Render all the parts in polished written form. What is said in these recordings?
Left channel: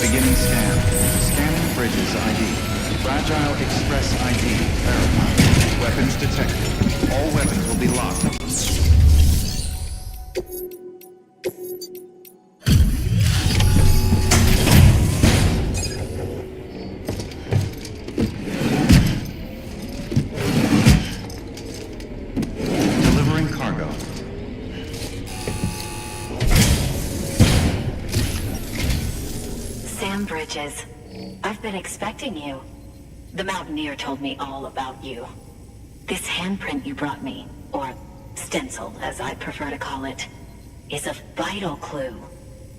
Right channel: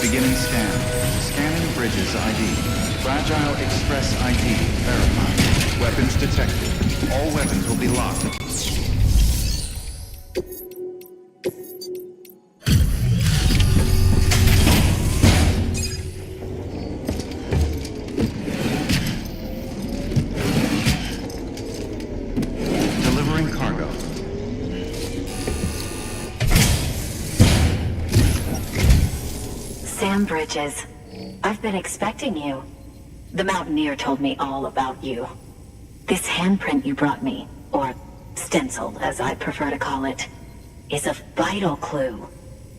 Beginning scan. Scanning bridges ID. Fragile Express ID verified. Weapons detected. All weapons will be locked. Delivering cargo. Sam Bridges, I've been expecting you. The Mountaineer told me all about you. This handprint you brought me, or stencil as I prefer to call it, is a vital clue.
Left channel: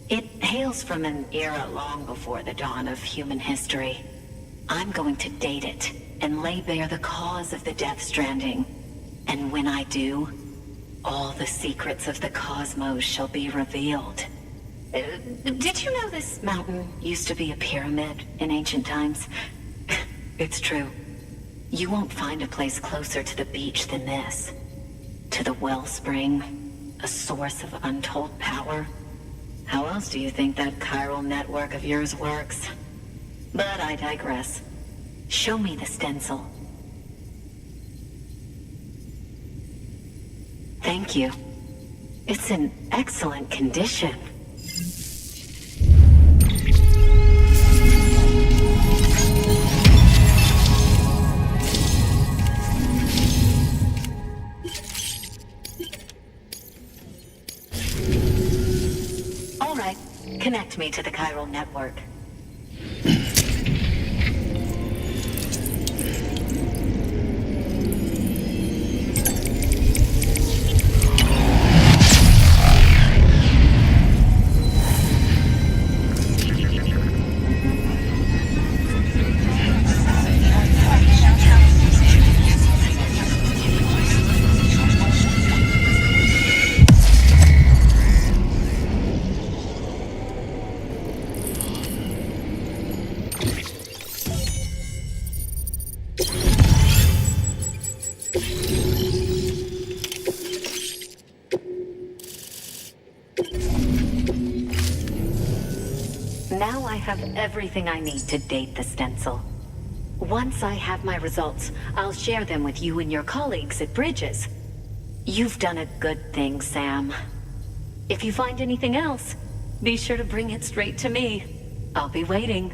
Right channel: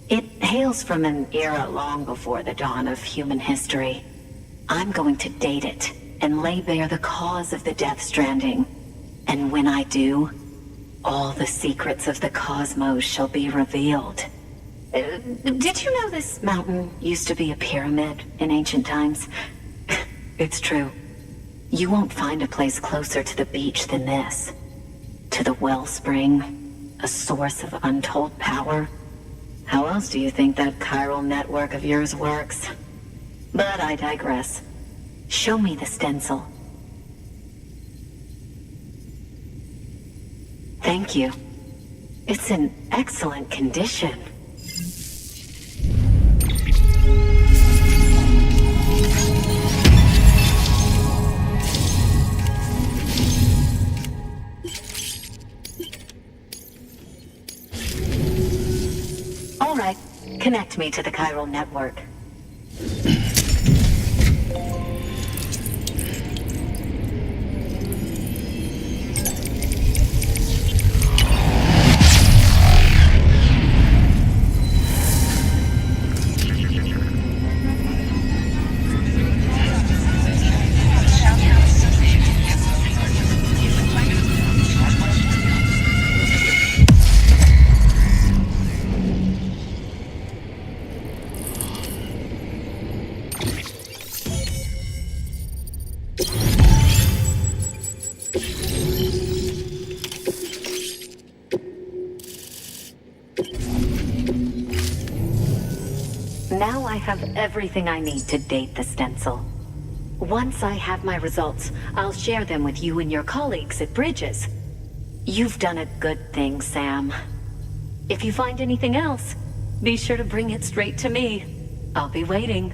It hails from an era long before the dawn of human history. I'm going to date it and lay bare the cause of the Death Stranding. And when I do, all the secrets of the cosmos shall be revealed. Did you know this mountain used to be a pyramid in ancient times? It's true. You won't find a place closer to the beach than this. To the wellspring, a source of untold power. How else do you think that chiral network of yours works? But I digress. Show me the stencil. Thank you. It's in excellent condition. All right, connect me to the chiral network. Now I have everything I need to date the stencil. Once I have my results, I'll share them with you and your colleagues at Bridges. You've done a good thing, Sam. If you find anything else, be sure to bring it straight to me. I'll be waiting.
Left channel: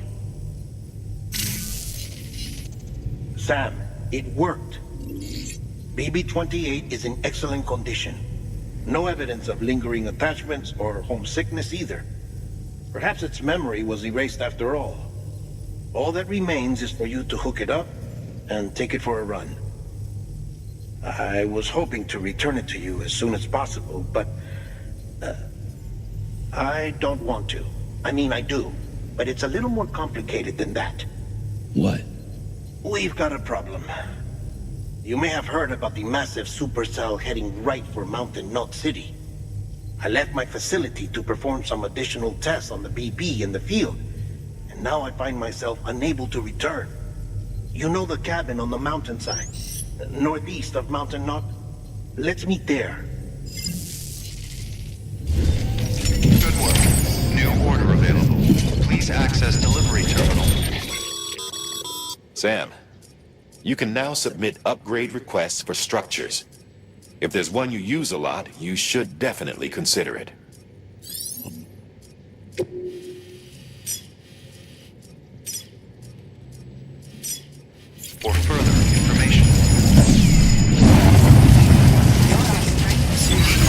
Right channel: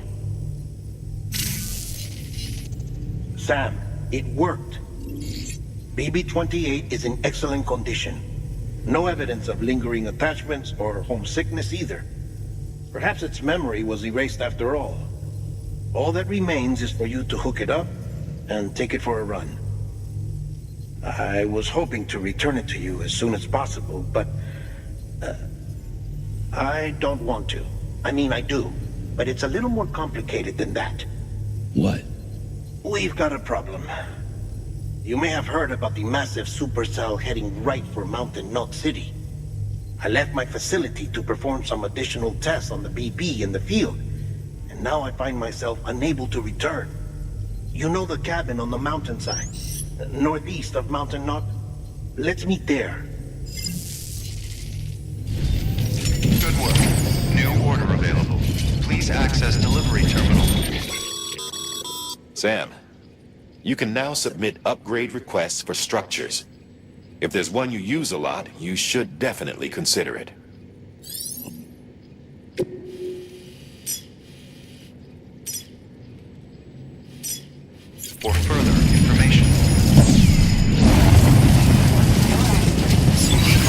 Sam, it worked. BB-28 is in excellent condition. No evidence of lingering attachments or homesickness either. Perhaps its memory was erased after all. All that remains is for you to hook it up and take it for a run. I was hoping to return it to you as soon as possible, but I don't want to. I mean, I do, but it's a little more complicated than that. What? We've got a problem. You may have heard about the massive supercell heading right for Mountain Knot City. I left my facility to perform some additional tests on the BB in the field, and now I find myself unable to return. You know the cabin on the mountainside, northeast of Mountain Knot? Let's meet there. Good work. New order available. Please access delivery terminal. Sam, you can now submit upgrade requests for structures. If there's one you use a lot, you should definitely consider it. For further information.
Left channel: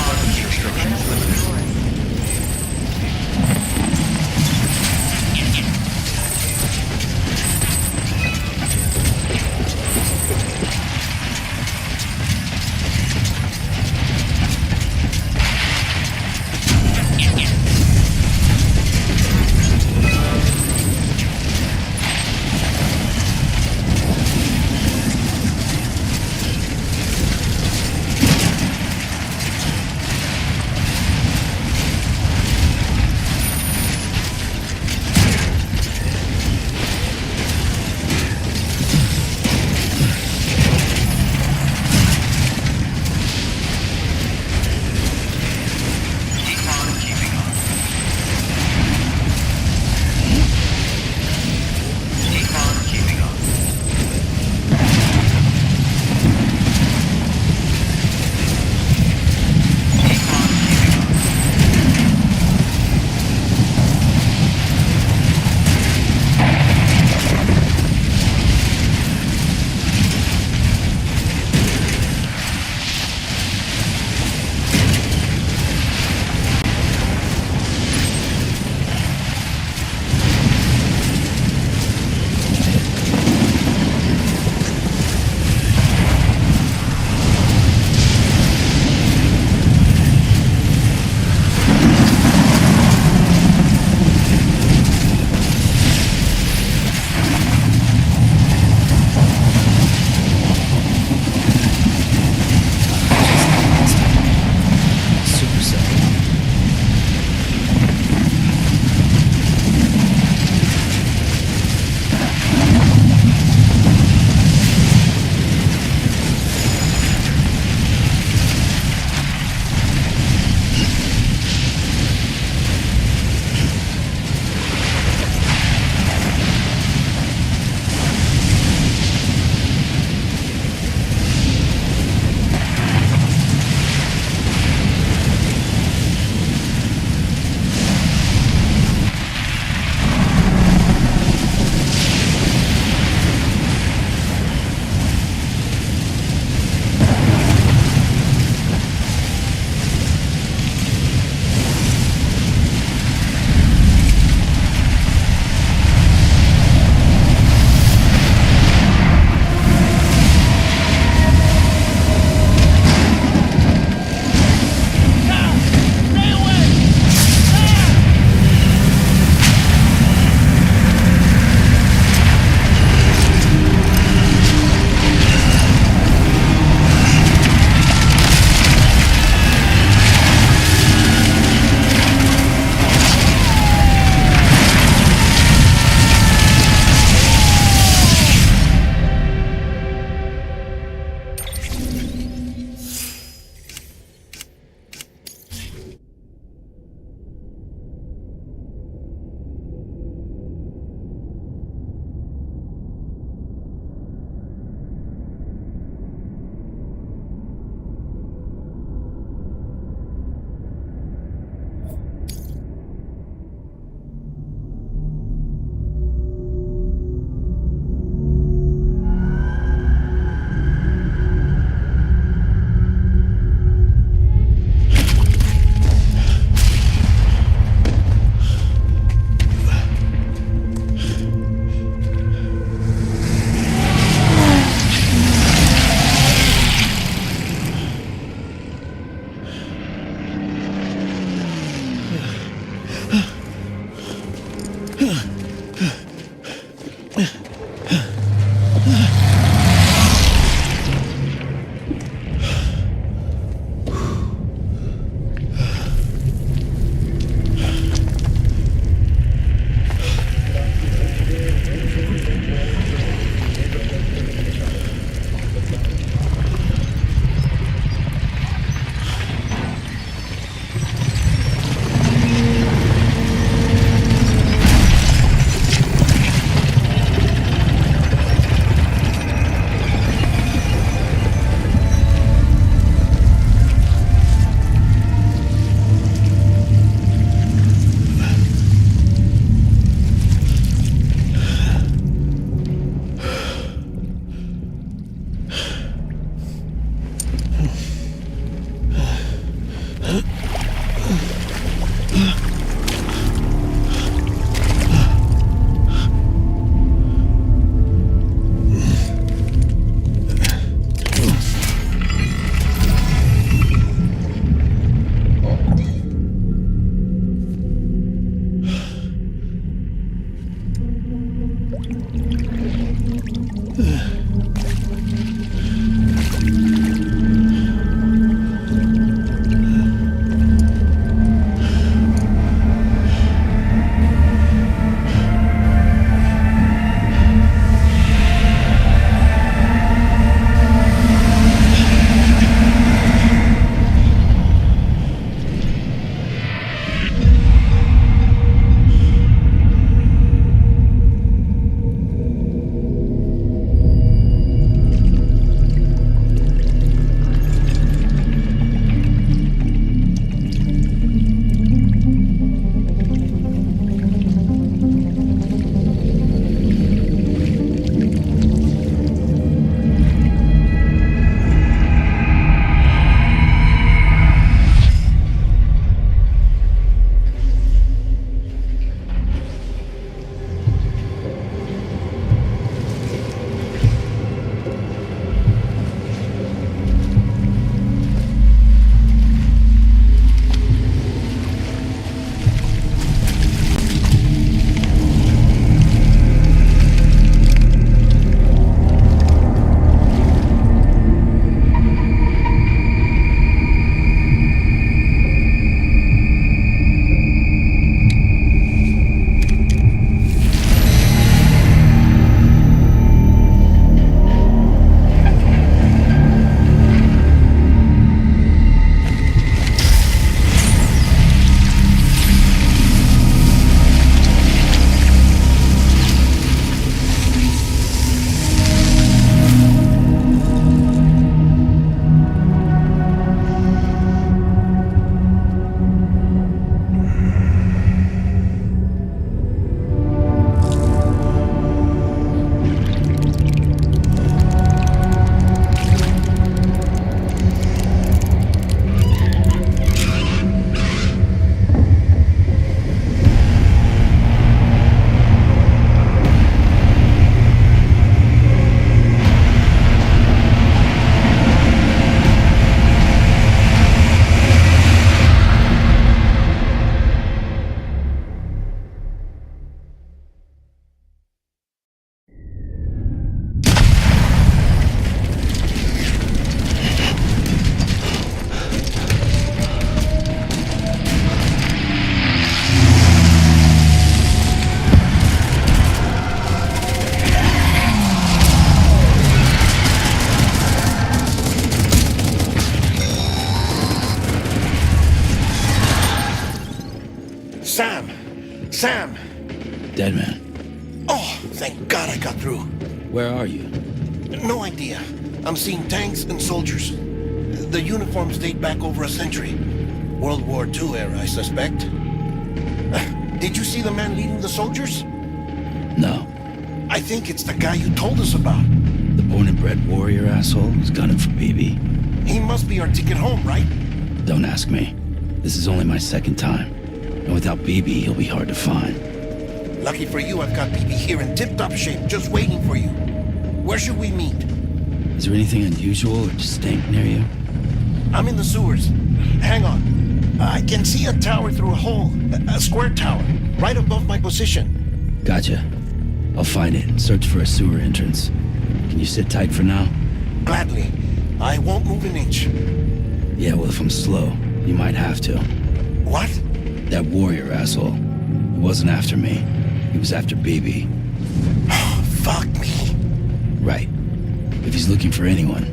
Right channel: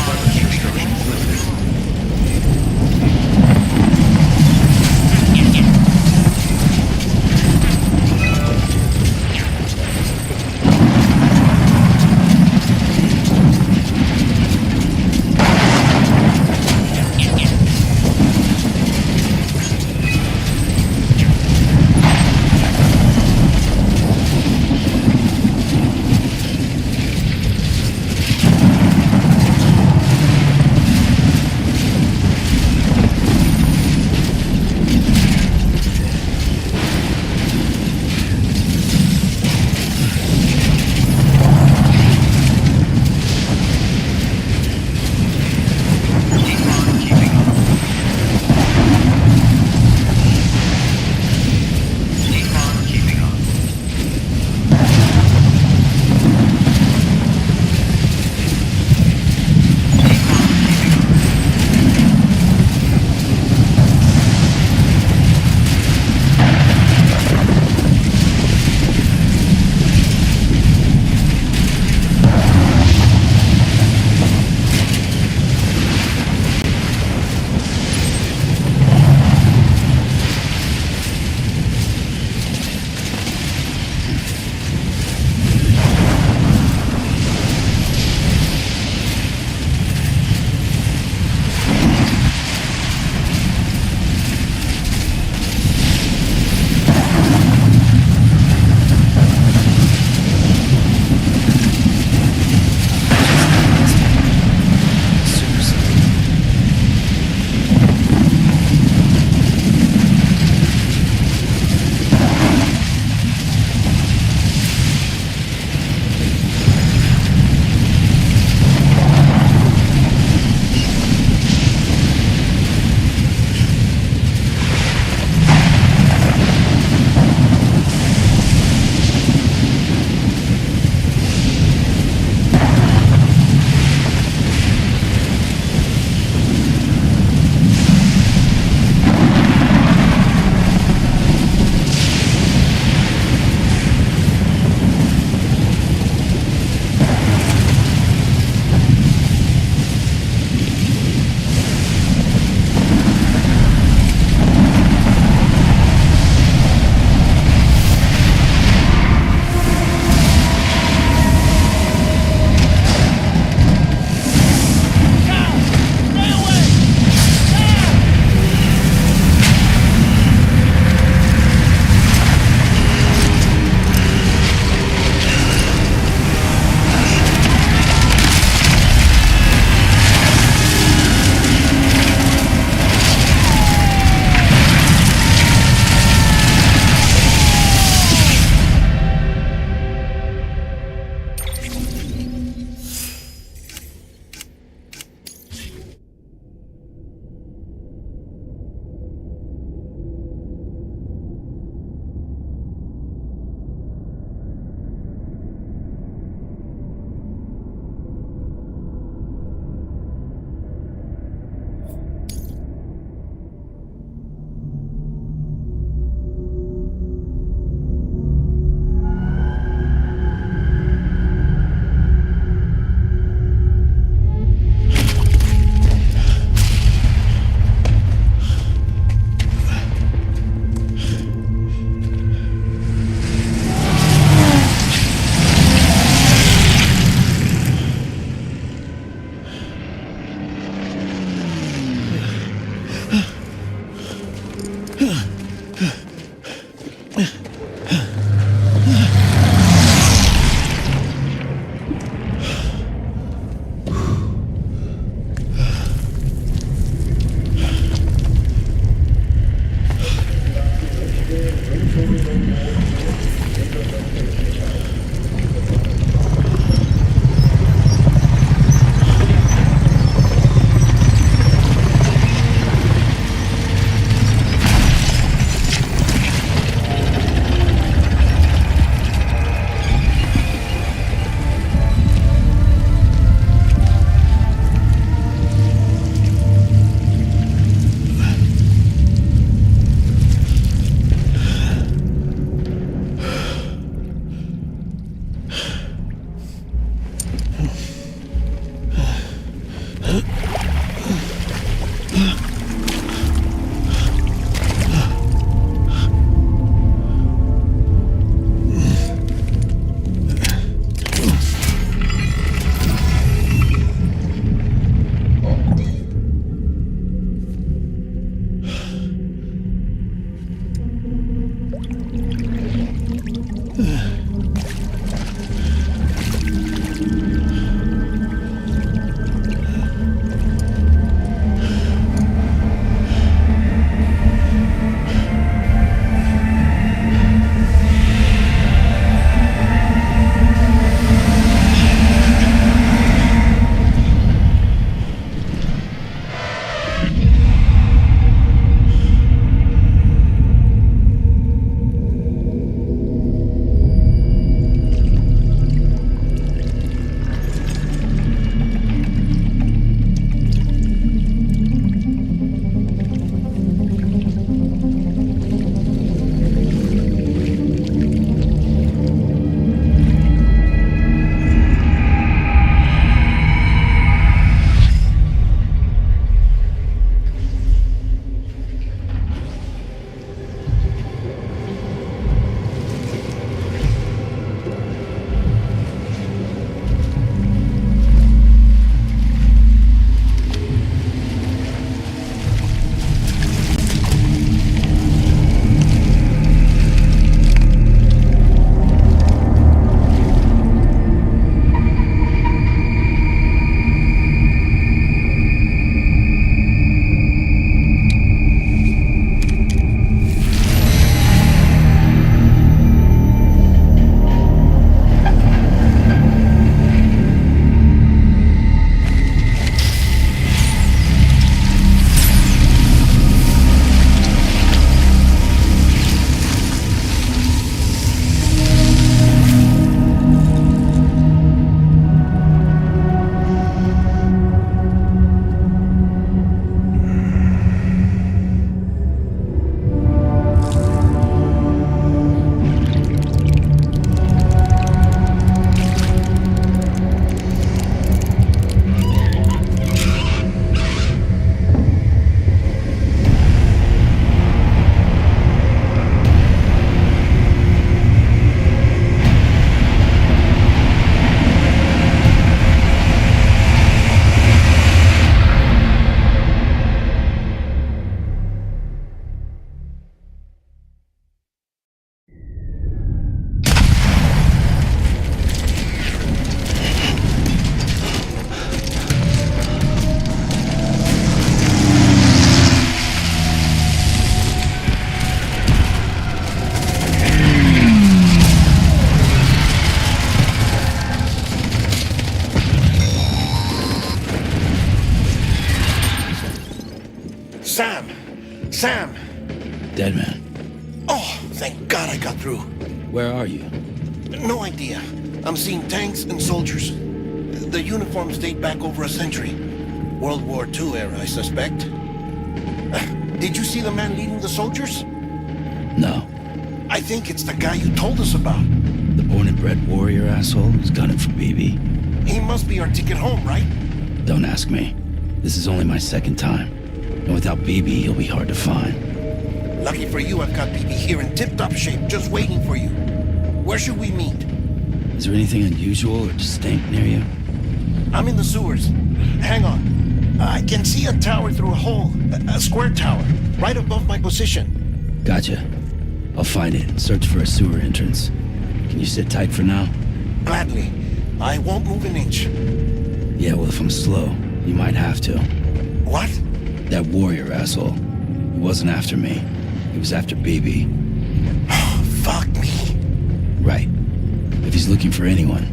Weapons restrictions limited. Sam! Sam! Dead man. Oh, thank God I got through. Where are you? No idea. I'm seeing tanks and soldiers. The uniforms date back over a century. World War II era, I suspect. Did you see the man leading the soldiers? No. I think it's the guy you told us about. The born and bred warrior asshole who's gunning for BB? He must be our ticket home, right? Don't ask me. This is only my second time. And without BB, he'll be hard to find. Lucky for you, I've got BB here in tip-top shape, just waiting for you. Where should we meet? Is there anything unusual or distinct near you? I'm in the sewers. Hang on. I can see a tower through a hole. A square tower, right above my position. Gotcha. I'll find it and search for a sewer entrance. Can you sit tight for now? Gladly. I won't move an inch. Yeah, well, if I'm slow, you might have to. What? That warrior asshole. He wasn't after me. He was after BB. Fuck me. Right. If he's looking for anyone,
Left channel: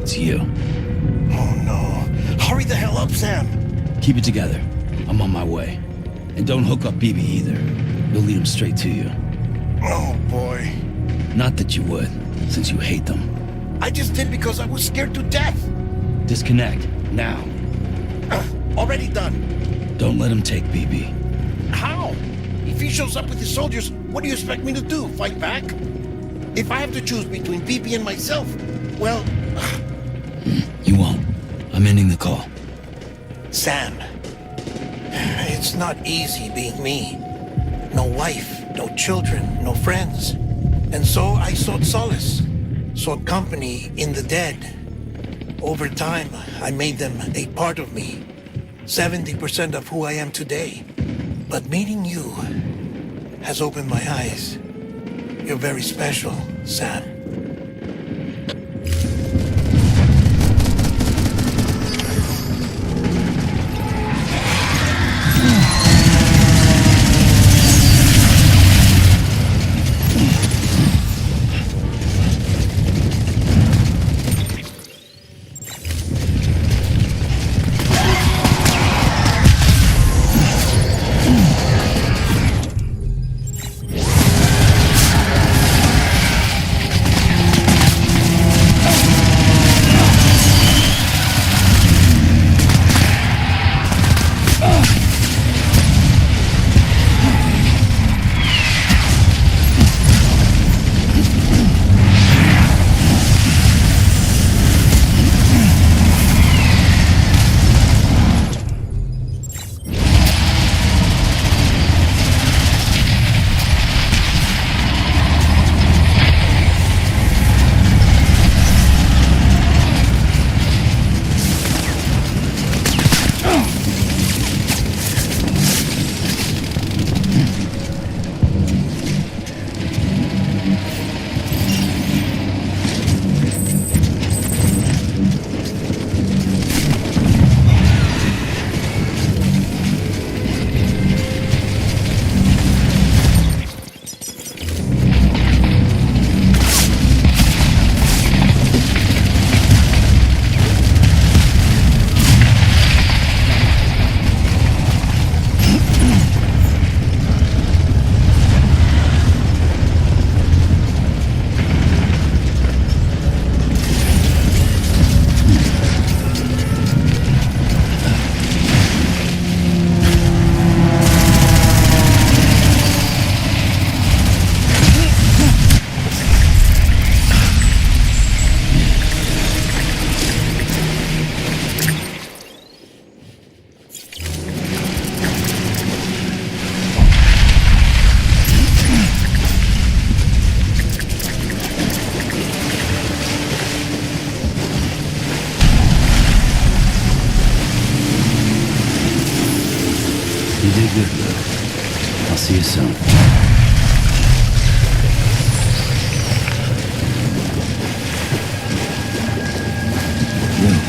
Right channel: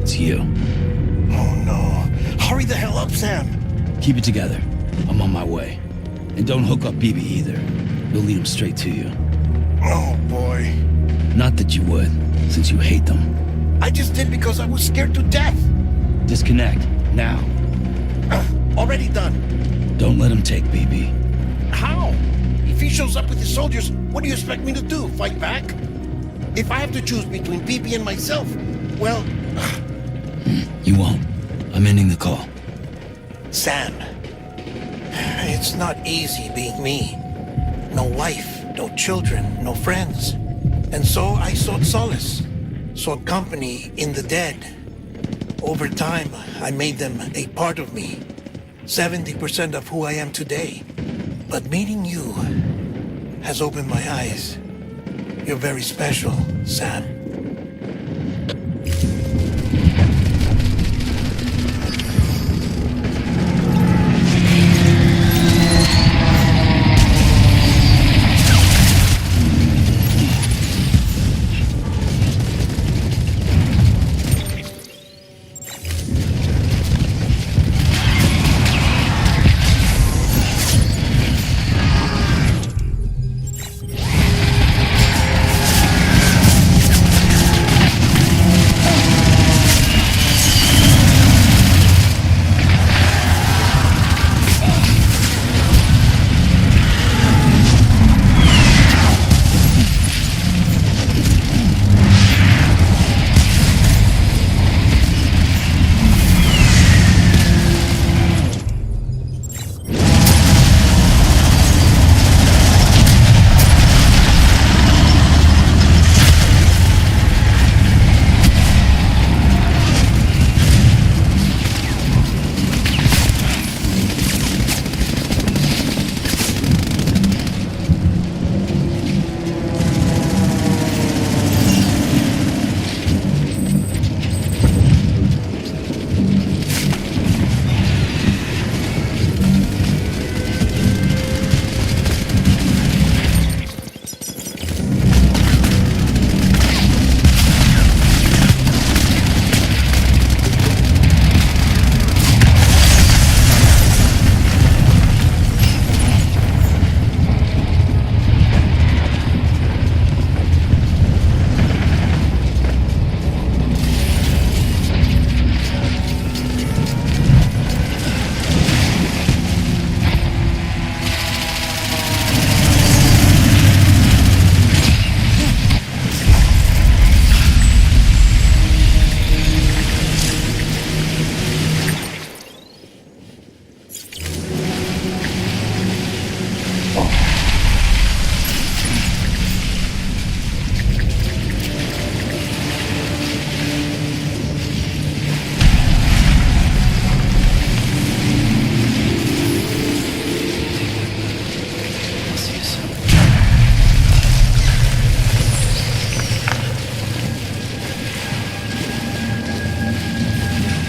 it's you. Oh no. Hurry the hell up, Sam. Keep it together. I'm on my way. And don't hook up BB either. You'll lead him straight to you. Oh boy. Not that you would, since you hate them. I just did because I was scared to death. Disconnect, now. Already done. Don't let him take BB. How? If he shows up with his soldiers, what do you expect me to do? Fight back? If I have to choose between BB and myself, well... You won't. I'm ending the call. Sam, it's not easy being me. No wife, no children, no friends. And so I sought solace, sought company in the dead. Over time, I made them a part of me. 70% of who I am today. But meeting you has opened my eyes. You're very special, Sam. You did good, Luke. I'll see you soon. Luke.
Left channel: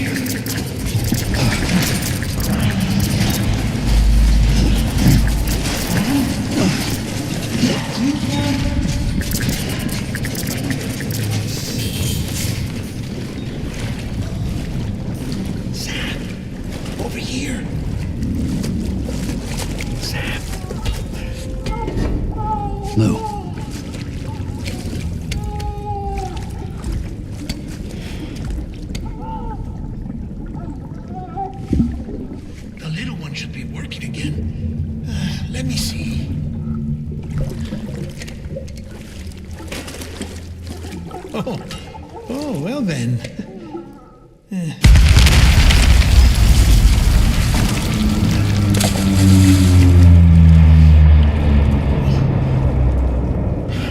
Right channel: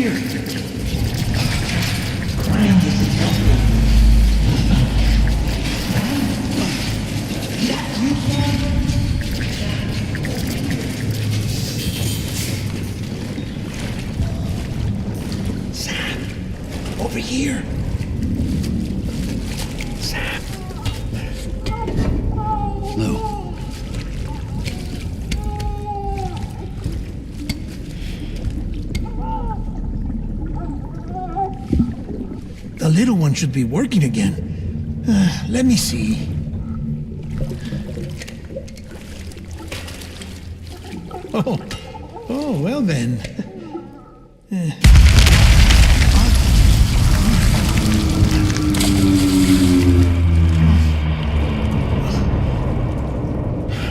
here. Grind is empty. Sam? Is that you, Sam? Over here. Sam! Over here! Sam! Lou. The little one should be working again. Let me see. Oh, well then.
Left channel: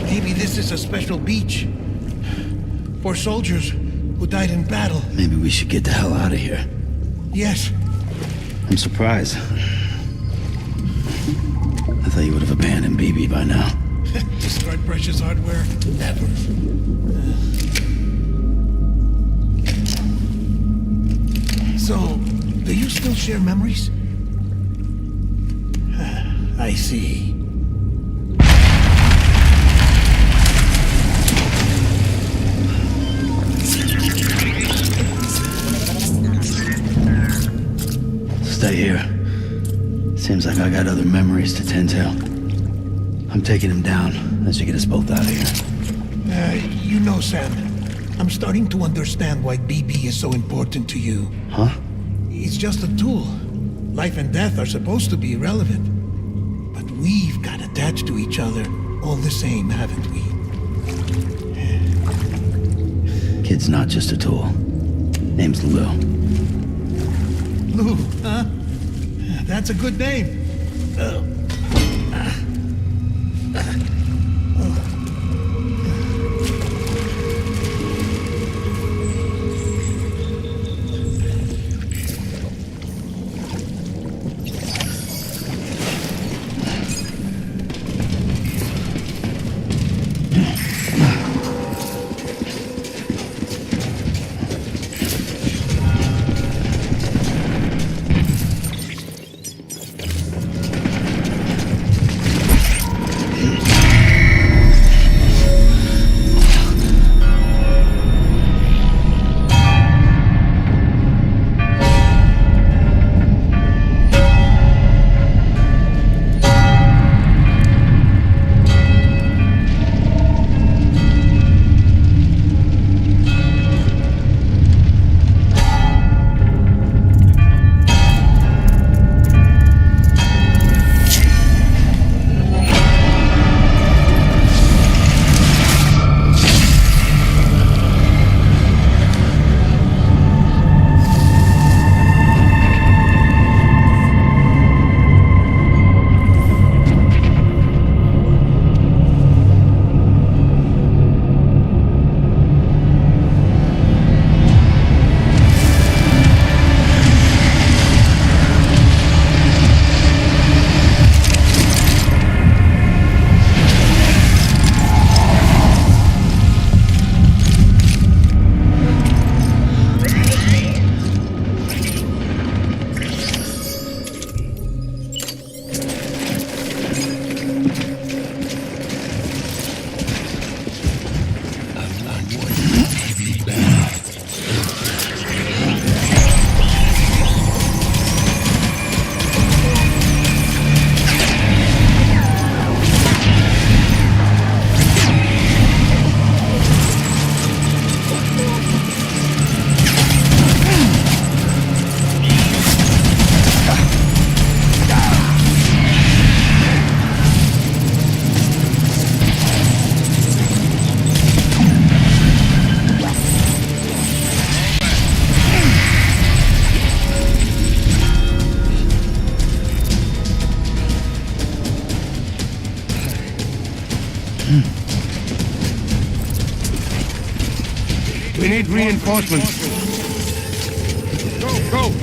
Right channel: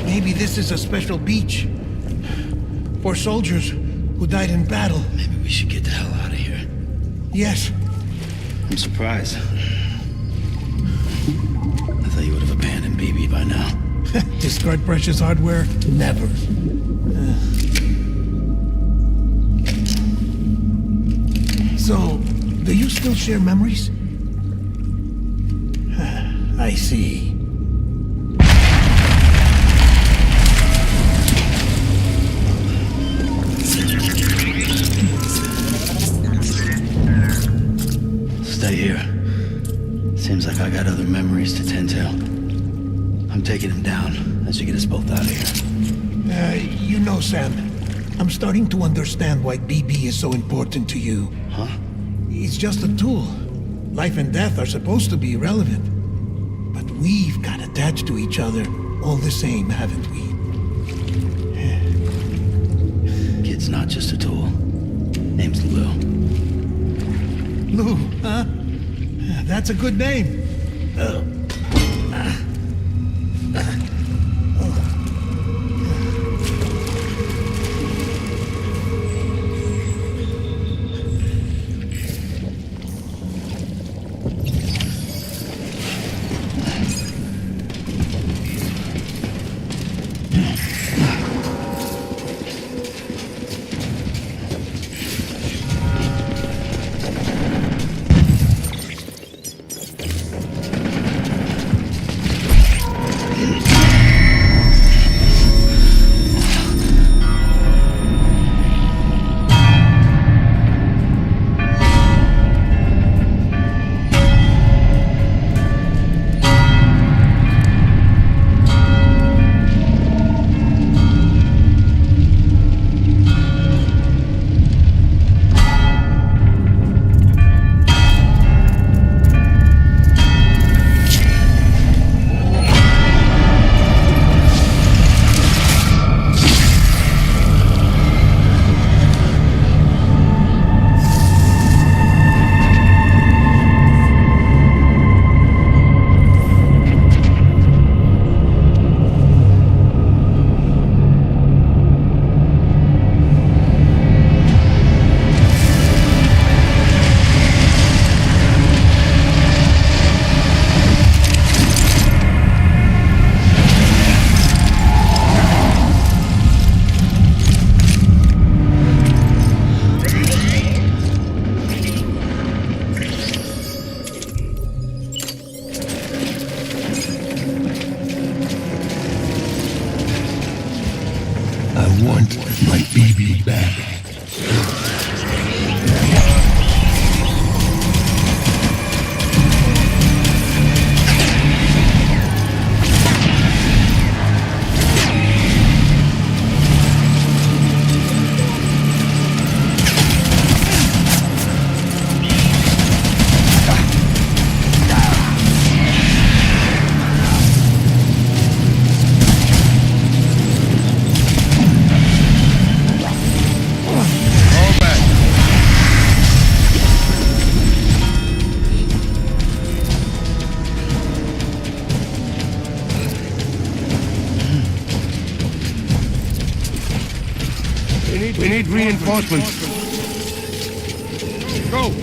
Maybe this is a special beach for soldiers who died in battle. Maybe we should get the hell out of here. Yes. I'm surprised. I thought you would have abandoned BB by now. Discard precious hardware? Never. So, do you still share memories? I see. Stay here. Seems like I got other memories to tend to. I'm taking him down. That should get us both out of here. You know, Sam, I'm starting to understand why BB is so important to you. Huh? It's just a tool. Life and death are supposed to be irrelevant. But we've got attached to each other all the same, haven't we? Kid's not just a tool. Name's Lou. Lou, huh? That's a good name. I want my BB back. We need reinforcements. Go!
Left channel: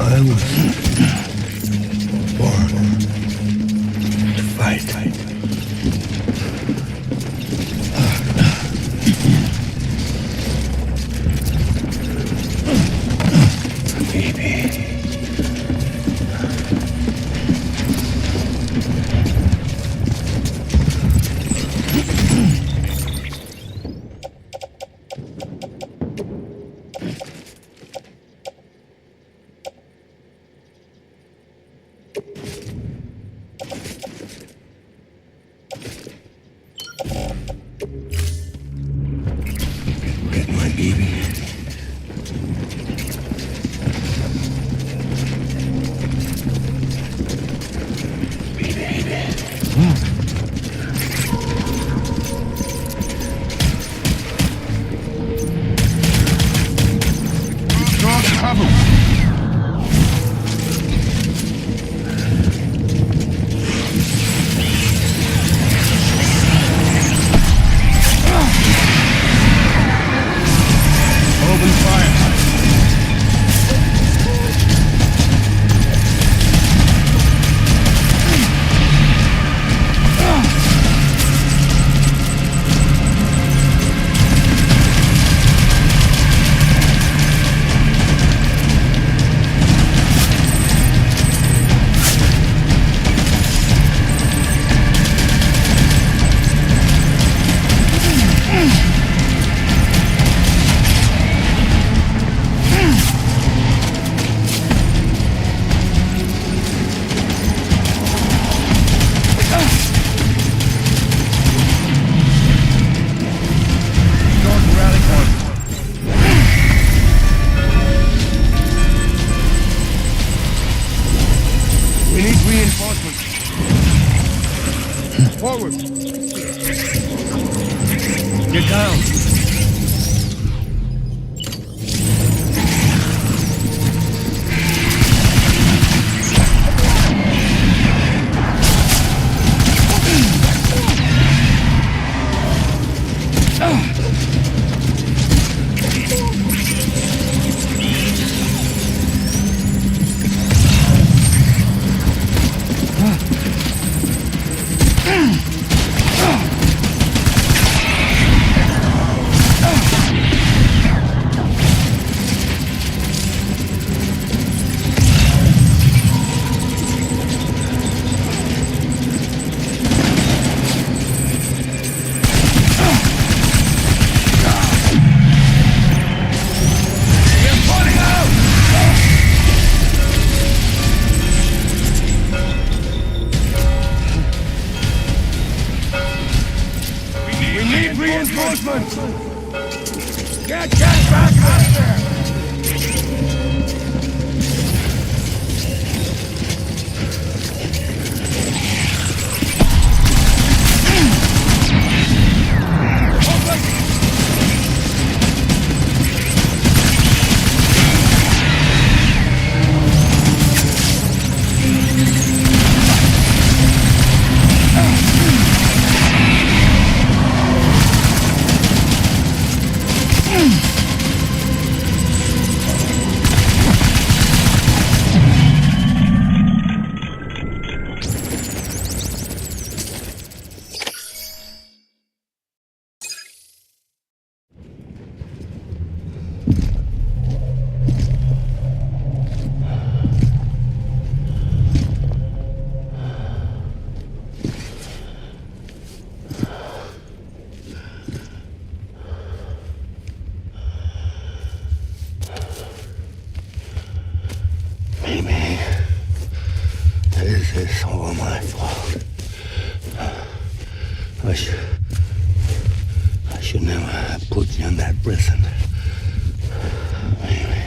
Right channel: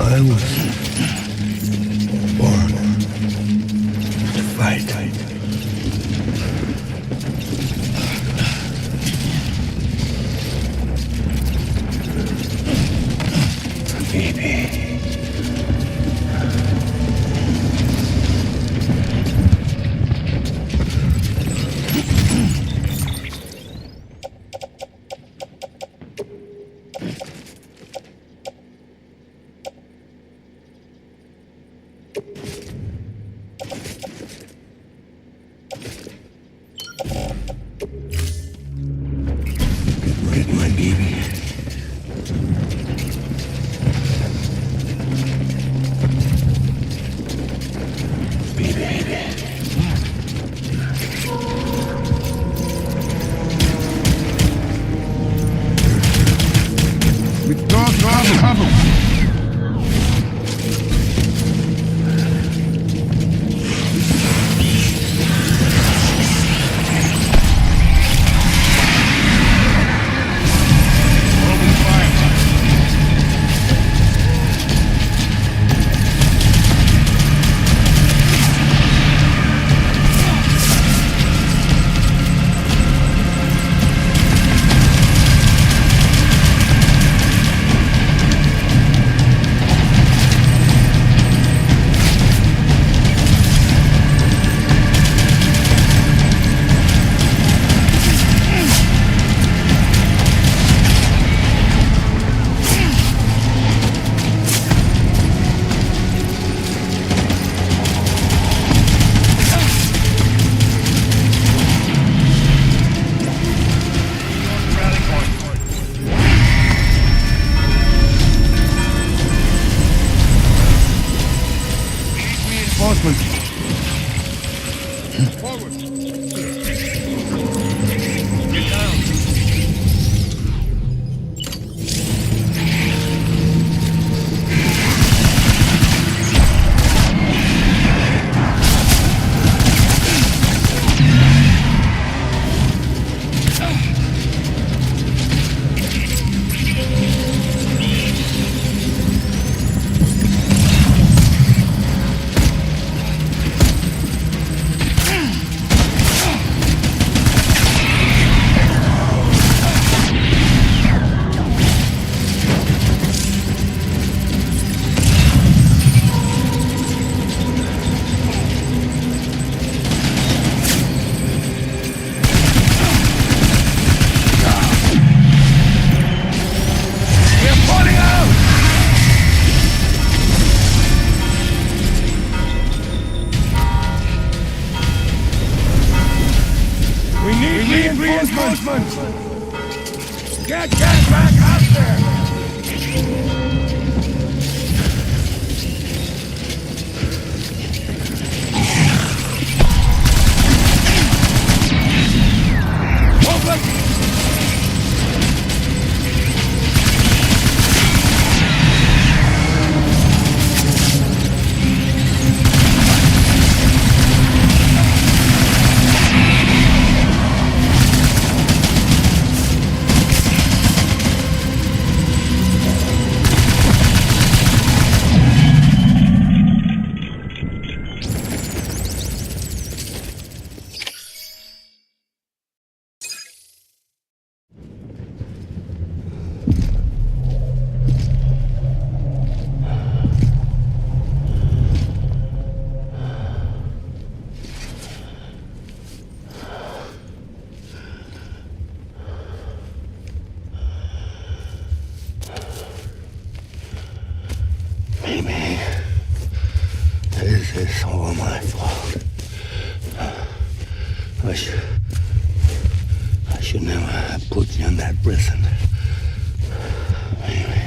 I was born to fight. Baby. Get my baby. Draw the cover. We need reinforcements. Forward. Get down. We need reinforcements! Get back up there! Amy, this is all my fault. I should never have put you in that prison. Amy.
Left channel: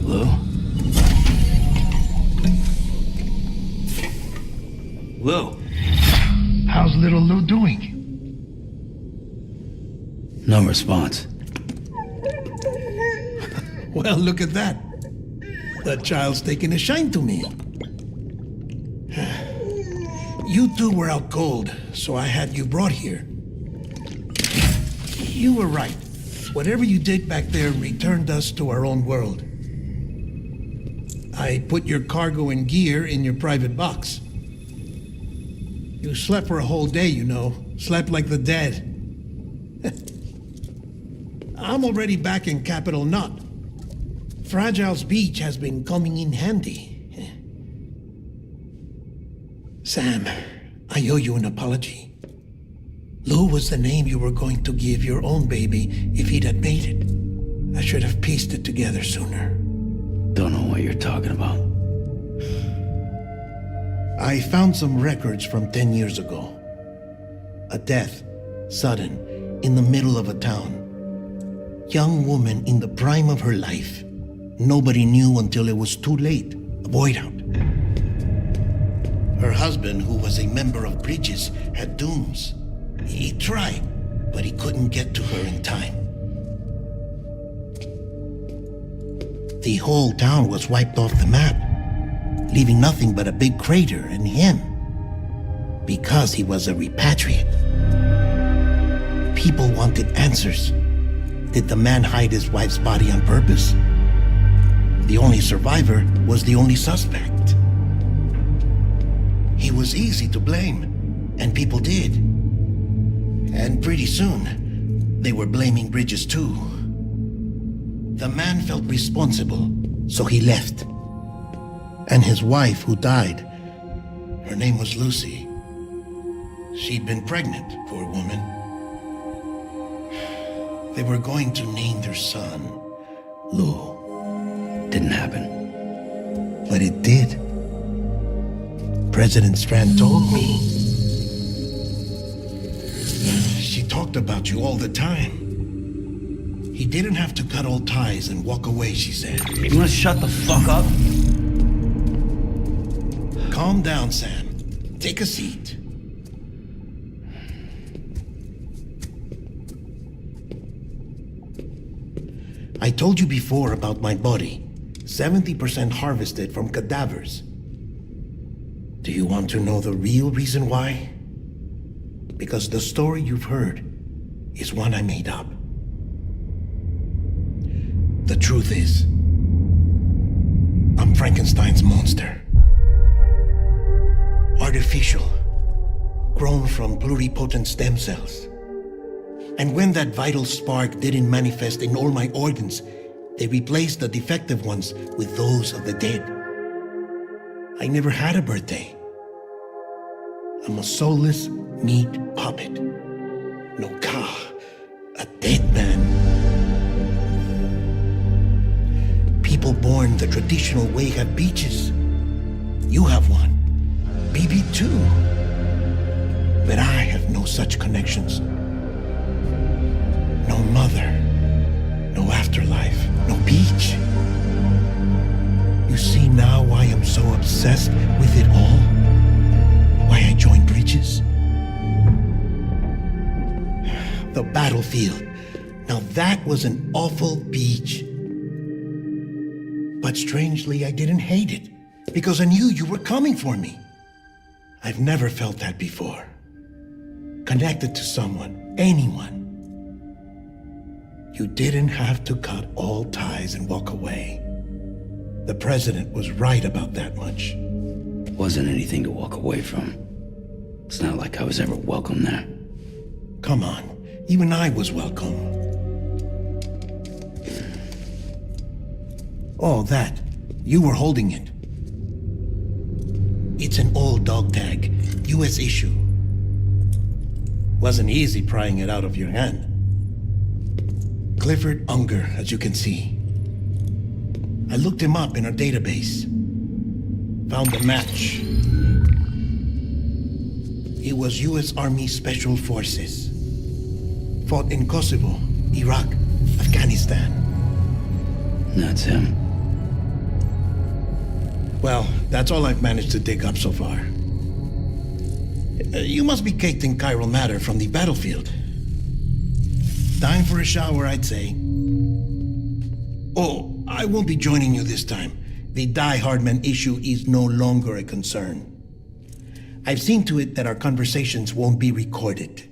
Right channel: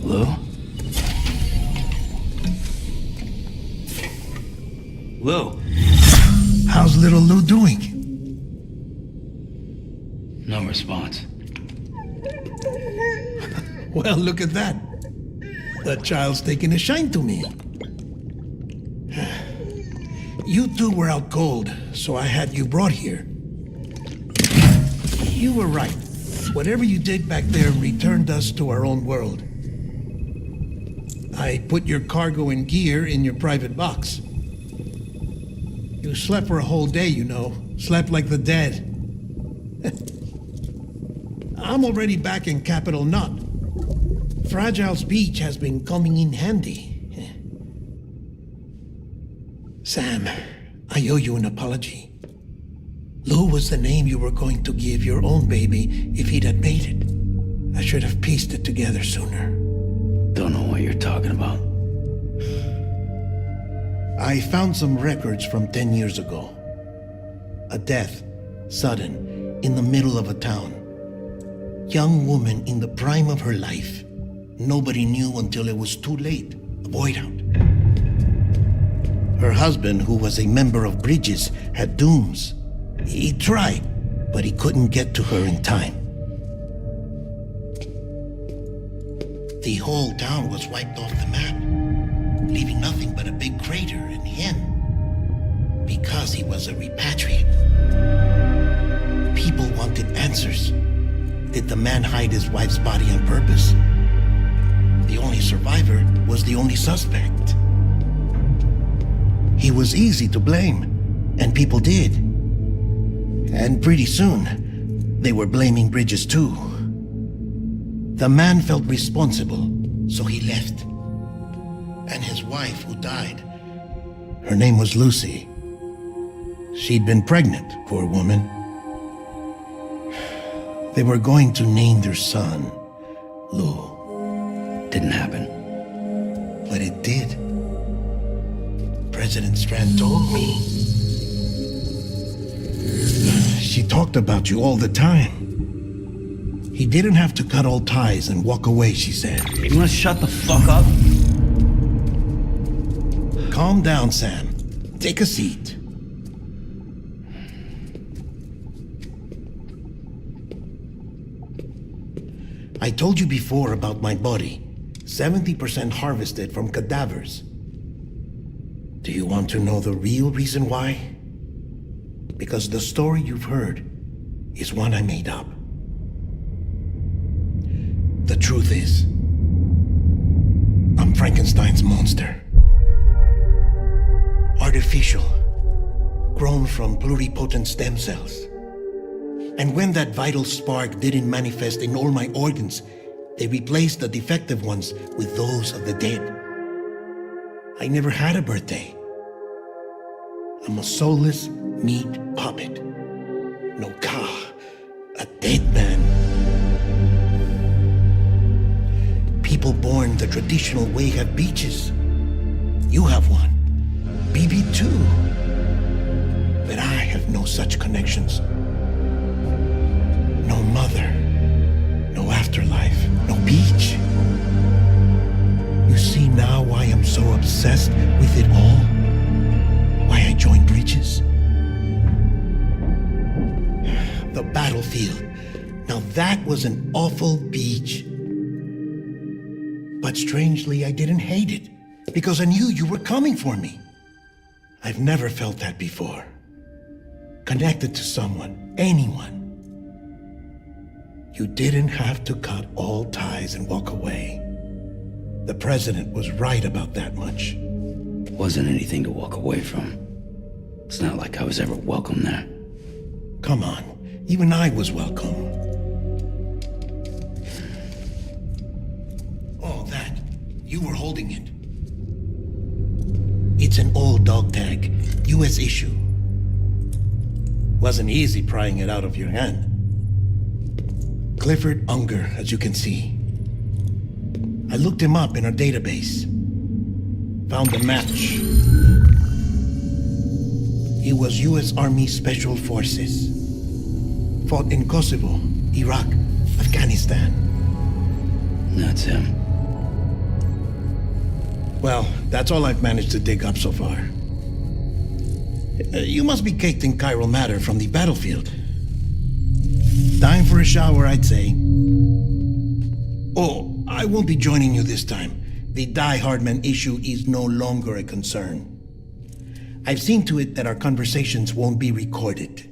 Lou? Lou? How's little Lou doing? No response. Well, look at that. The child's taking a shine to me. You two were out cold, so I had you brought here. You were right. Whatever you did back there returned us to our own world. I put your cargo and gear in your private box. You slept for a whole day, you know. Slept like the dead. I'm already back in Capital Knot. Fragile's beach has been coming in handy. Sam, I owe you an apology. Lou was the name you were going to give your own baby if he'd had made it. I should have pieced it together sooner. Don't know what you're talking about. I found some records from 10 years ago. A death, sudden, in the middle of a town. Young woman in the prime of her life. Nobody knew until it was too late. A void out. Her husband, who was a member of Bridges, had dooms. He tried, but he couldn't get to her in time. The whole town was wiped off the map, leaving nothing but a big crater and him. Because he was a repatriate. People wanted answers. Did the man hide his wife's body on purpose? The only survivor was the only suspect. He was easy to blame, and people did. And pretty soon, they were blaming Bridges too. The man felt responsible, so he left. And his wife, who died, her name was Lucy. She'd been pregnant, poor woman. They were going to name their son Lou. Didn't happen. But it did. President Strand told me. She talked about you all the time. He didn't have to cut all ties and walk away, she said. You wanna shut the fuck up? Calm down, Sam. Take a seat. I told you before about my body. 70% harvested from cadavers. Do you want to know the real reason why? Because the story you've heard is one I made up. The truth is, I'm Frankenstein's monster. Artificial, grown from pluripotent stem cells. And when that vital spark didn't manifest in all my organs, they replaced the defective ones with those of the dead. I never had a birthday. I'm a soulless meat puppet. No car, a dead man. People born the traditional way have beaches. You have one. BB too. But I have no such connections. No mother. No afterlife. No beach. You see now why I'm so obsessed with it all? Why I joined Bridges? The battlefield. Now that was an awful beach. But strangely, I didn't hate it, because I knew you were coming for me. I've never felt that before. Connected to someone, anyone. You didn't have to cut all ties and walk away. The president was right about that much. Wasn't anything to walk away from. It's not like I was ever welcome there. Come on, even I was welcome. Oh, that. You were holding it. It's an old dog tag, US issue. Wasn't easy prying it out of your hand. Clifford Unger, as you can see. I looked him up in our database. Found a match. He was US Army Special Forces. Fought in Kosovo, Iraq, Afghanistan. That's him. Well, that's all I've managed to dig up so far. You must be caked in chiral matter from the battlefield. Time for a shower, I'd say. Oh, I won't be joining you this time. The Die Hardman issue is no longer a concern. I've seen to it that our conversations won't be recorded.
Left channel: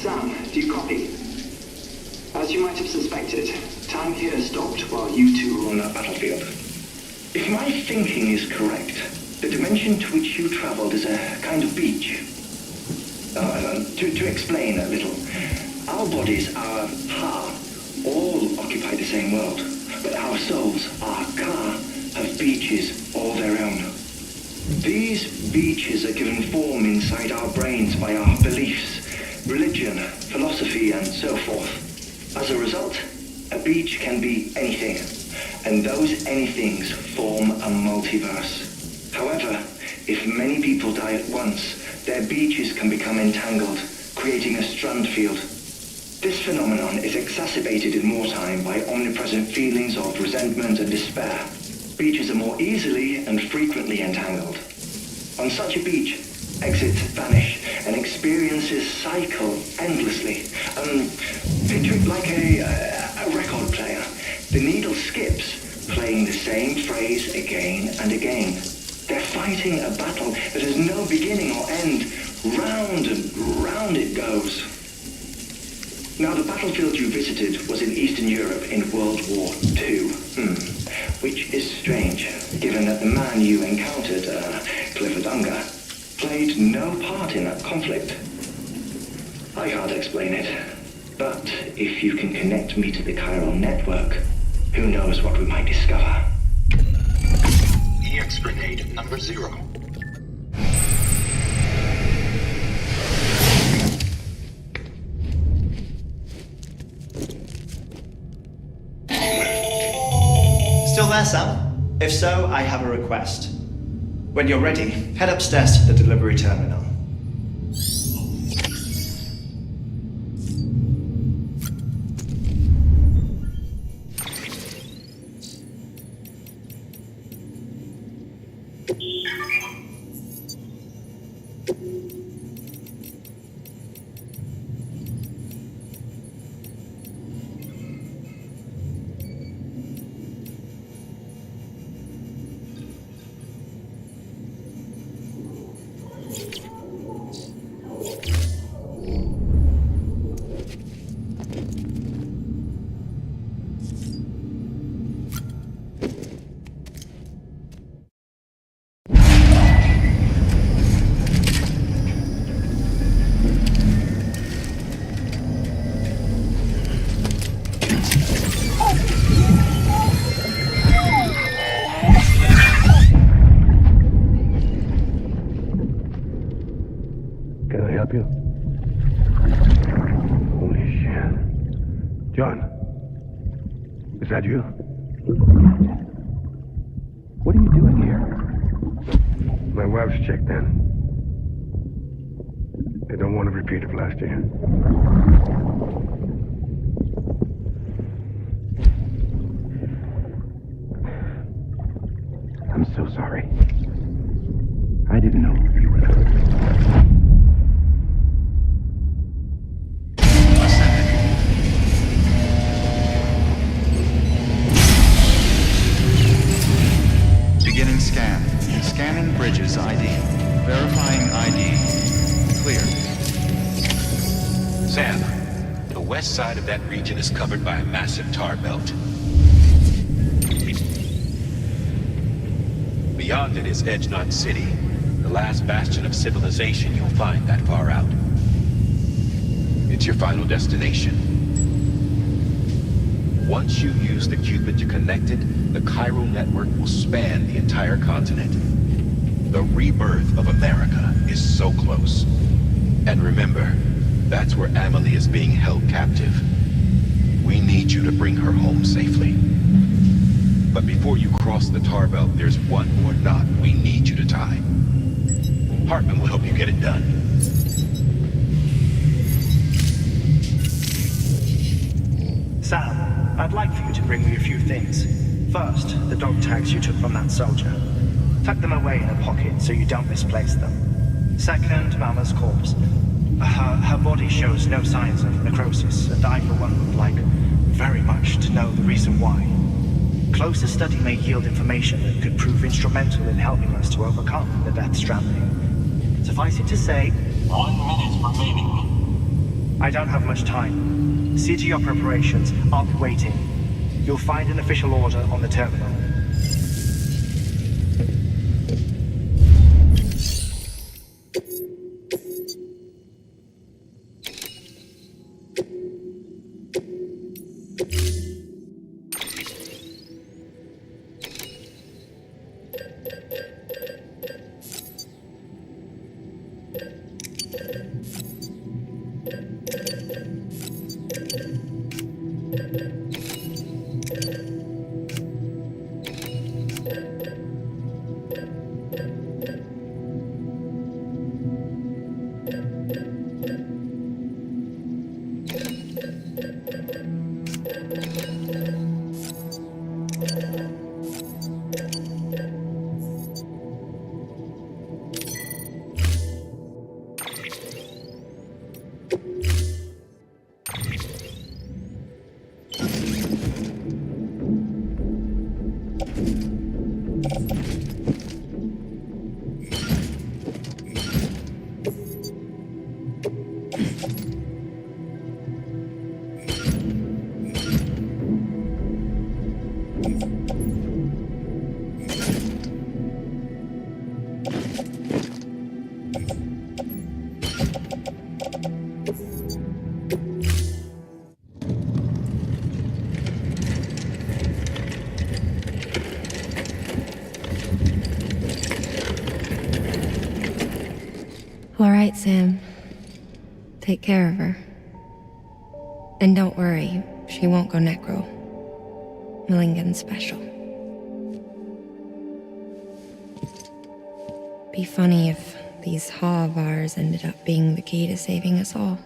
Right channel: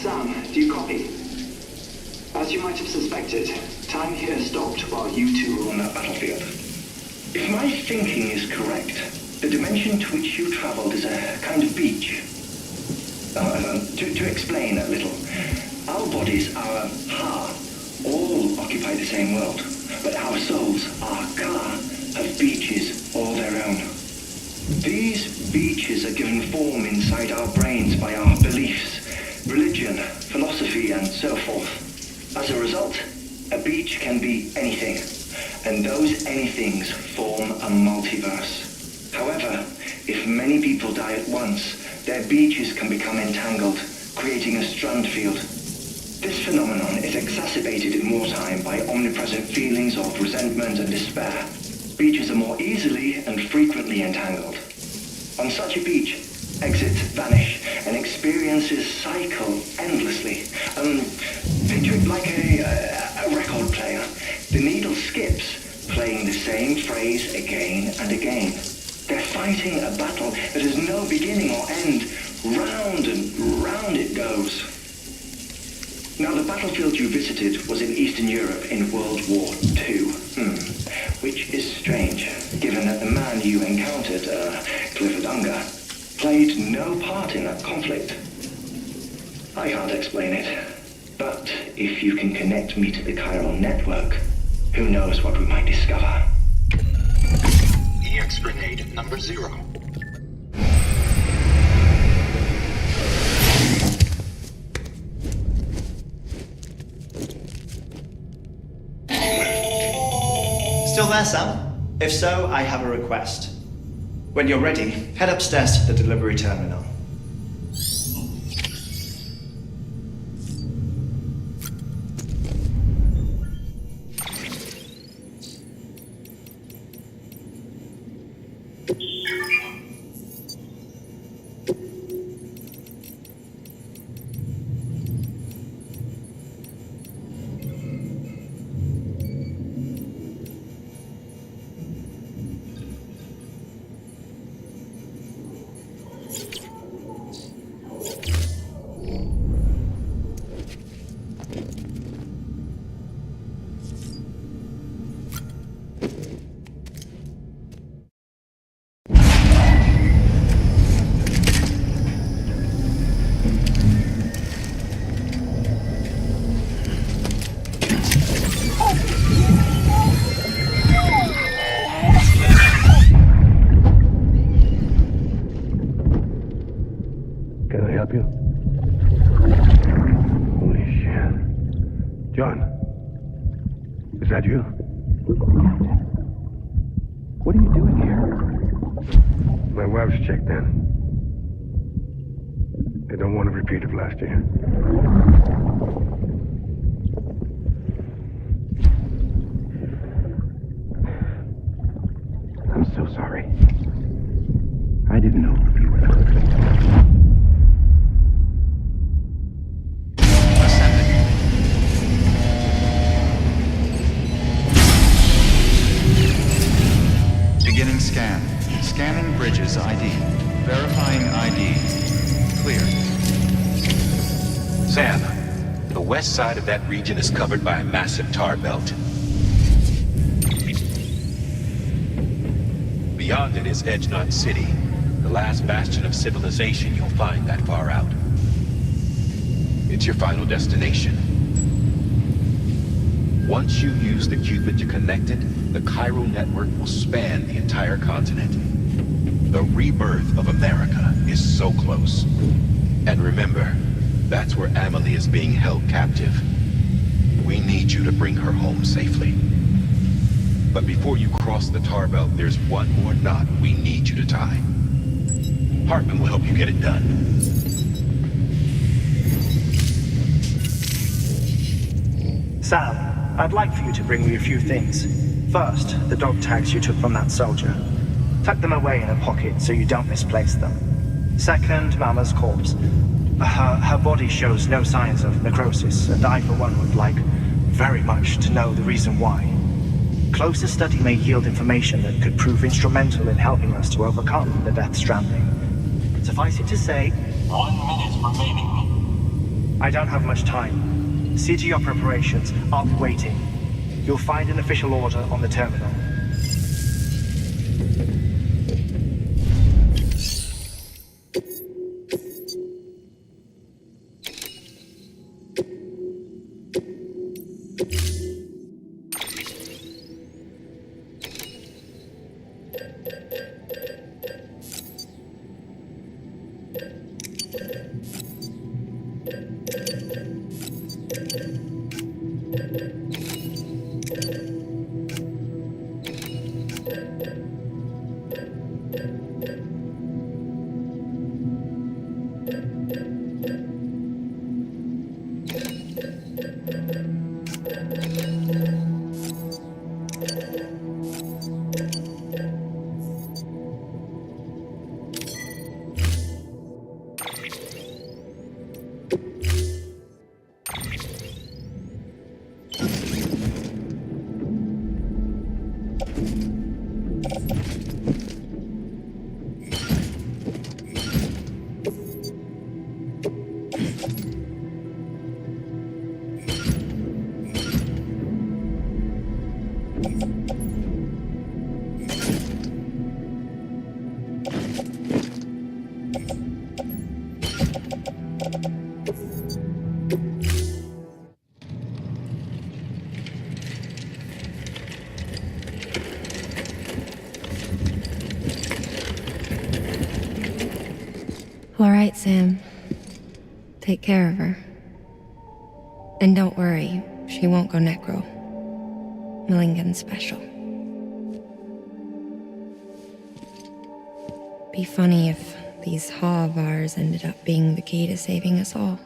Sam, do you copy? As you might have suspected, time here stopped while you two were on that battlefield. If my thinking is correct, the dimension to which you traveled is a kind of beach. To explain a little, our bodies, our ha, all occupy the same world, but our souls, our ka, have beaches all their own. These beaches are given form inside our brains by our beliefs, religion, philosophy, and so forth. As a result, a beach can be anything, and those anythings form a multiverse. However, if many people die at once, their beaches can become entangled, creating a strand field. This phenomenon is exacerbated in wartime by omnipresent feelings of resentment and despair. Beaches are more easily and frequently entangled. On such a beach, exits vanish and experiences cycle endlessly. Picture it like a record player. The needle skips, playing the same phrase again and again. They're fighting a battle that has no beginning or end. Round and round it goes. Now, the battlefield you visited was in Eastern Europe in World War II. Which is strange, given that the man you encountered, Clifford Unger, played no part in that conflict. I can't explain it, but if you can connect me to the chiral network, who knows what we might discover. EX grenade number 0. Still there, Sam? If so, I have a request. When you're ready, head upstairs to the delivery terminal. Can I help you? Holy shit. John, is that you? Captain, what are you doing here? My wife's checked in. I don't want a repeat of last year. I'm so sorry. I didn't know you were the husband. Ascending. Beginning scan. Scanning bridges ID. Verifying ID. Clear. Sam, the west side of that region is covered by a massive tar belt. Beyond it is Edge Knot City, the last bastion of civilization you'll find that far out. It's your final destination. Once you use the Cupid to connect it, the chiral network will span the entire continent. The rebirth of America is so close. And remember, that's where Amelie is being held captive. We need you to bring her home safely. But before you cross the tar belt, there's one more knot we need you to tie. Hartman will help you get it done. Sam, I'd like for you to bring me a few things. First, the dog tags you took from that soldier. Tuck them away in a pocket so you don't misplace them. Second, Mama's corpse. Her body shows no signs of necrosis, and I, for one, would like very much to know the reason why. Closer study may yield information that could prove instrumental in helping us to overcome the Death Stranding. Suffice it to say, 1 minute remaining. I don't have much time. See to your preparations. I'll be waiting. You'll find an official order on the terminal. All right, Sam. Take care of her. And don't worry, she won't go necro. Millingen's special. Be funny if these Ha of ours ended up being the key to saving us all.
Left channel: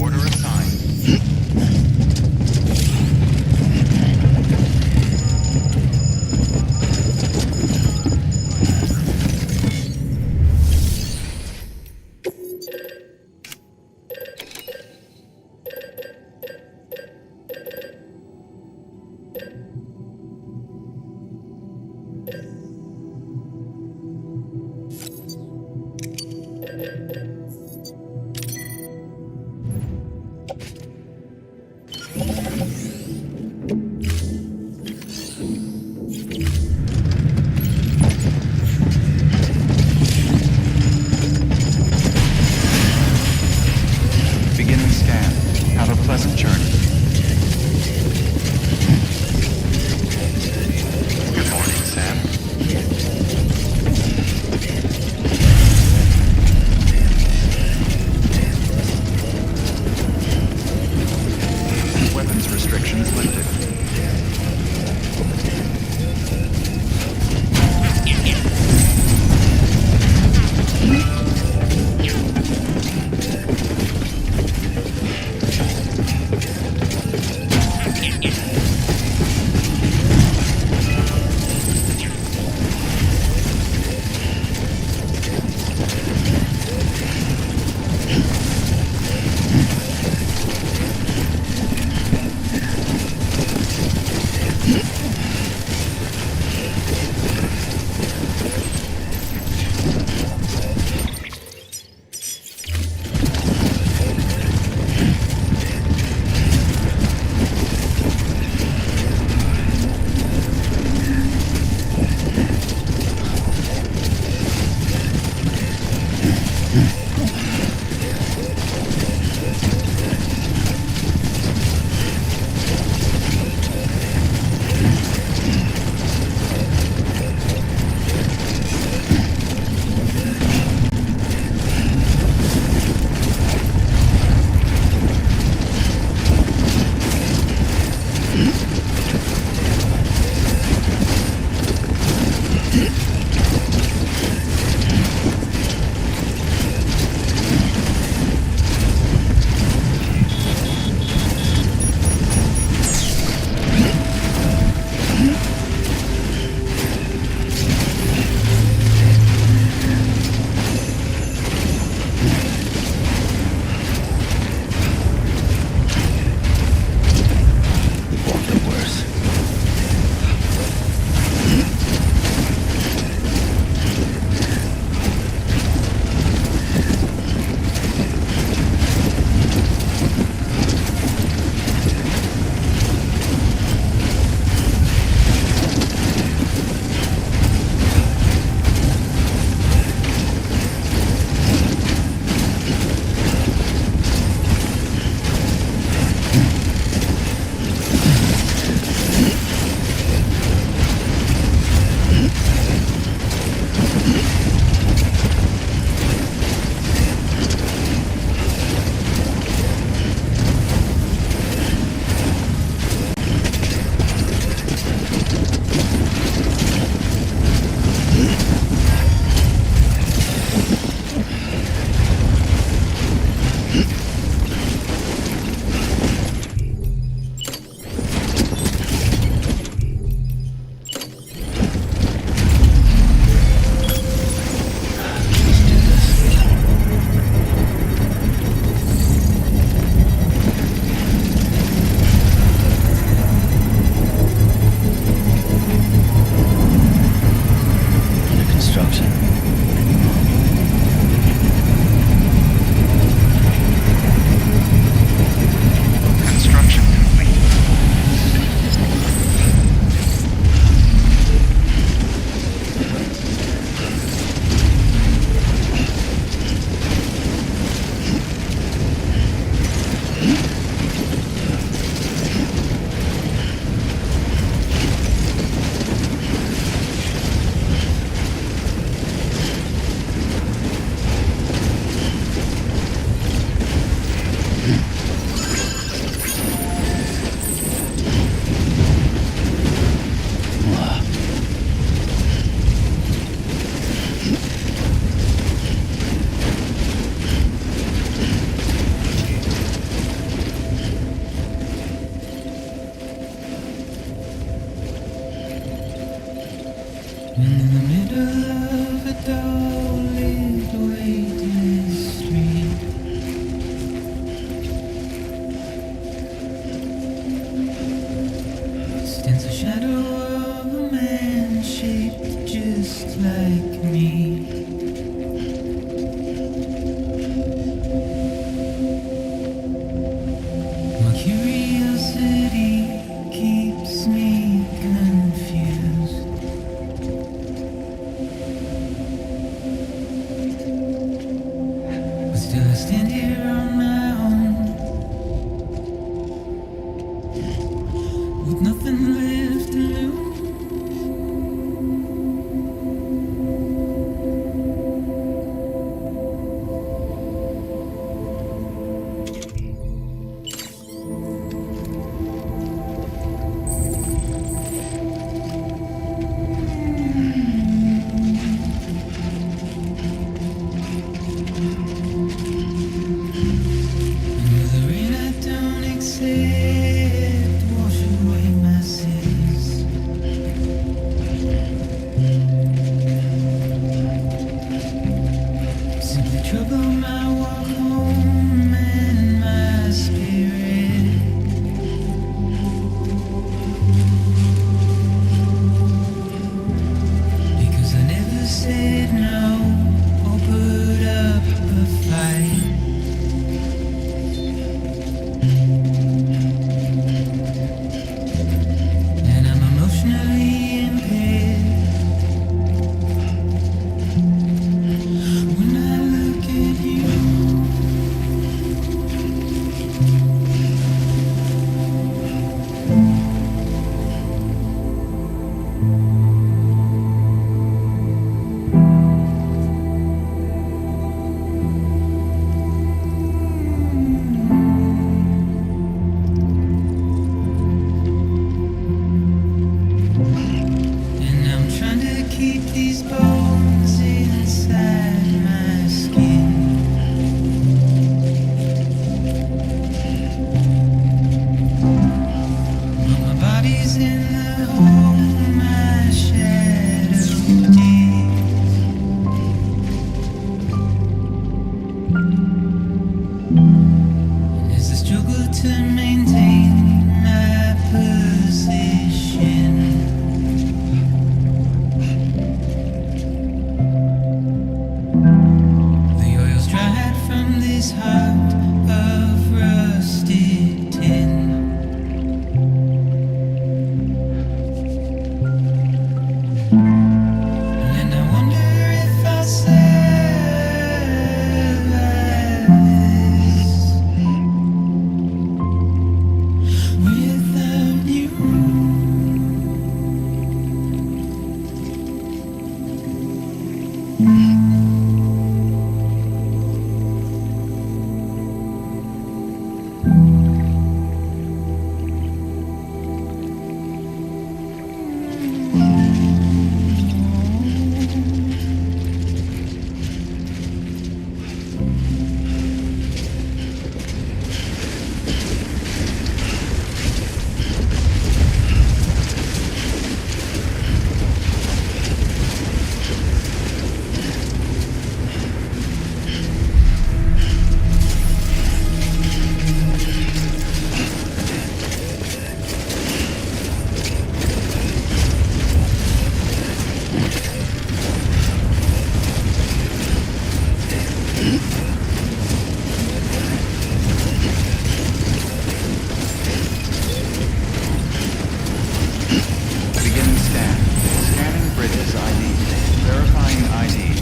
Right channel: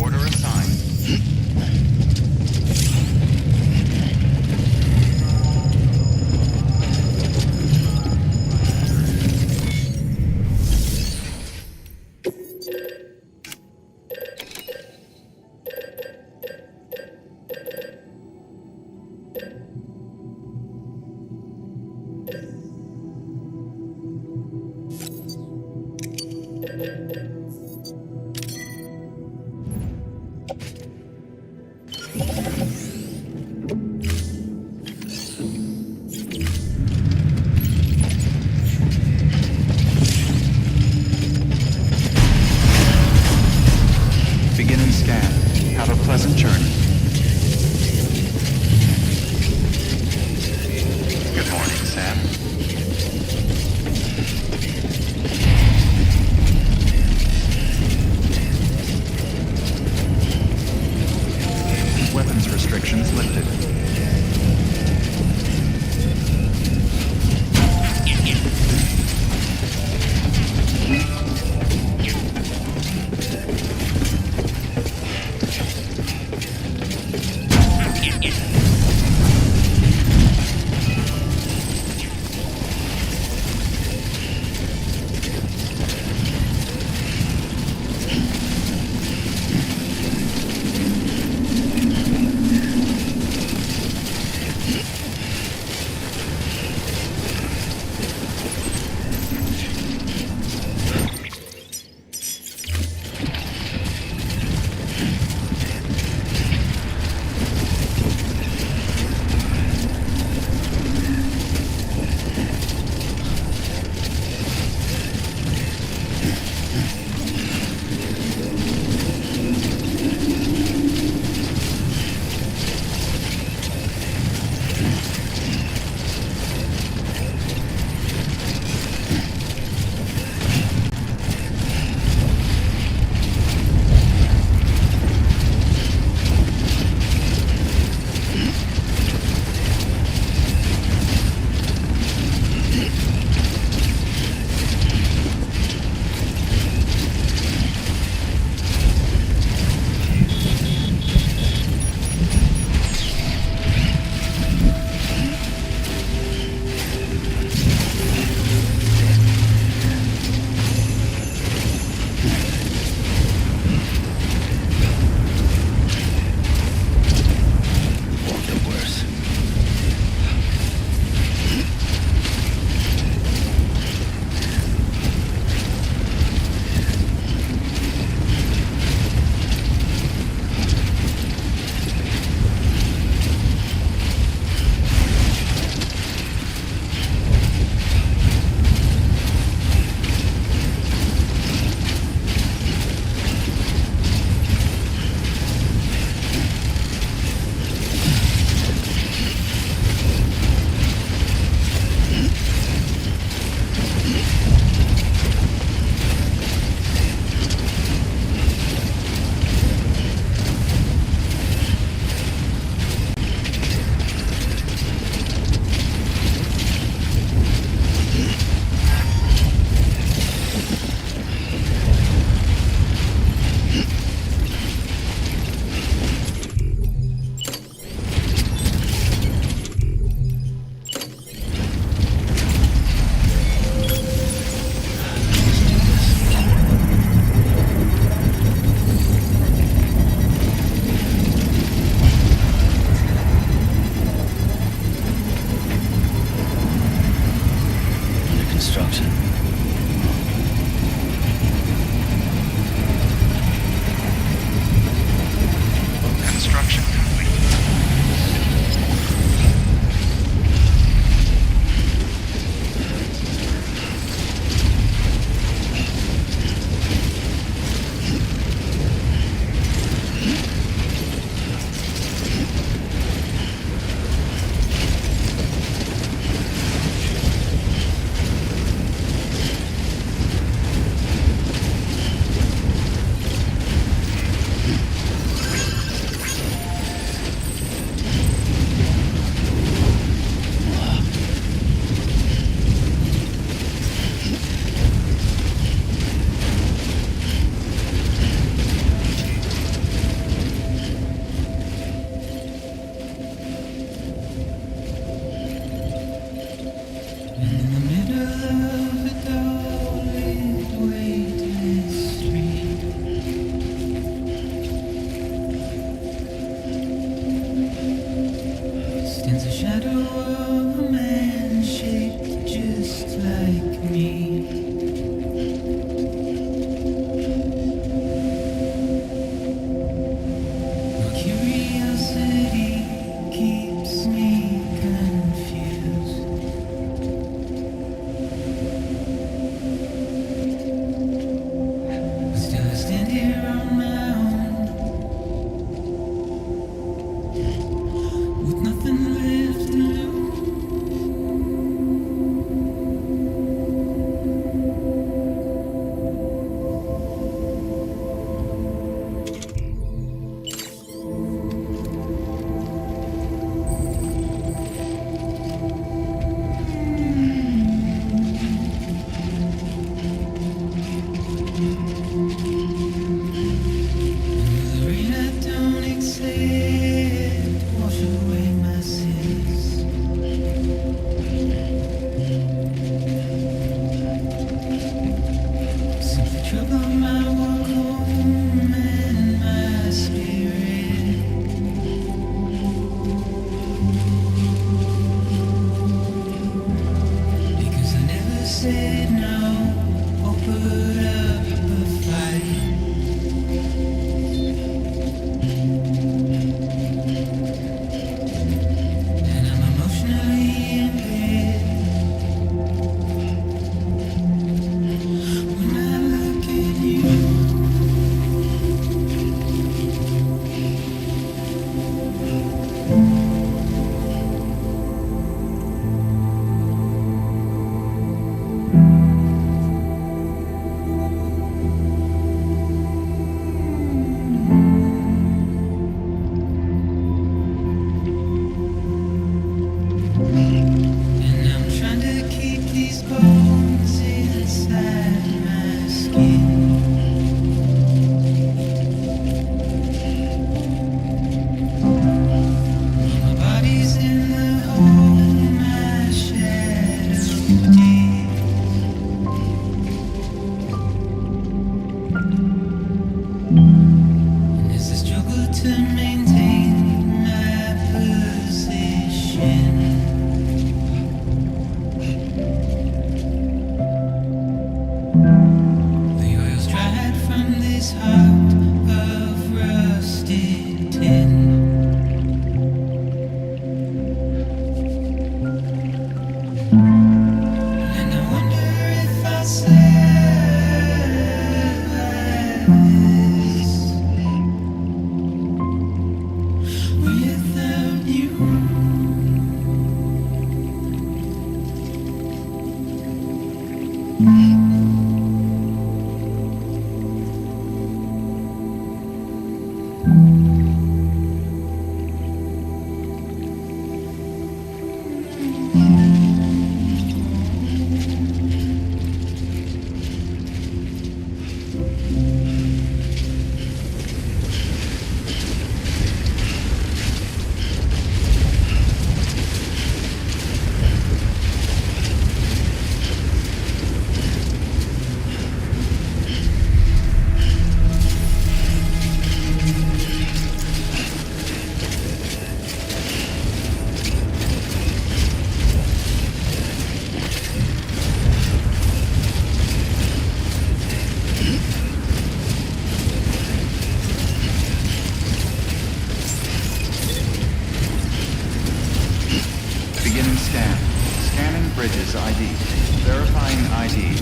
Order assigned. Beginning scan. Have a pleasant journey. Good morning, Sam. Construction. Construction complete. In the middle of a dull-lit waiting street, stands a shadow of a man shaped just like me. My curiosity keeps me confused. But still I stand here on my own, with nothing left to lose. Don't accept, wash away my sins. Simply trouble my walk home and my spirit. Because I never said no or put up a fight. Emotionally impaired. When I look at you, trying to keep these bones inside my skin. But my body's in the hole my shadow digs. And as I struggle to maintain my position, dried from this heart of rusted tin. And I wonder if I'll survive this without you. ID.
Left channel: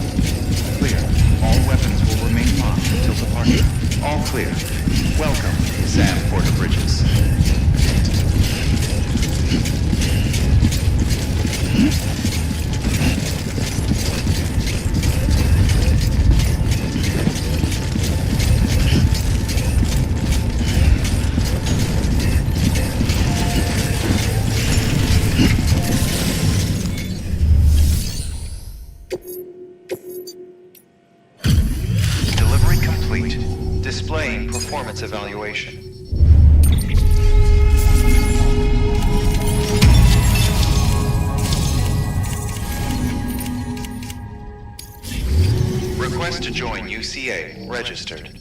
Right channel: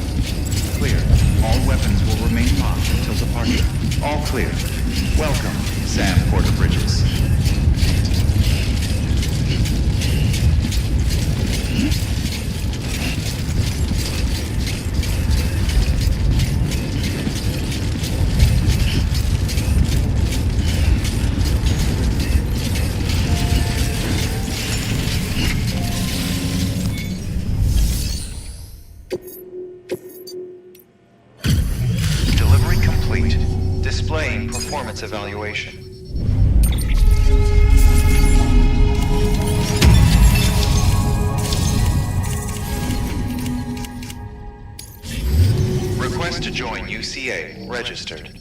Clear. All weapons will remain locked until departure. All clear. Welcome, Sam Porter Bridges. Delivery complete. Displaying performance evaluation. Request to join UCA. Registered.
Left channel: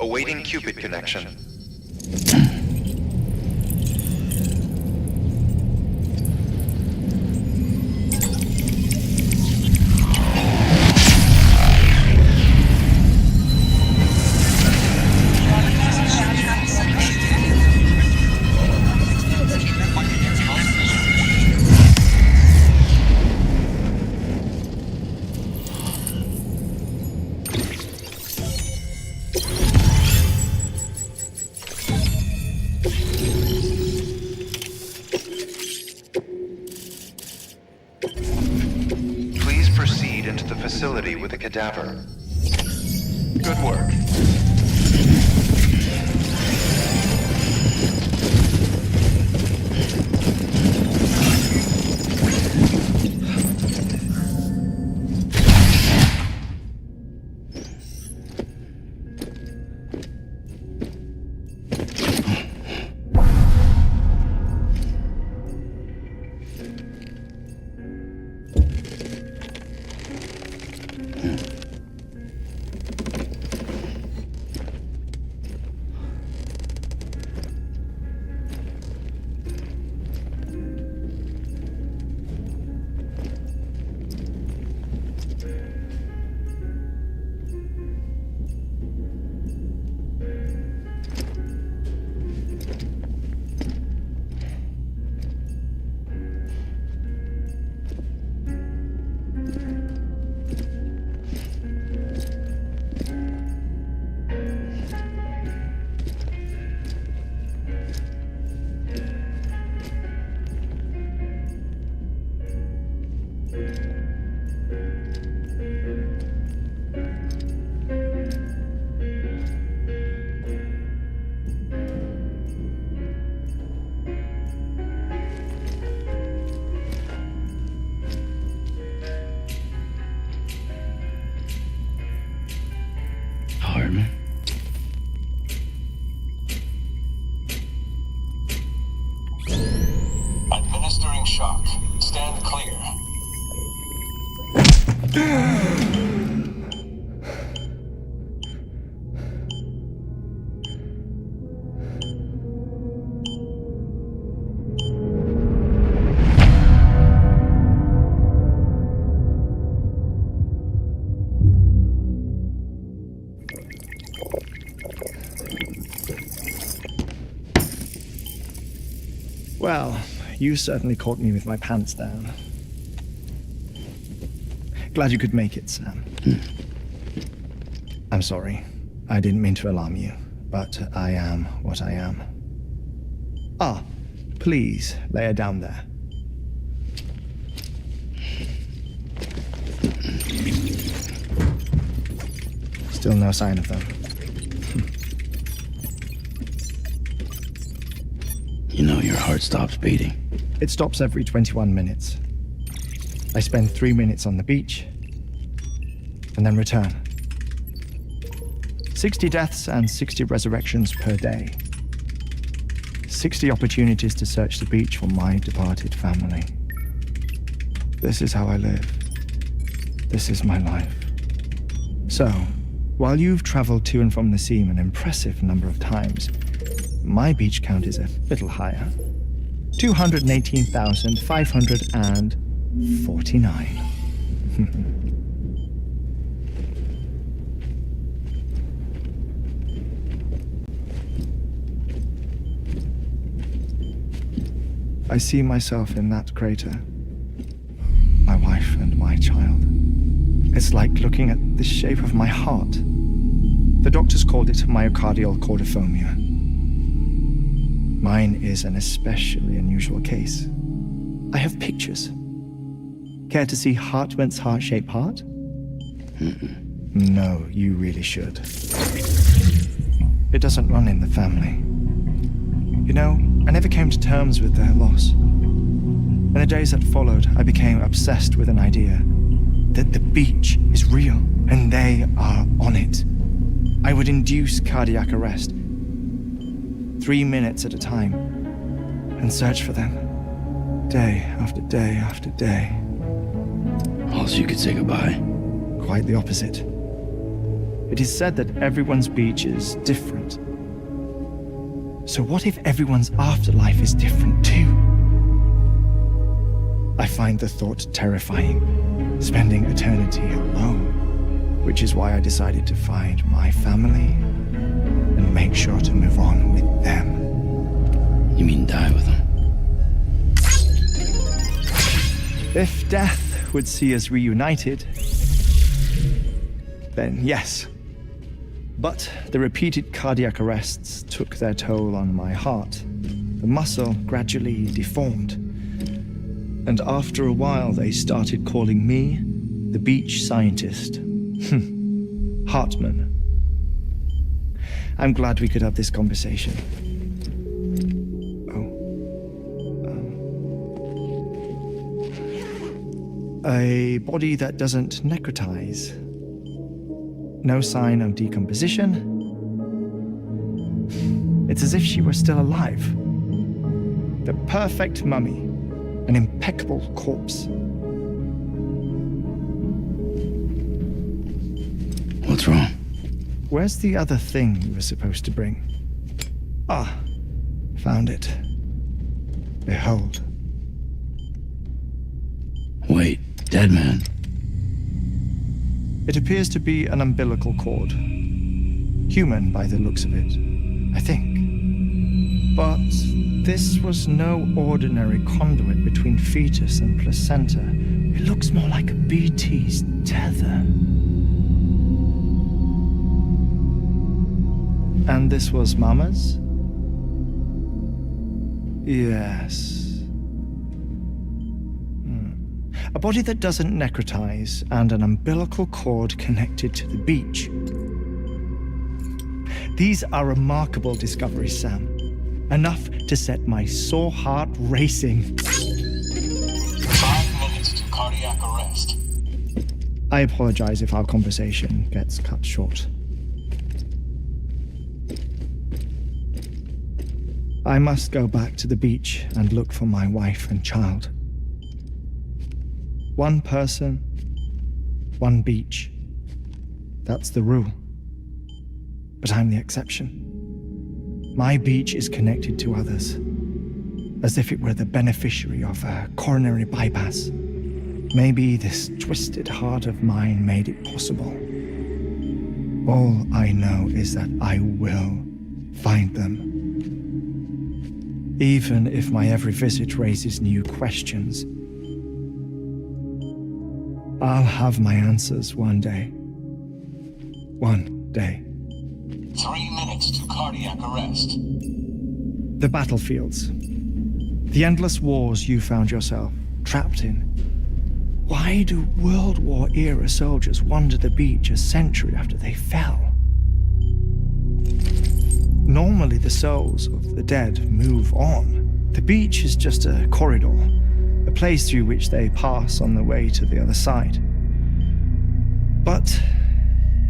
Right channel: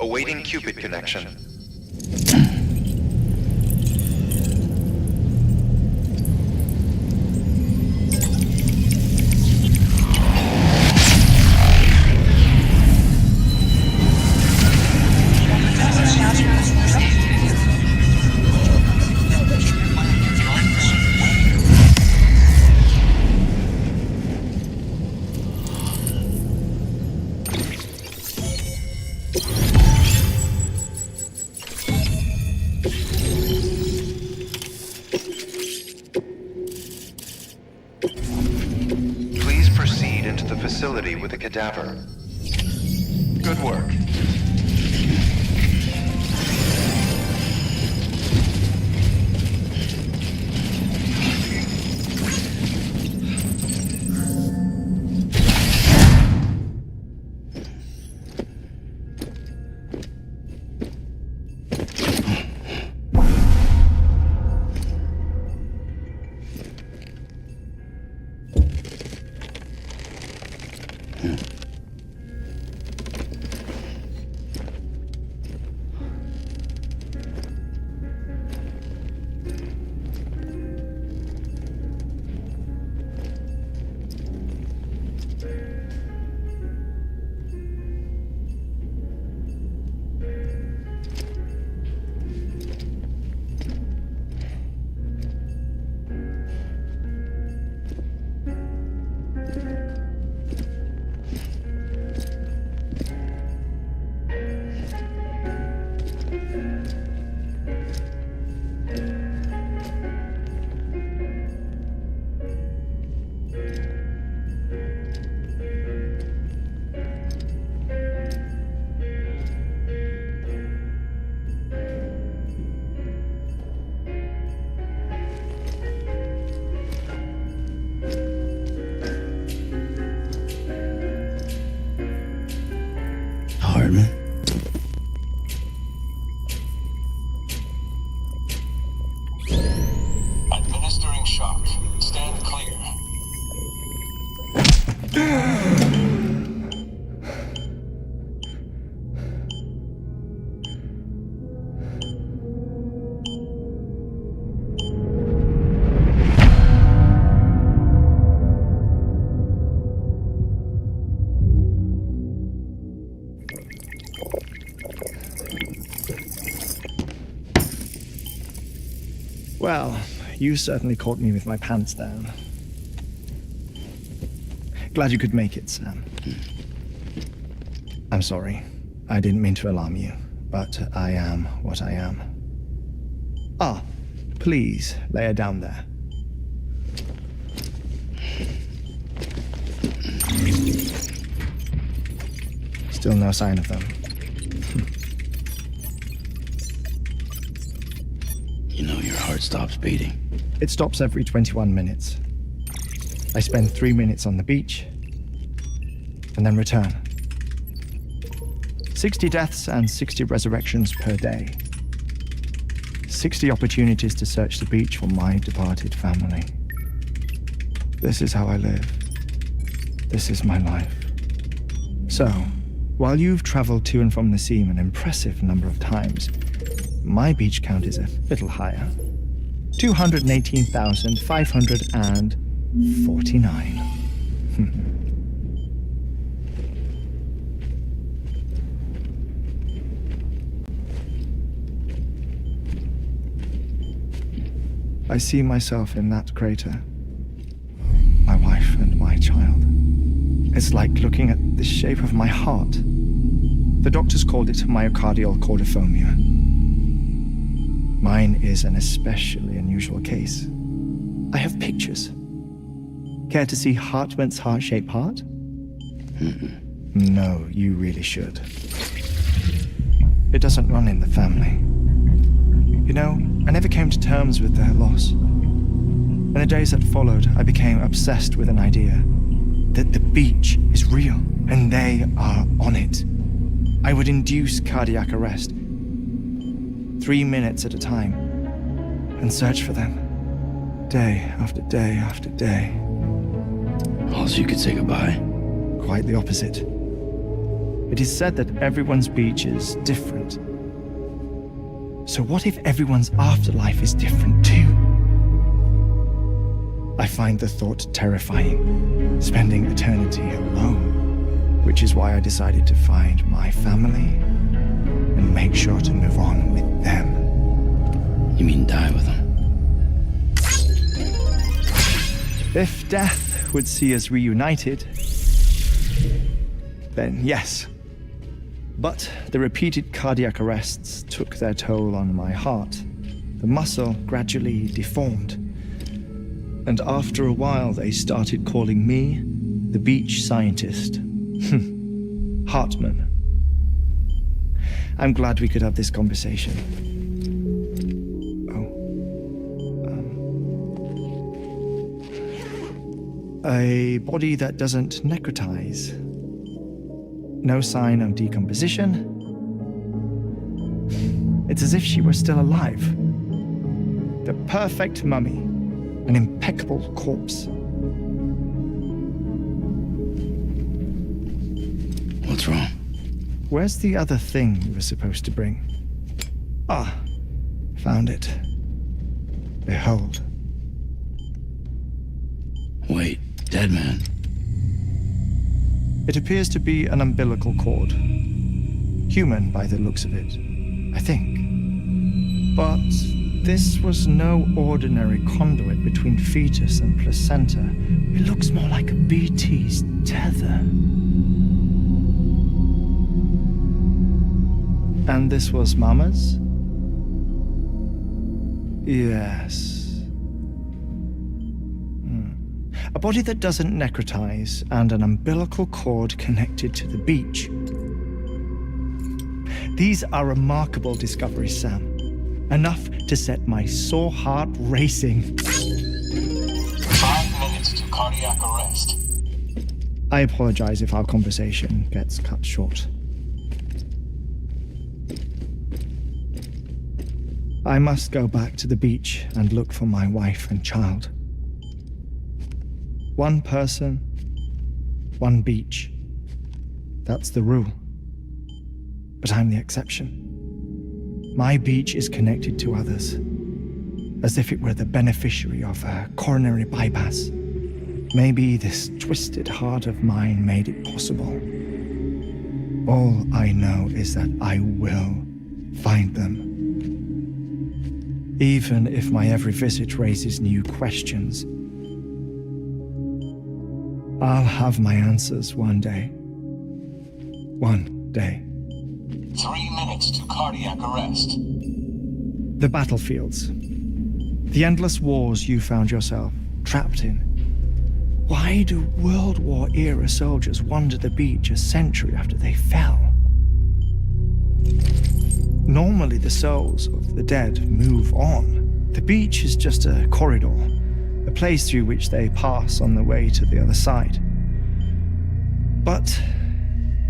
Awaiting Cupid connection. Please proceed into the facility with the cadaver. Good work. Hartman? Administering shock. Stand clear. Well, you certainly caught me with my pants down. Glad you could make it, Sam. I'm sorry. I didn't mean to alarm you, but I am what I am. Ah, please lay her down there. Still no sign of them. You know your heart stops beating. It stops every 21 minutes. I spend 3 minutes on the beach, and then return. 60 deaths and 60 resurrections per day. 60 opportunities to search the beach for my departed family. This is how I live. This is my life. So, while you've traveled to and from the scene an impressive number of times, my beach count is a little higher. 218,549. I see myself in that crater. My wife and my child. It's like looking at the shape of my heart. The doctors called it myocardial cordiformia. Mine is an especially unusual case. I have pictures. Care to see Hartmann's heart-shaped heart? No, you really should. It doesn't run in the family. You know, I never came to terms with their loss. In the days that followed, I became obsessed with an idea that the beach is real and they are on it. I would induce cardiac arrest, 3 minutes at a time, and search for them, day after day after day. Also, you could say goodbye. Quite the opposite. It is said that everyone's beach is different. So what if everyone's afterlife is different too? I find the thought terrifying, spending eternity alone, which is why I decided to find my family and make sure to move on with them. You mean die with them? If death would see us reunited, then yes. But the repeated cardiac arrests took their toll on my heart. The muscle gradually deformed. And after a while, they started calling me the beach scientist. Hartmann. I'm glad we could have this conversation. A body that doesn't necrotize. No sign of decomposition. It's as if she were still alive. The perfect mummy. An impeccable corpse. What's wrong? Where's the other thing you were supposed to bring? Ah, found it. Behold. Wait, dead man? It appears to be an umbilical cord. Human by the looks of it, I think. But this was no ordinary conduit between fetus and placenta. It looks more like a BT's tether. And this was Mama's? Yes. A body that doesn't necrotize and an umbilical cord connected to the beach. These are remarkable discoveries, Sam. Enough to set my sore heart racing. 5 minutes to cardiac arrest. I apologize if our conversation gets cut short. I must go back to the beach and look for my wife and child. One person, one beach. That's the rule. But I'm the exception. My beach is connected to others, as if it were the beneficiary of a coronary bypass. Maybe this twisted heart of mine made it possible. All I know is that I will find them. Even if my every visit raises new questions, I'll have my answers one day. One day. 3 minutes to cardiac arrest. The battlefields. The endless wars you found yourself trapped in. Why do World War-era soldiers wander the beach a century after they fell? Normally the souls of the dead move on. The beach is just a corridor, a place through which they pass on the way to the other side. But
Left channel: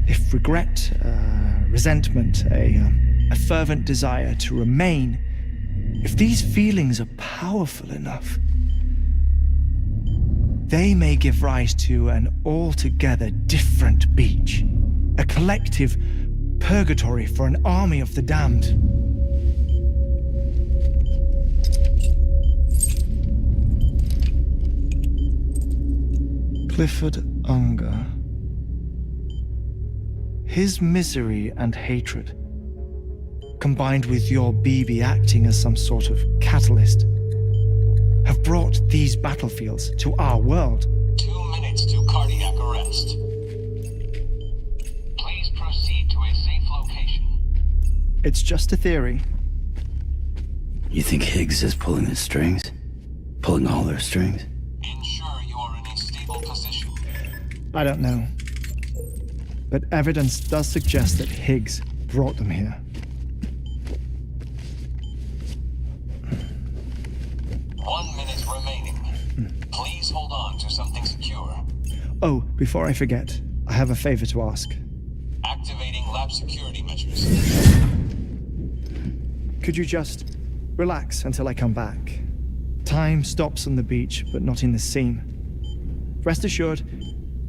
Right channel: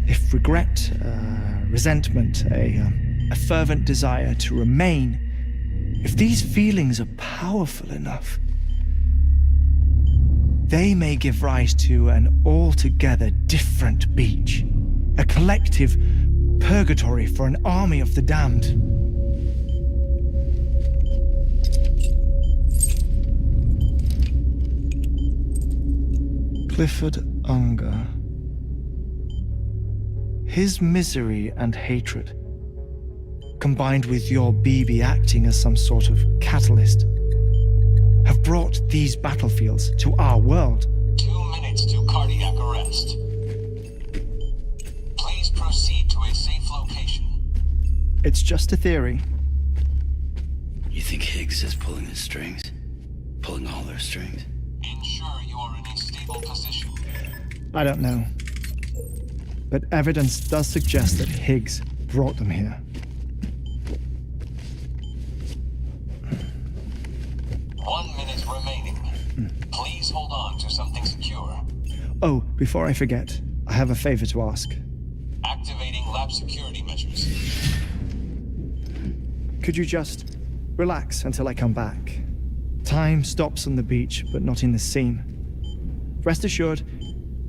if regret, resentment, a fervent desire to remain, if these feelings are powerful enough, they may give rise to an altogether different beach, a collective purgatory for an army of the damned. Clifford Unger. His misery and hatred, combined with your BB acting as some sort of catalyst, have brought these battlefields to our world. 2 minutes to cardiac arrest. It's just a theory. You think Higgs is pulling the strings? Pulling all their strings? Ensure you are in a stable position. I don't know. But evidence does suggest that Higgs brought them here. Please hold on to something secure. Oh, before I forget, I have a favor to ask. Activating lab security measures. Could you just relax until I come back? Time stops on the beach, but not in the scene. Rest assured,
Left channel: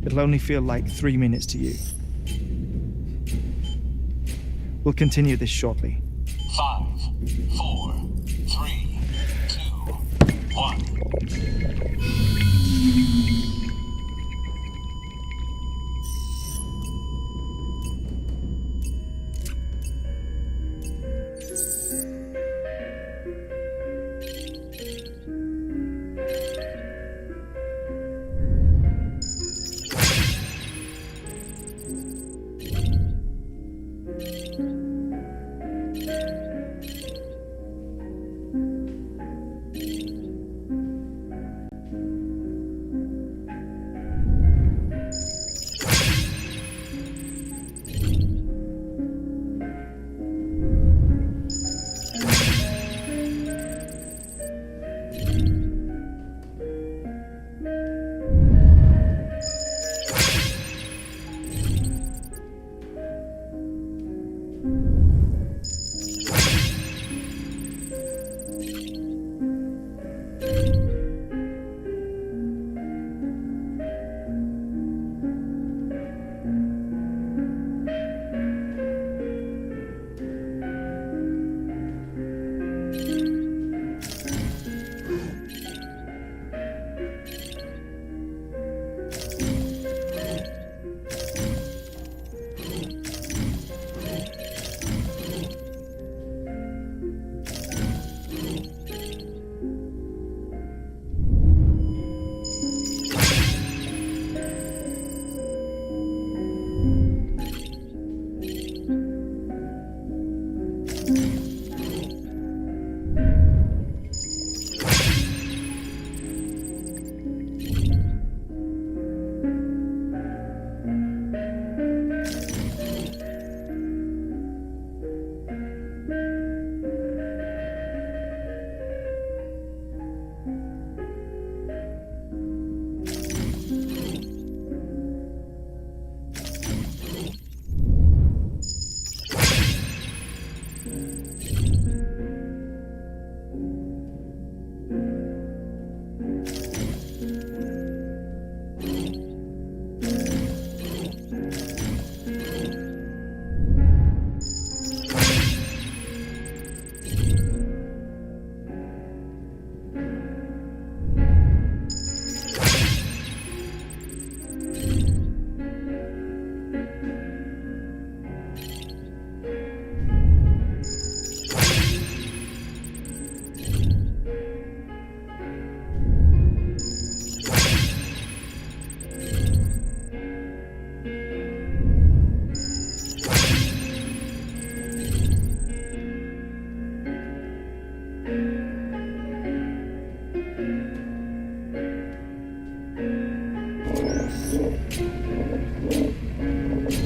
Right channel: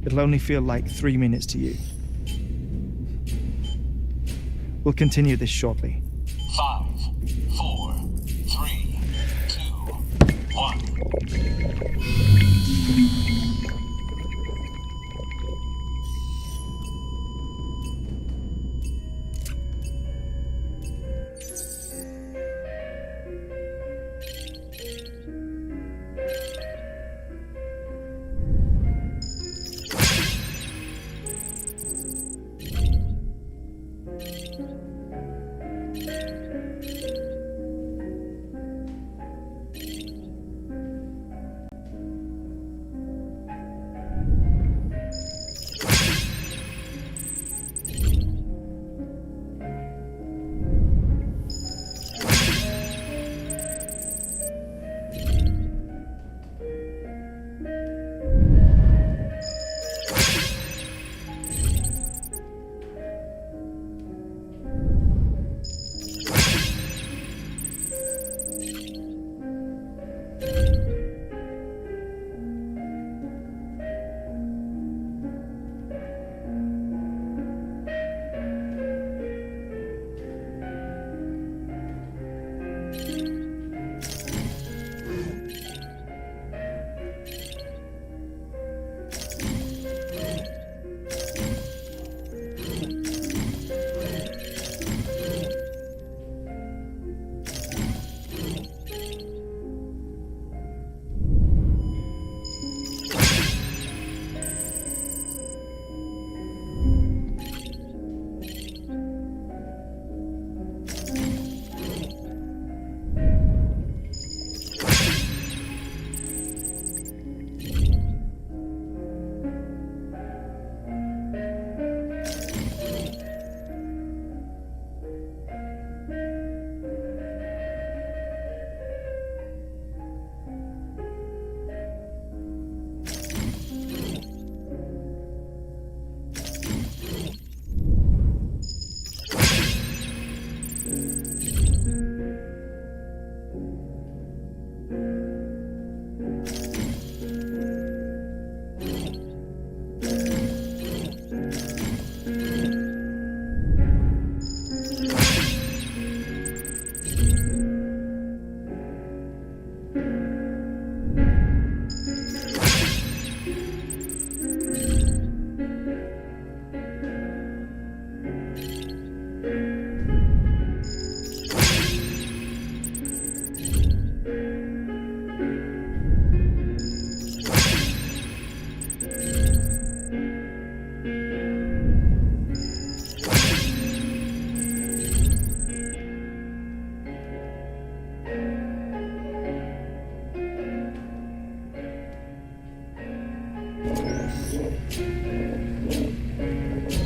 it'll only feel like 3 minutes to you. We'll continue this shortly. 5, 4, 3, 2, 1.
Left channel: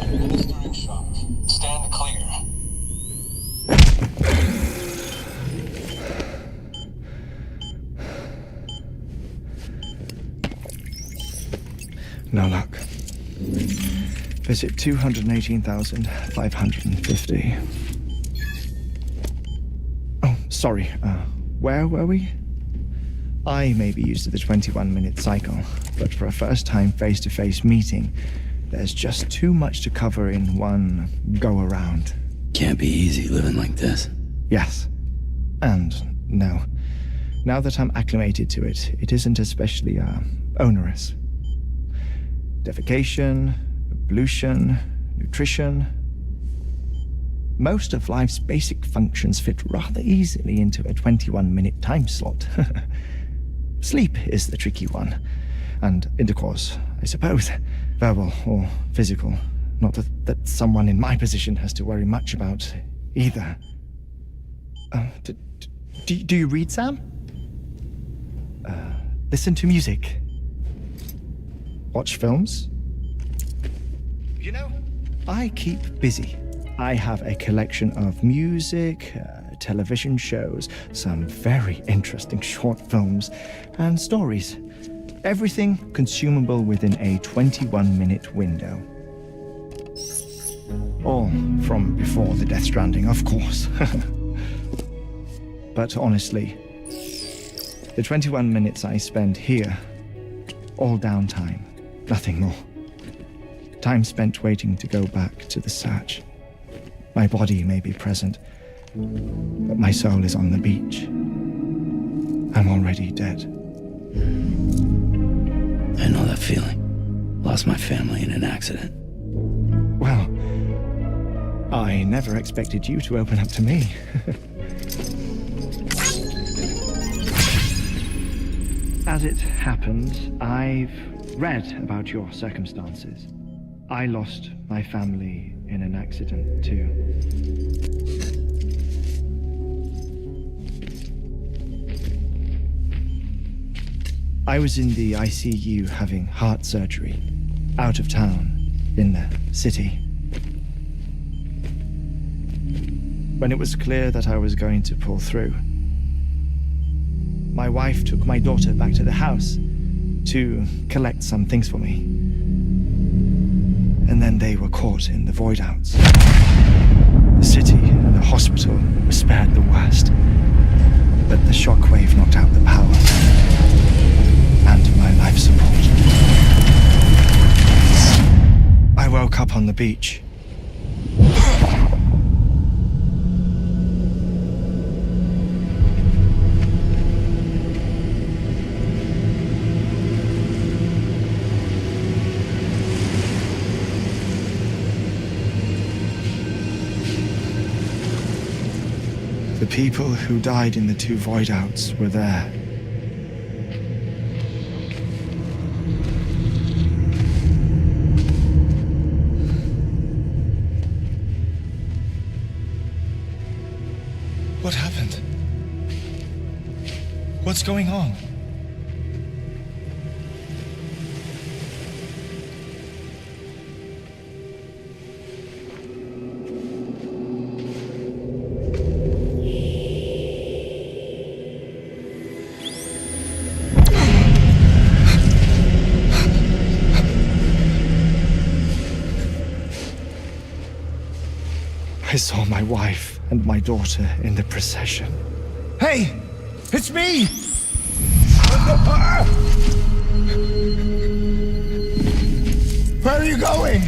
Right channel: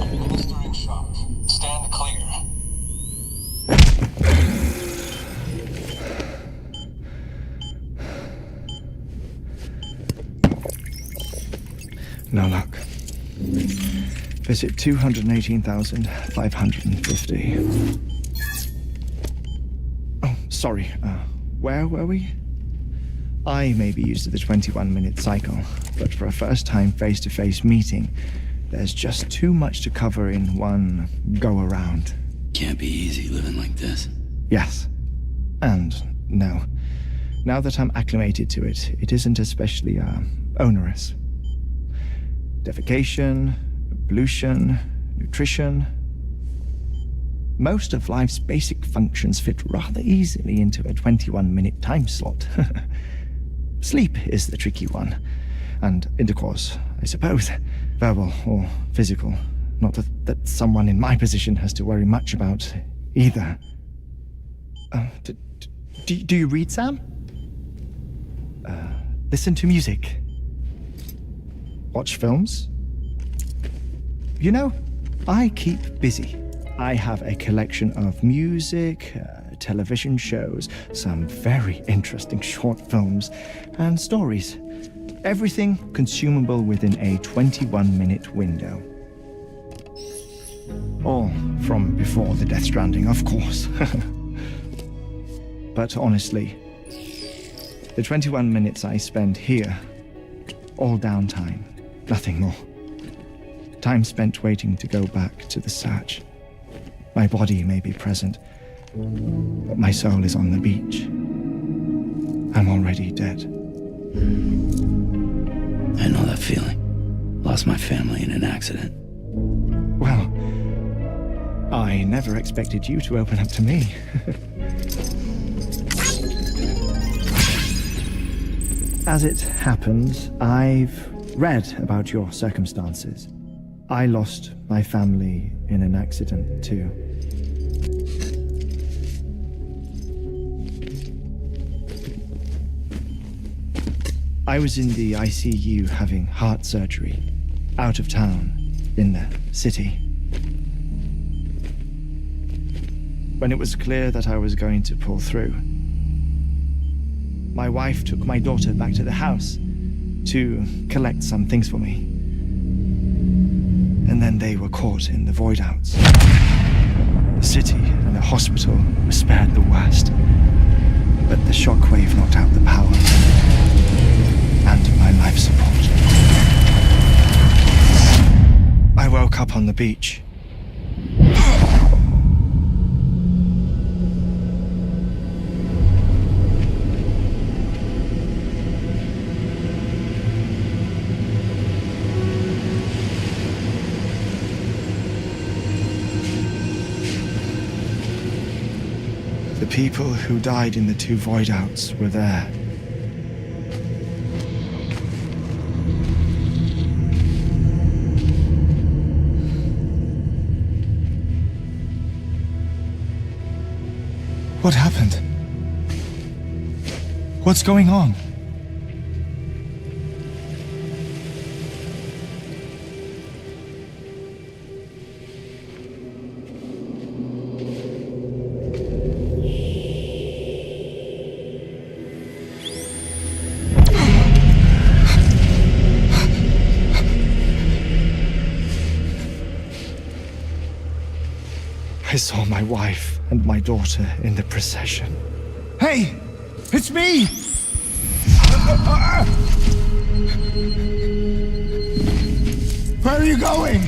Administering shock. Stand clear. No luck. Visit 218,550. Oh, sorry. Where were we? I may be used to the 21-minute cycle, but for a first-time face-to-face meeting, there's just too much to cover in one go-around. Can't be easy living like this. Yes. And no. Now that I'm acclimated to it, it isn't especially, onerous. Defecation, ablution, nutrition. Most of life's basic functions fit rather easily into a 21-minute time slot. Sleep is the tricky one. And intercourse, I suppose. Verbal or physical. Not that someone in my position has to worry much about either. Do you read, Sam? Listen to music. Watch films? You know, I keep busy. I have a collection of music, television shows, some very interesting short films, and stories. Everything consumable within a 21-minute window. All from before the Death Stranding, of course. But honestly, the 21 minutes I spend here, all downtime, nothing more. Time spent waiting to go back to the search. My body may be present, but my soul is on the beach. I'm already dead. I know that feeling. Lost my family in an accident. Well, I never expected you to open up to me. As it happens, I've read about your circumstances. I lost my family in an accident too. I was in the ICU having heart surgery, out of town, in the city. When it was clear that I was going to pull through, my wife took my daughter back to the house to collect some things for me. And then they were caught in the void outs. The city and the hospital were spared the worst, but the shockwave knocked out the power and my life support. I woke up on the beach. The people who died in the two void outs were there. What happened? What's going on? I saw my wife and my daughter in the procession. Hey! It's me! Where are you going?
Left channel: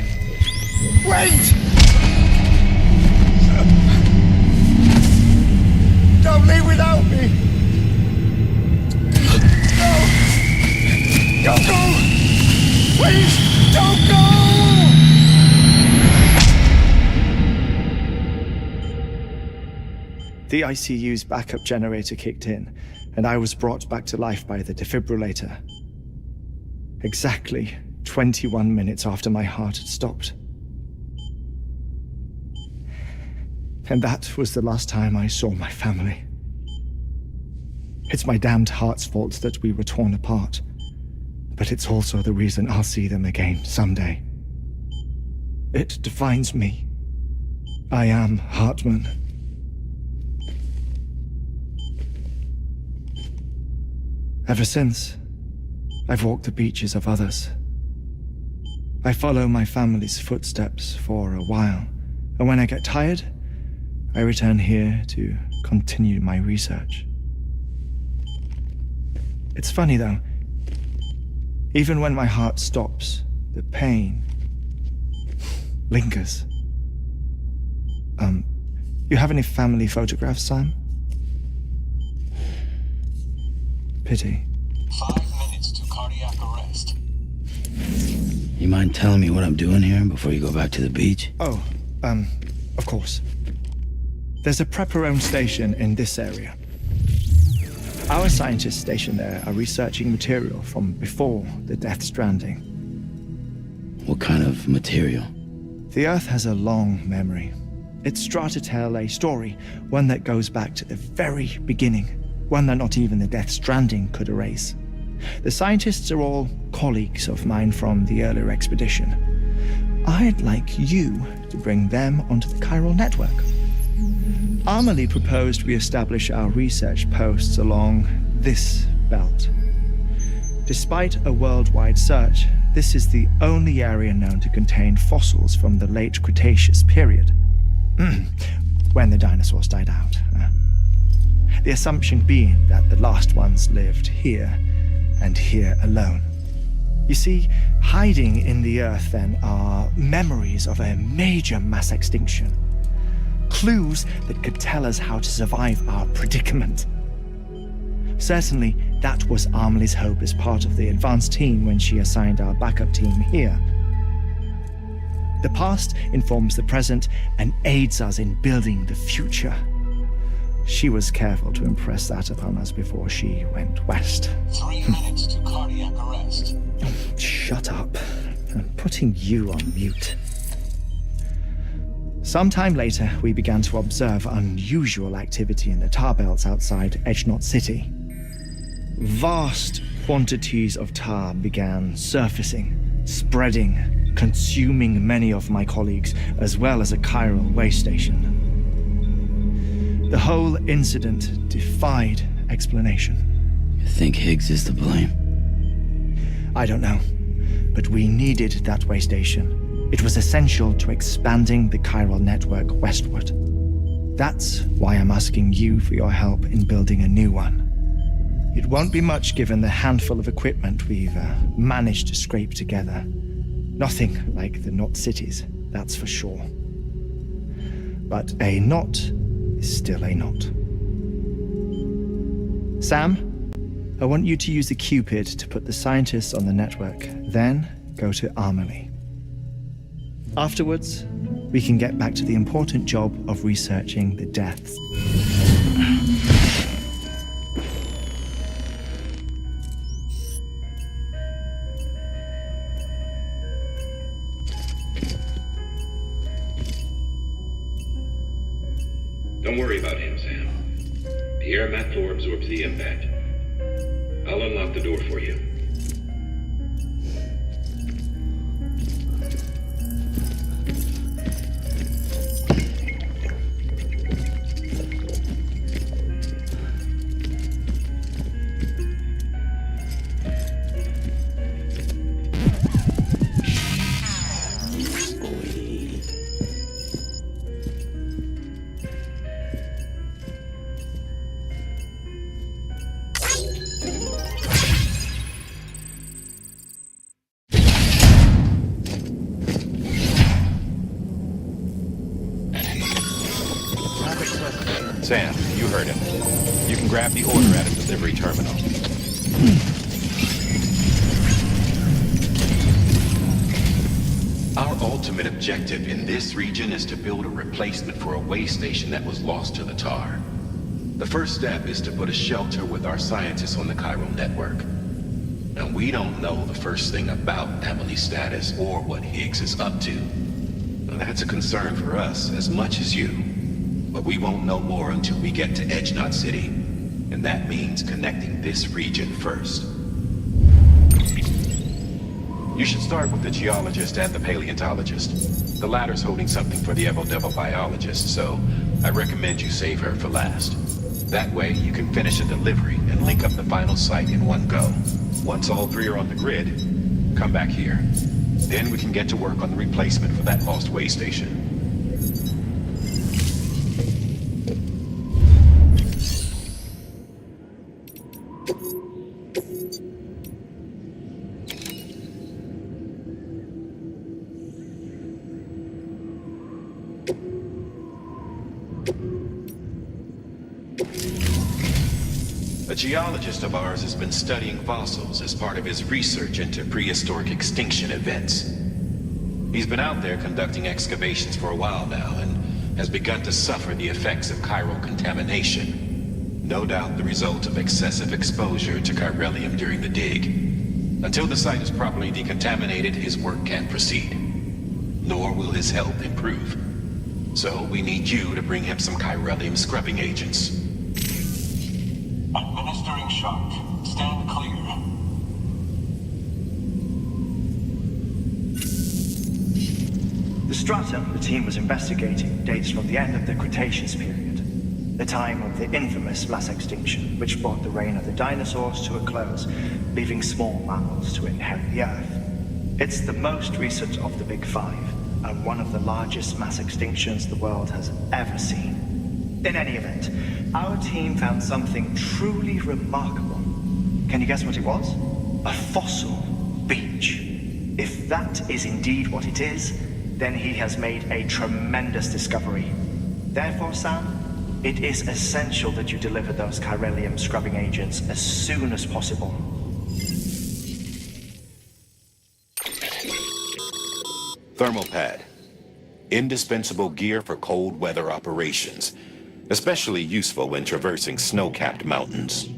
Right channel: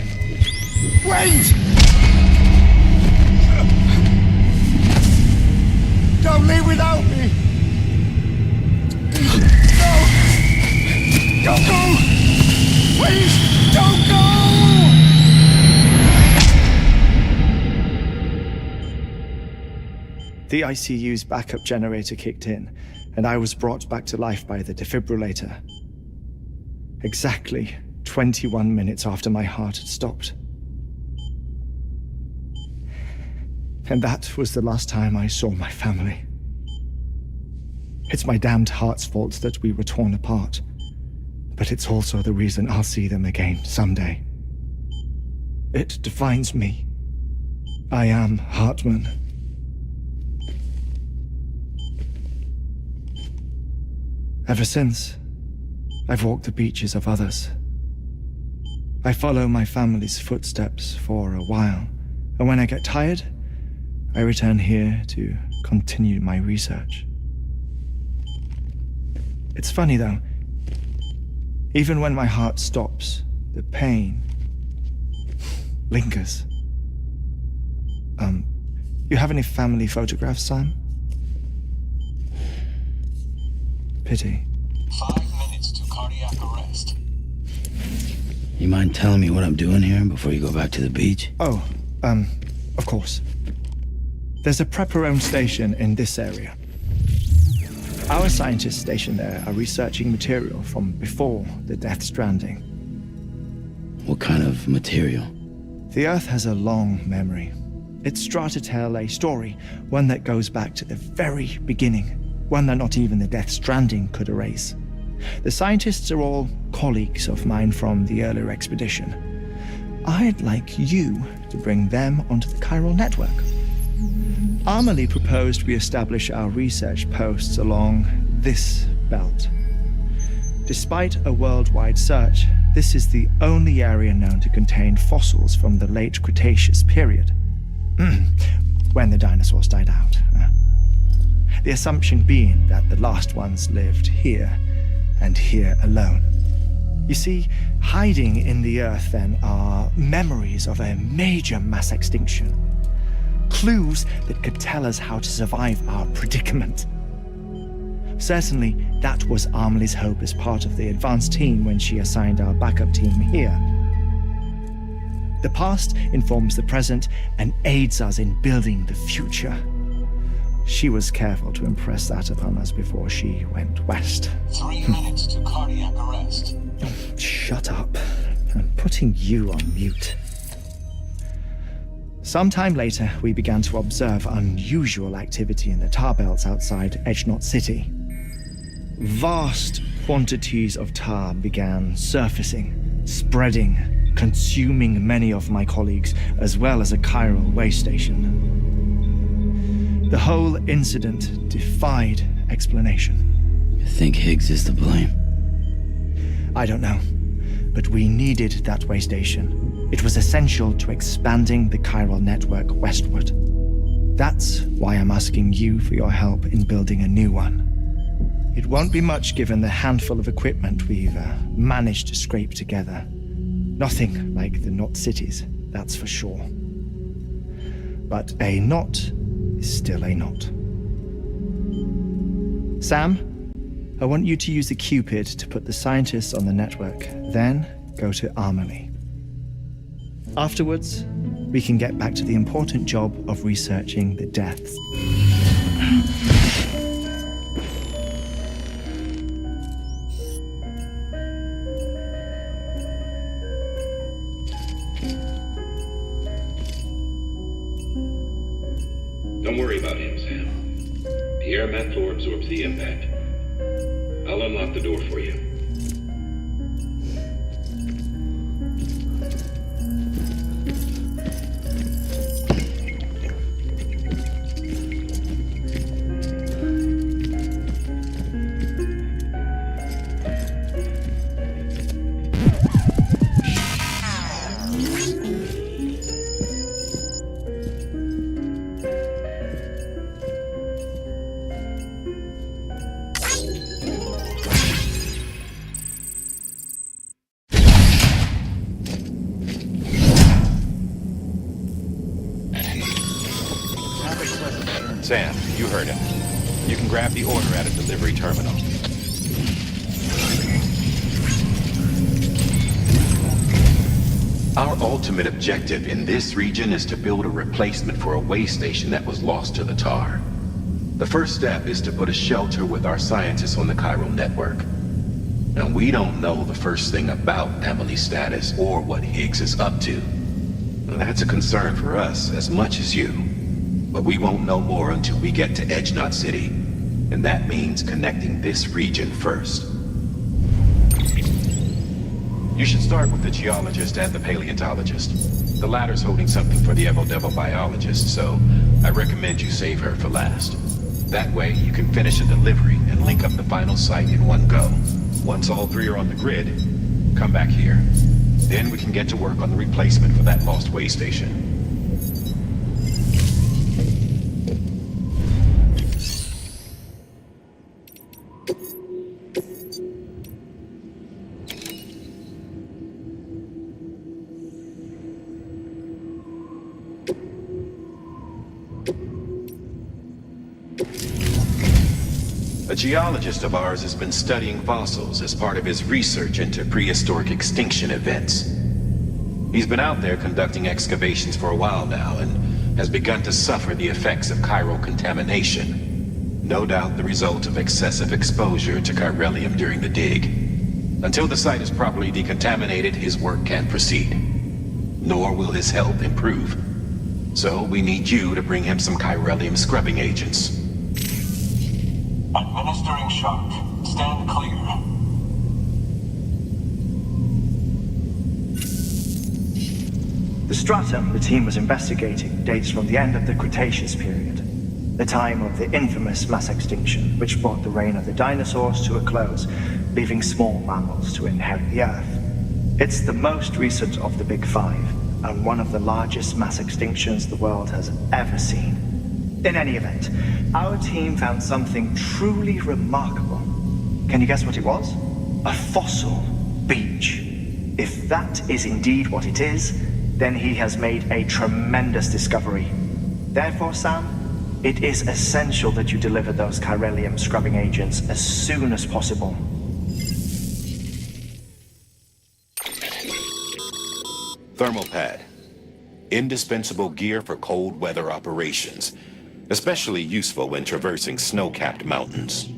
Wait! Don't leave without me! No! Don't go! Please, don't go! The ICU's backup generator kicked in, and I was brought back to life by the defibrillator. Exactly 21 minutes after my heart had stopped. And that was the last time I saw my family. It's my damned heart's fault that we were torn apart, but it's also the reason I'll see them again someday. It defines me. I am Hartman. Ever since, I've walked the beaches of others. I follow my family's footsteps for a while, and when I get tired, I return here to continue my research. It's funny though, even when my heart stops, the pain lingers. You have any family photographs, Sam? Pity. 5 minutes to cardiac arrest. You mind telling me what I'm doing here before you go back to the beach? Oh, of course. There's a Prepperone station in this area. Our scientists stationed there are researching material from before the Death Stranding. What kind of material? The Earth has a long memory. It's trying to tell a story, one that goes back to the very beginning, one that not even the death Stranding could erase. The scientists are all colleagues of mine from the earlier expedition. I'd like you to bring them onto the chiral network. Amelie proposed we establish our research posts along this belt. Despite a worldwide search, this is the only area known to contain fossils from the late Cretaceous period, when the dinosaurs died out. The assumption being that the last ones lived here, and here alone. You see, hiding in the earth then are memories of a major mass extinction. Clues that could tell us how to survive our predicament. Certainly, that was Amelie's hope as part of the advanced team when she assigned our backup team here. The past informs the present and aids us in building the future. She was careful to impress that upon us before she went west. 3 minutes to cardiac arrest. Shut up. I'm putting you on mute. Sometime later, we began to observe unusual activity in the tar belts outside Edgenot City. Vast quantities of tar began surfacing, spreading, consuming many of my colleagues, as well as a chiral way station. The whole incident defied explanation. You think Higgs is to blame? I don't know, but we needed that way station. It was essential to expanding the chiral network westward. That's why I'm asking you for your help in building a new one. It won't be much given the handful of equipment we've managed to scrape together. Nothing like the knot cities, that's for sure. But a knot is still a knot. Sam, I want you to use the Cupid to put the scientists on the network, then go to Amelie. Afterwards, we can get back to the important job of researching the deaths. Don't worry about him, Sam. The air mat floor absorbs the impact. I'll unlock the door for you. Sam, you heard him. You can grab the order at a delivery terminal. Our ultimate objective in this region is to build a replacement for a way station that was lost to the tar. The first step is to put a shelter with our scientists on the chiral network. Now, we don't know the first thing about Amelie's status or what Higgs is up to. Now, that's a concern for us as much as you. But we won't know more until we get to Edgenot City. And that means connecting this region first. You should start with the geologist and the paleontologist. The latter's holding something for the Evo-Devo biologist, so I recommend you save her for last. That way, you can finish a delivery and link up the final site in one go. Once all three are on the grid, come back here. Then we can get to work on the replacement for that lost way station. A geologist of ours has been studying fossils as part of his research into prehistoric extinction events. He's been out there conducting excavations for a while now and has begun to suffer the effects of chiral contamination. No doubt the result of excessive exposure to chiralium during the dig. Until the site is properly decontaminated, his work can't proceed. Nor will his health improve. So we need you to bring him some chiralium scrubbing agents. Administering shock. Stand clear. The stratum the team was investigating dates from the end of the Cretaceous period, the time of the infamous mass extinction, which brought the reign of the dinosaurs to a close, leaving small mammals to inherit the Earth. It's the most recent of the Big Five, and one of the largest mass extinctions the world has ever seen. In any event, our team found something truly remarkable. Can you guess what it was? A fossil beach. If that is indeed what it is, then he has made a tremendous discovery. Therefore, Sam, it is essential that you deliver those chiralium scrubbing agents as soon as possible. Thermal pad. Indispensable gear for cold weather operations, especially useful when traversing snow-capped mountains.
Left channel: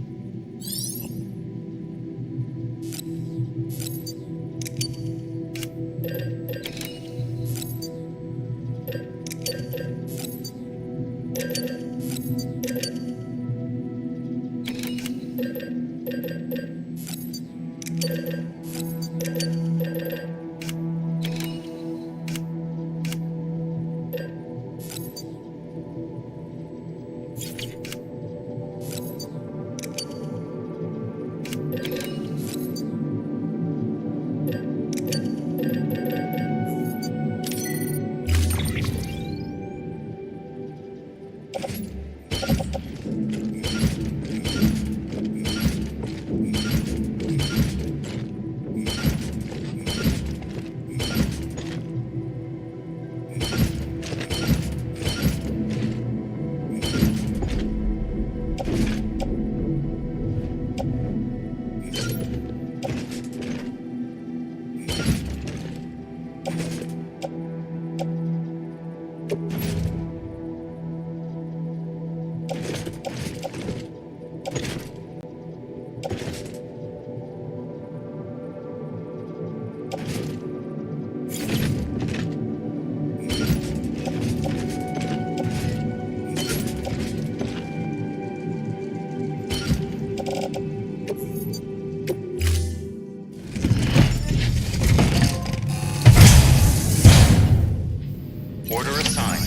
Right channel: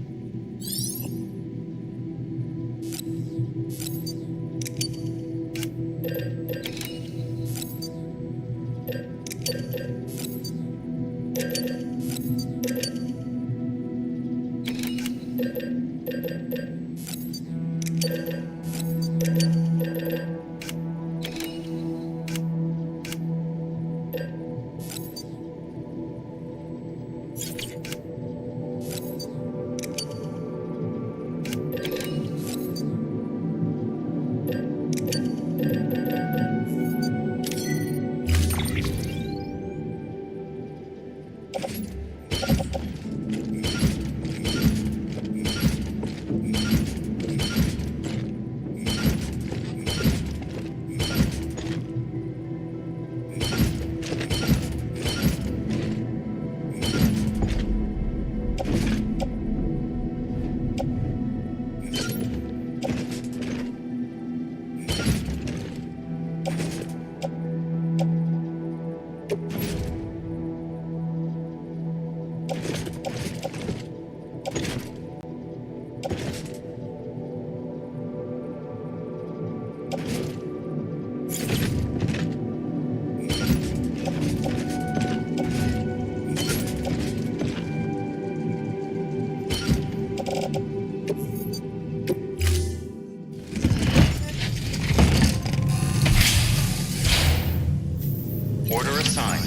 Order assigned.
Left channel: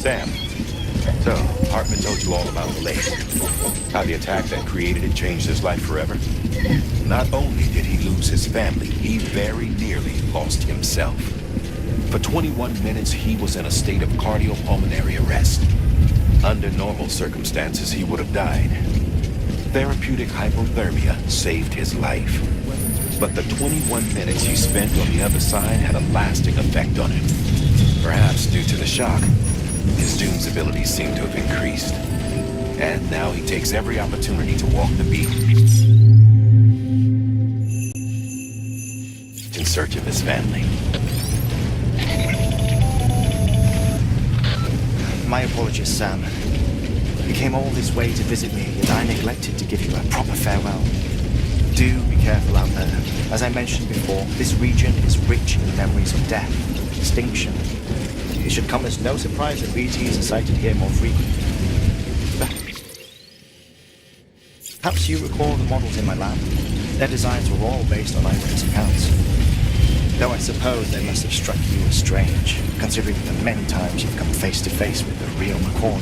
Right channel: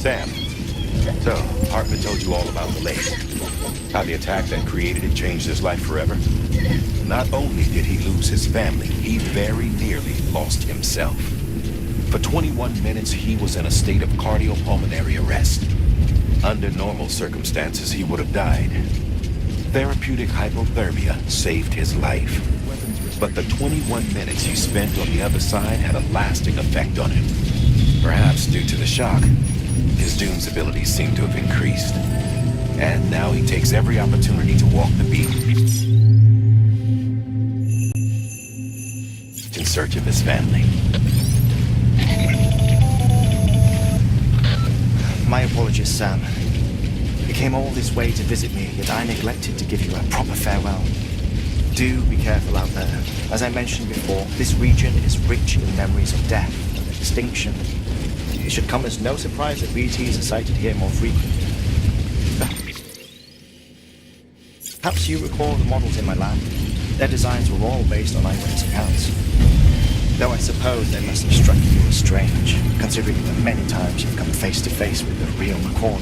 Sam, so Hartman told you all about the lake. How the attack that created it changed his life forever? Not only did he lose his family, he very nearly lost himself. For 21 minutes, he was in a state of cardiopulmonary arrest. Under normal circumstances, he would have died. Therapeutic hypothermia saved his life. But the 21 minutes he spent on the other side had a lasting effect on him. Perhaps due to the shock, his Doom's abilities seem to have increased. And now he takes every opportunity to walk the beat in search of his family. My apologies, Sam. You came all this way to visit me, yet I neglected to give you a proper farewell. Do be careful out there. As I mentioned before, this region is rich in memories of death and extinction. It should come as no surprise that BTs are sighted here more frequently. Perhaps you recall the models in my lab? Their designs were all based on eyewitness accounts. Though I suppose they must have struck you as strange, considering the many times you've come face to face with the real McCoy.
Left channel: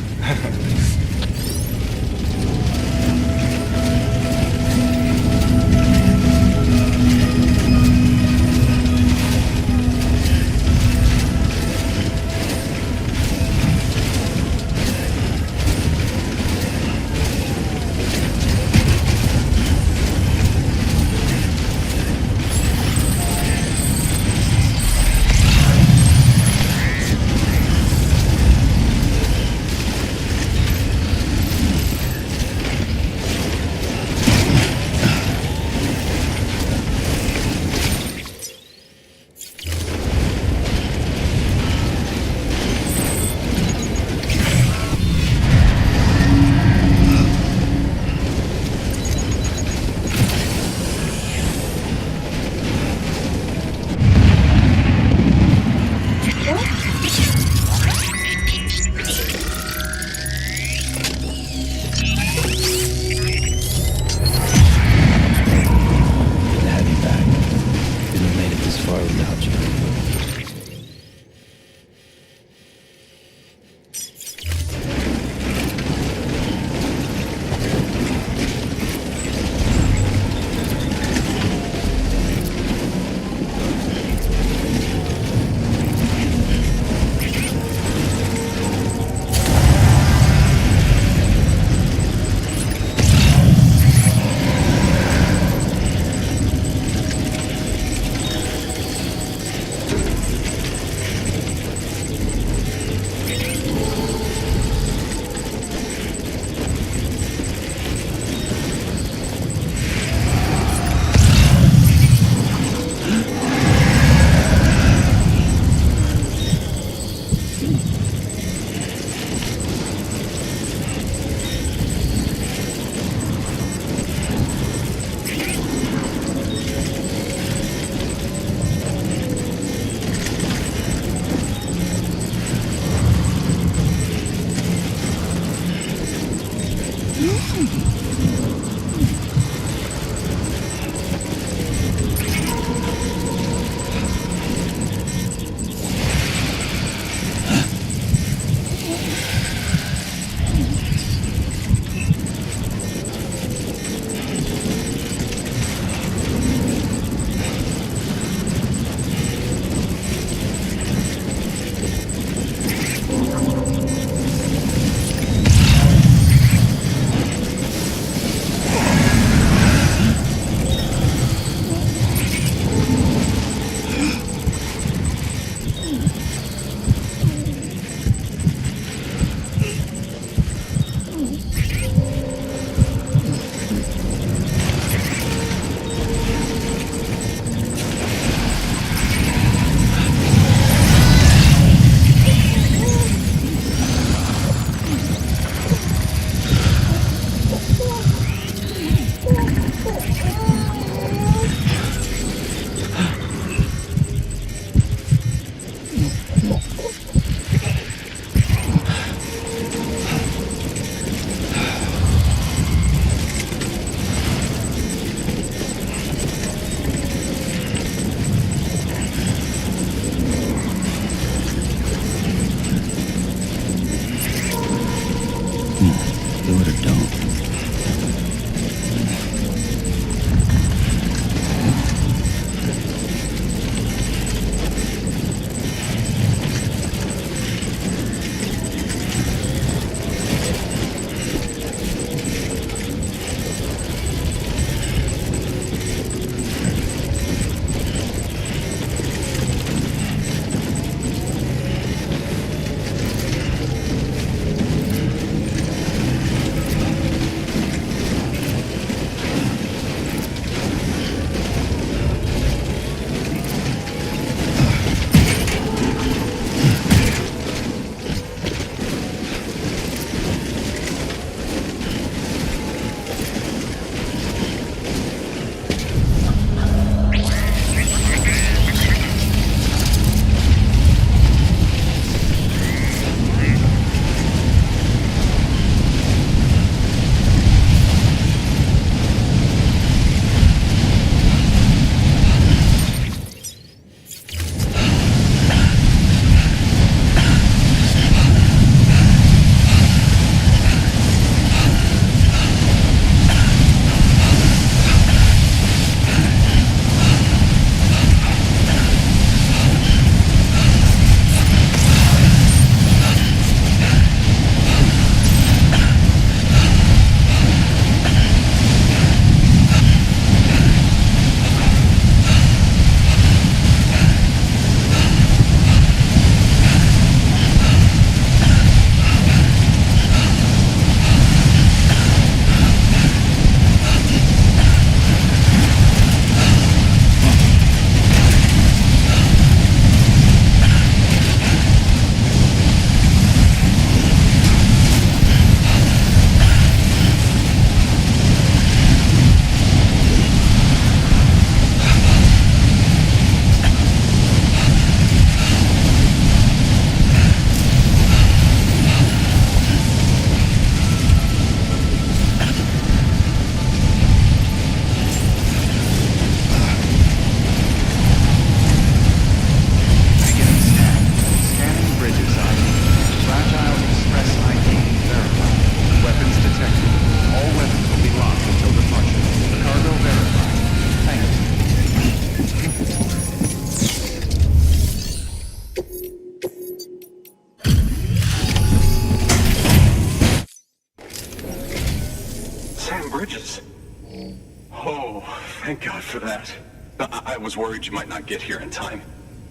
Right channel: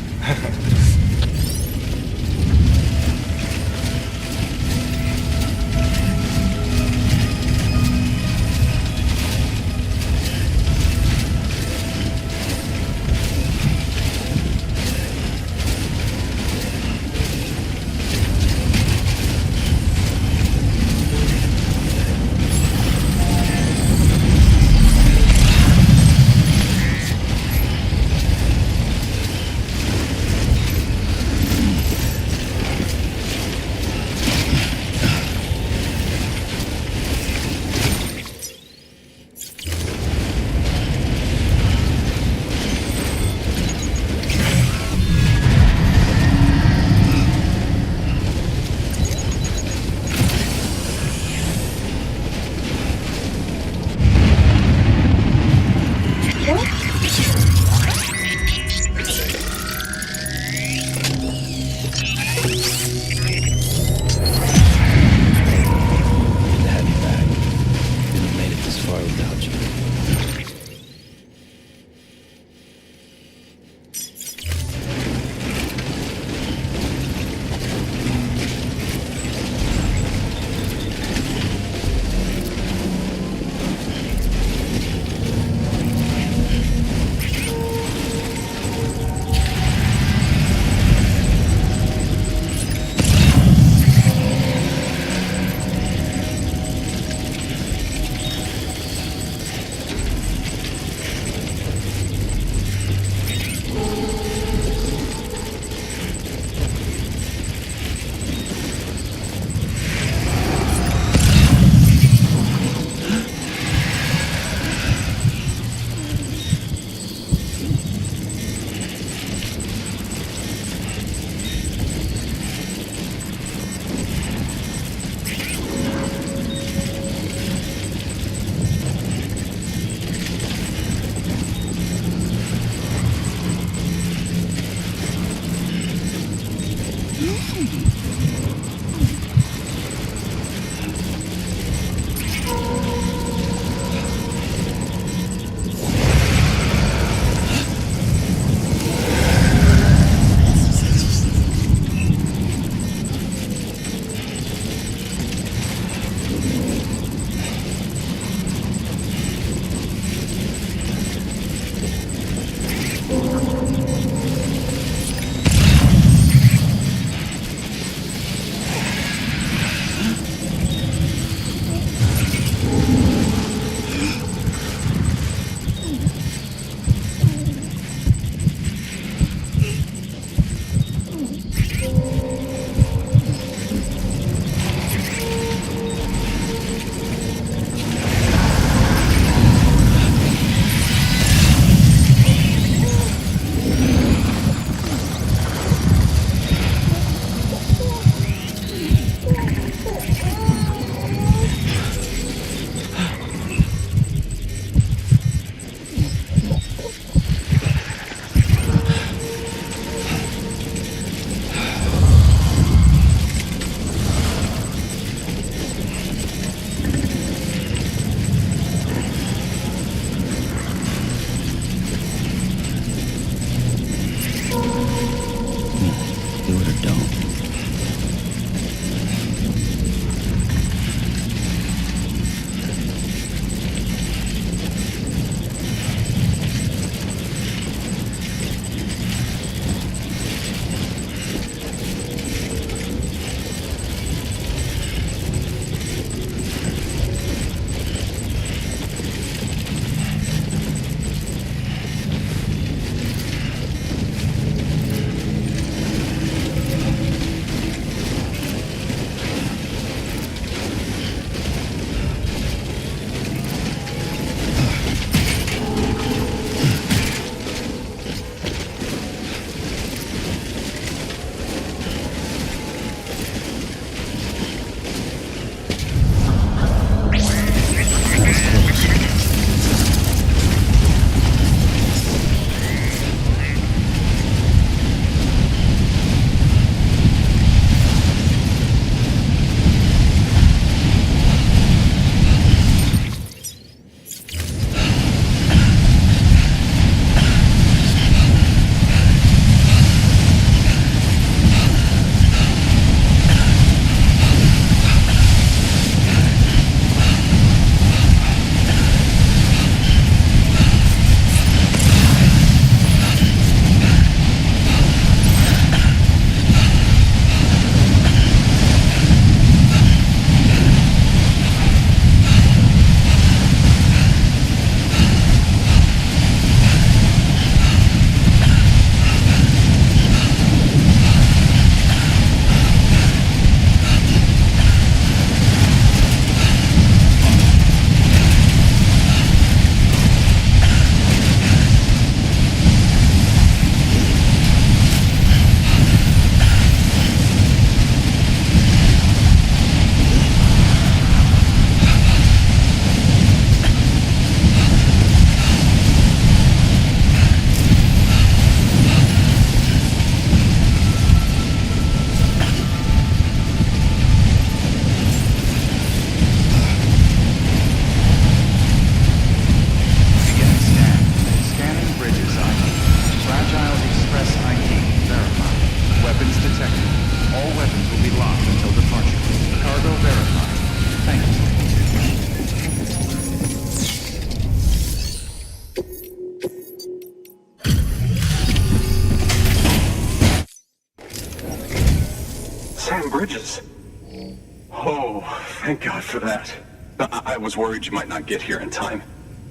contained. Sam Bridges. Oh, thank God for that. I was worried you might not get here in time.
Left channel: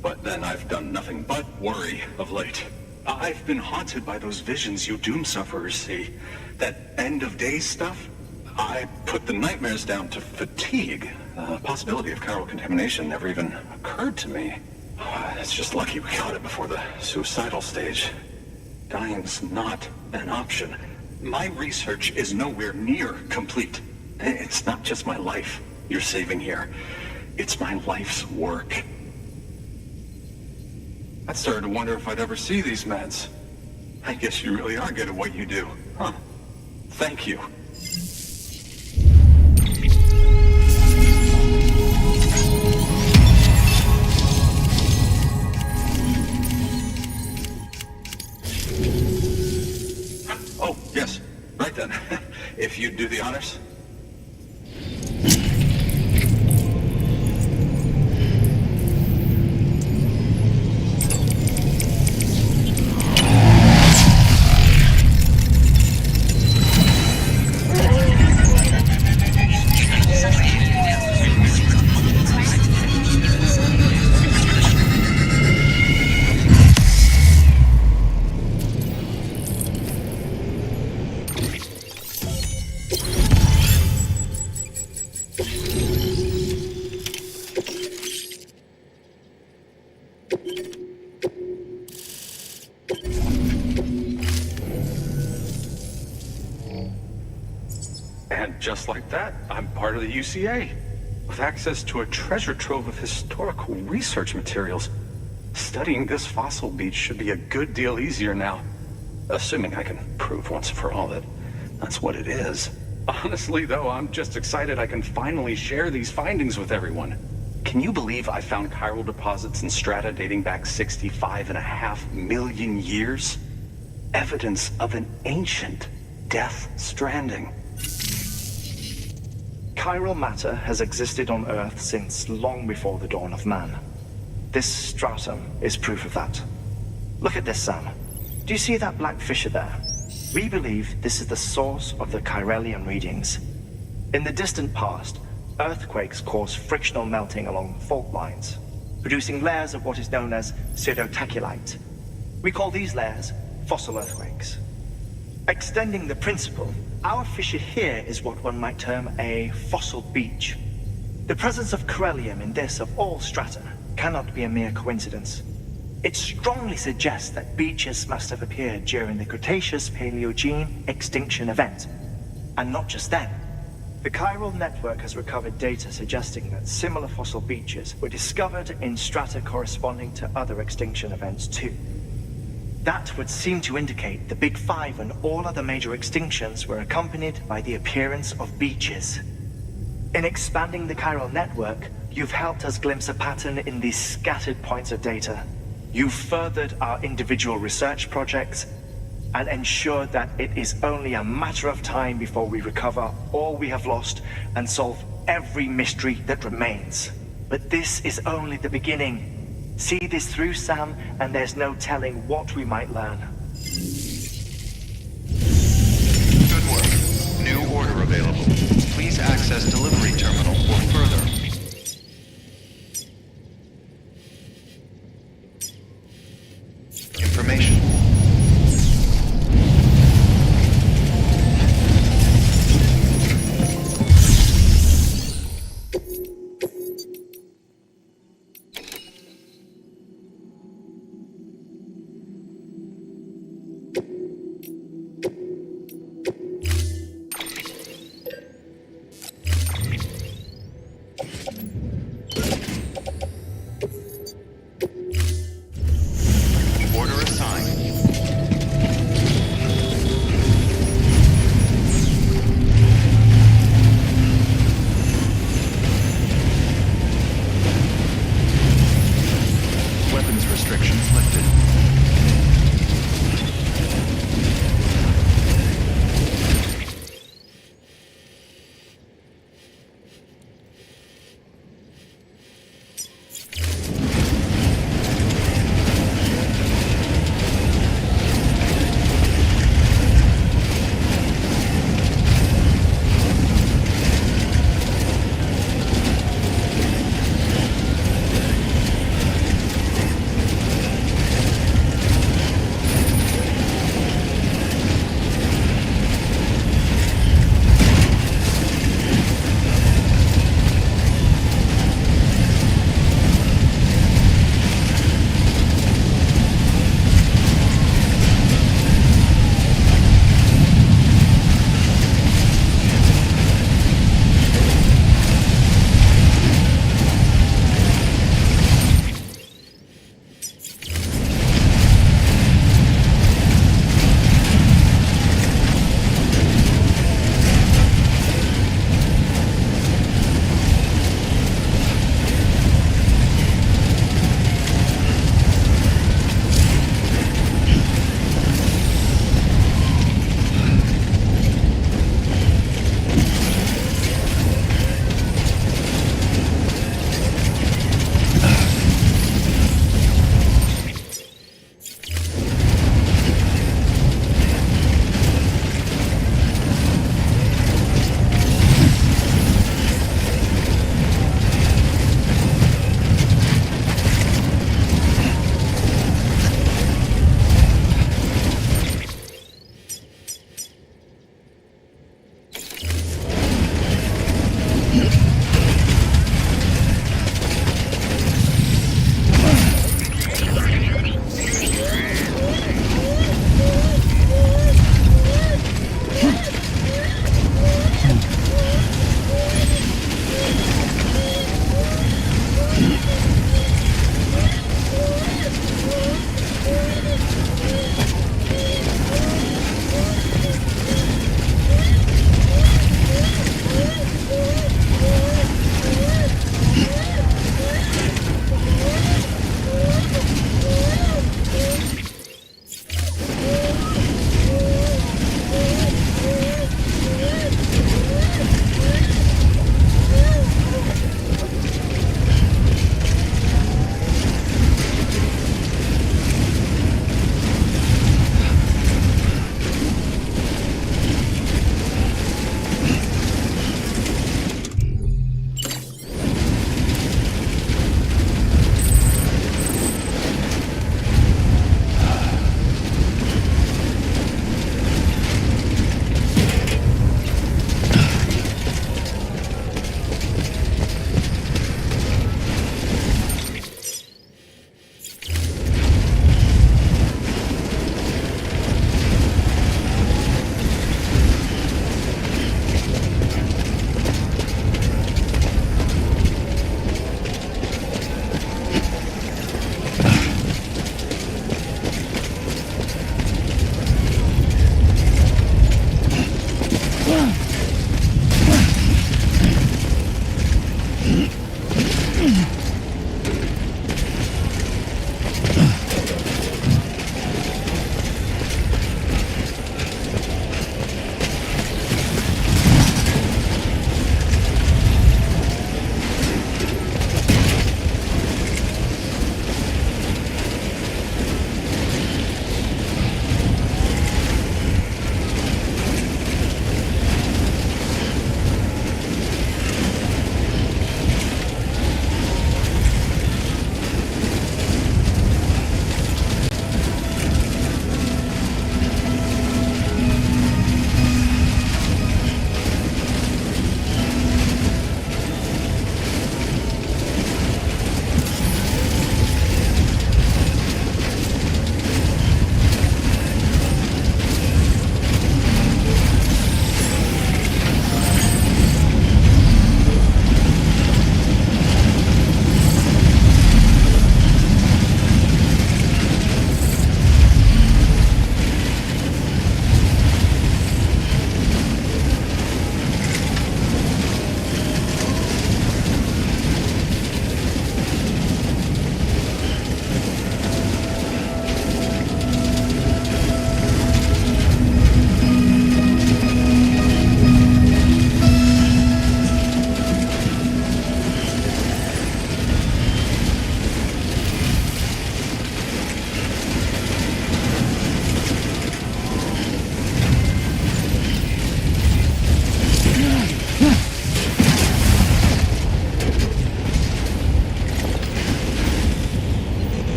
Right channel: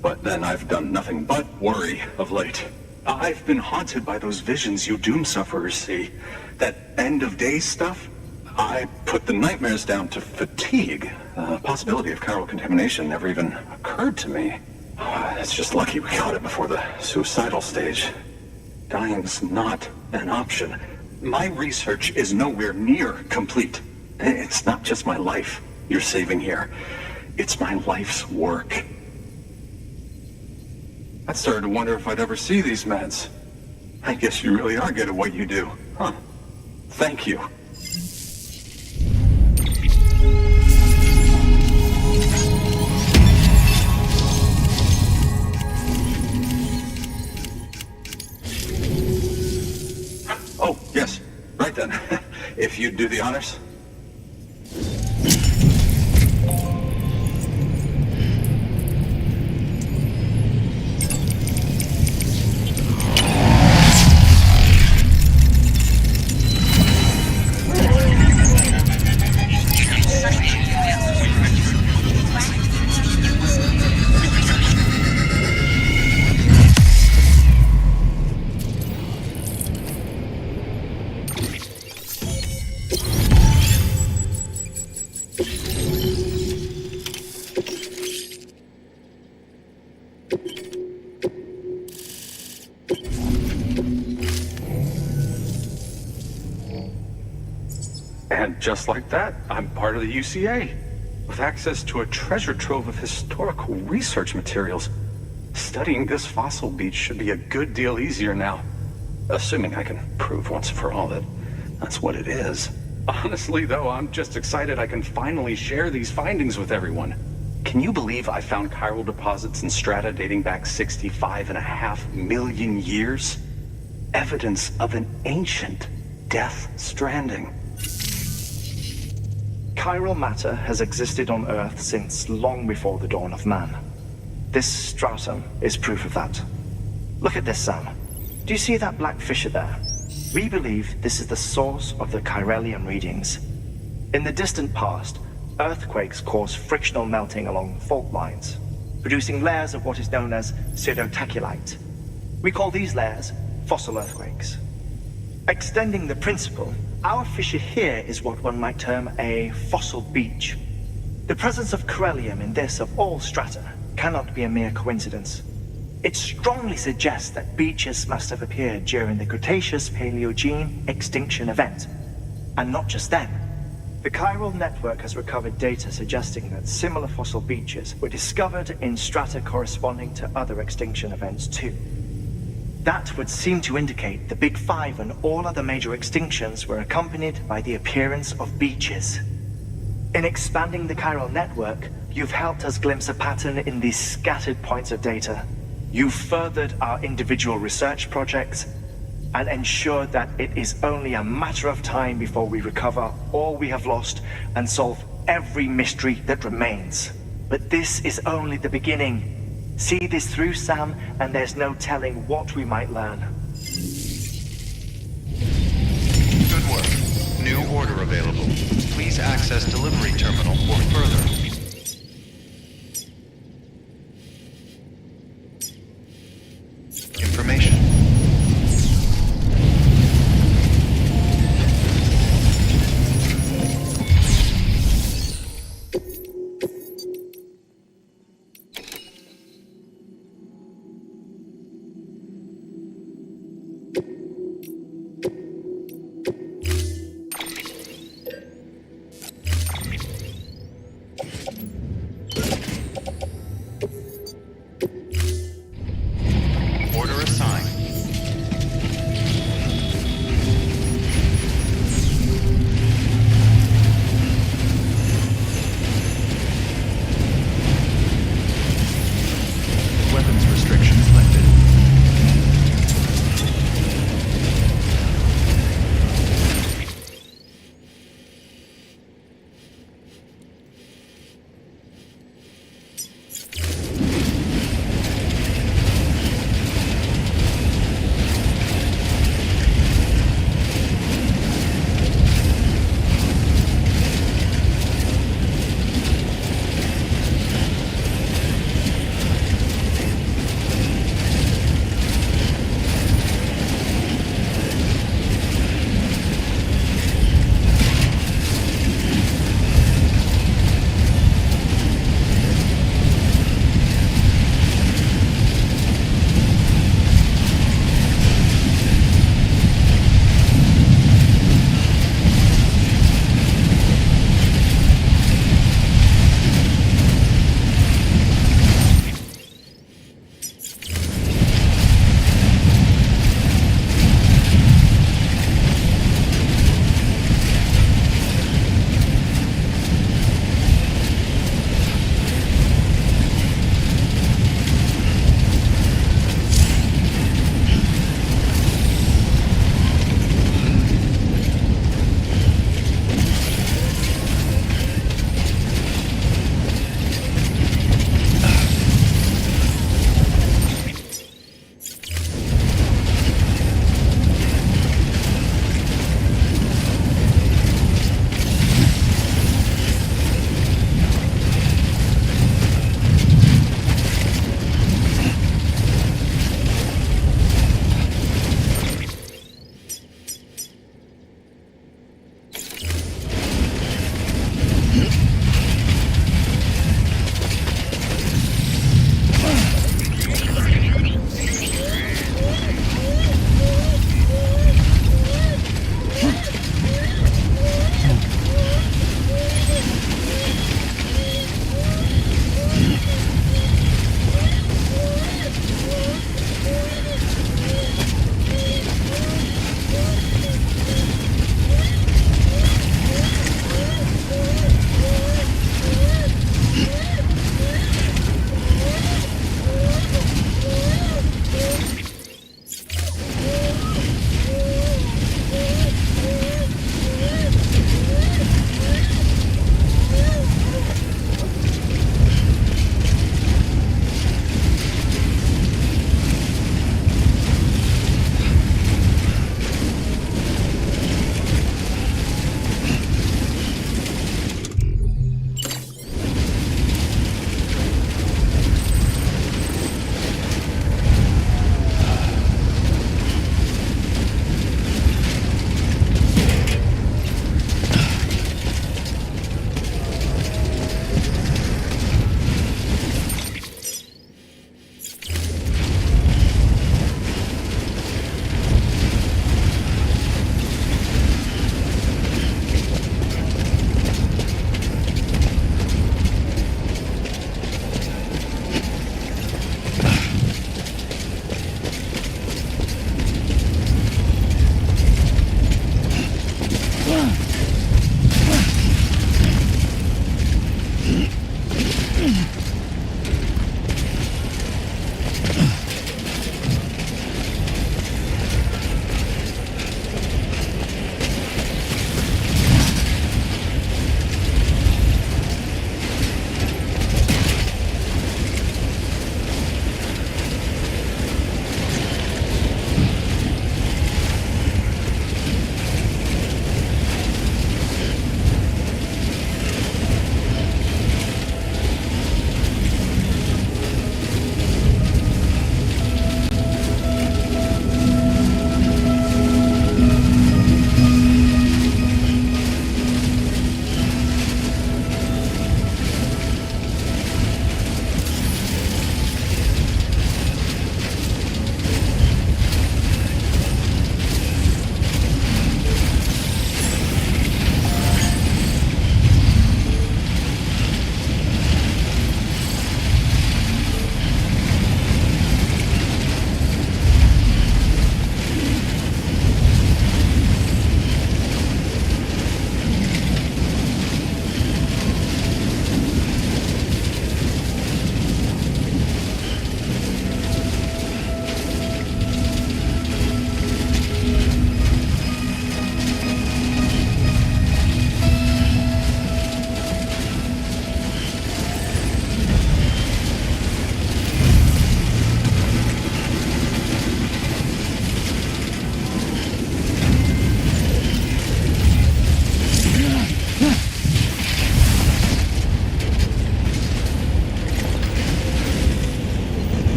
But then I've done nothing but worry of late. I've been haunted by those visions you doom sufferers see. That end of days stuff. I put the nightmares down to fatigue. The possibility of chiral contamination never even occurred to me. It's just lucky we caught it before the suicidal stage. Dying's not an option. My research is nowhere near complete. It's not just my life you're saving here. It's my life's work. I started to wonder if I'd ever see these meds. I guess you really are good at what you do, huh? Thank you. Oh, yes. Right then. If you'd do the honors. And just like that, I'm part of the UCA, with access to a treasure trove of historical research materials. Studying this fossil beach should be a good deal easier now, assuming I can prove once for all that that's what it is. Honestly, though, I'm just excited I can finally share these findings with everyone. Can you believe I found chiral deposits in strata dating back 65.5 million years? Evidence of an ancient death stranding. Chiral matter has existed on Earth since long before the dawn of man. This stratum is proof of that. Look at this, Sam. Do you see that black fissure there? We believe this is the source of the Chiralian readings. In the distant past, earthquakes caused frictional melting along fault lines, producing layers of what is known as pseudotachylite. We call these layers fossil earthquakes. Extending the principle, our fissure here is what one might term a fossil beach. The presence of chiralium in this of all strata cannot be a mere coincidence. It strongly suggests that beaches must have appeared during the Cretaceous-Paleogene extinction event. And not just then. The chiral network has recovered data suggesting that similar fossil beaches were discovered in strata corresponding to other extinction events too. That would seem to indicate the Big Five and all other major extinctions were accompanied by the appearance of beaches. In expanding the chiral network, you've helped us glimpse a pattern in these scattered points of data. You've furthered our individual research projects and ensured that it is only a matter of time before we recover all we have lost and solve every mystery that remains. But this is only the beginning. See this through, Sam, and there's no telling what we might learn. Good work. New order available. Please access delivery terminal for further. Information. Order assigned. Weapons restrictions lifted.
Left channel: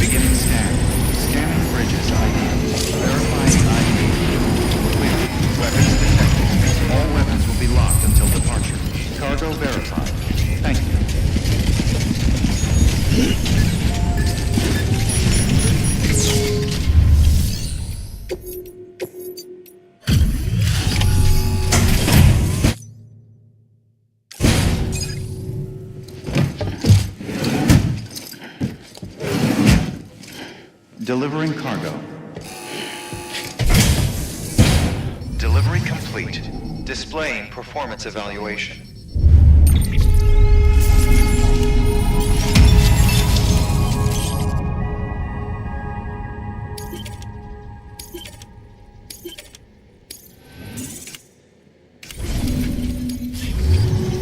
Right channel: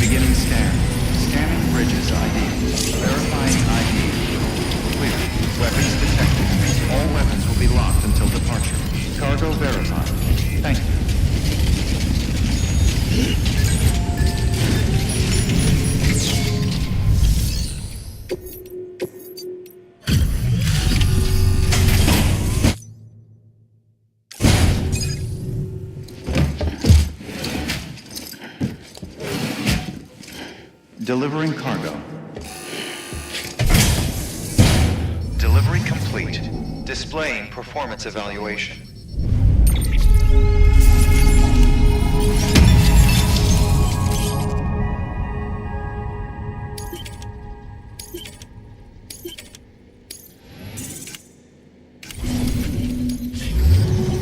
Beginning scan. Scanning bridges ID. Verifying ID. Clear. Weapons detected. All weapons will be locked until departure. Cargo verified. Thank you. Delivering cargo. Delivery complete. Displaying performance evaluation.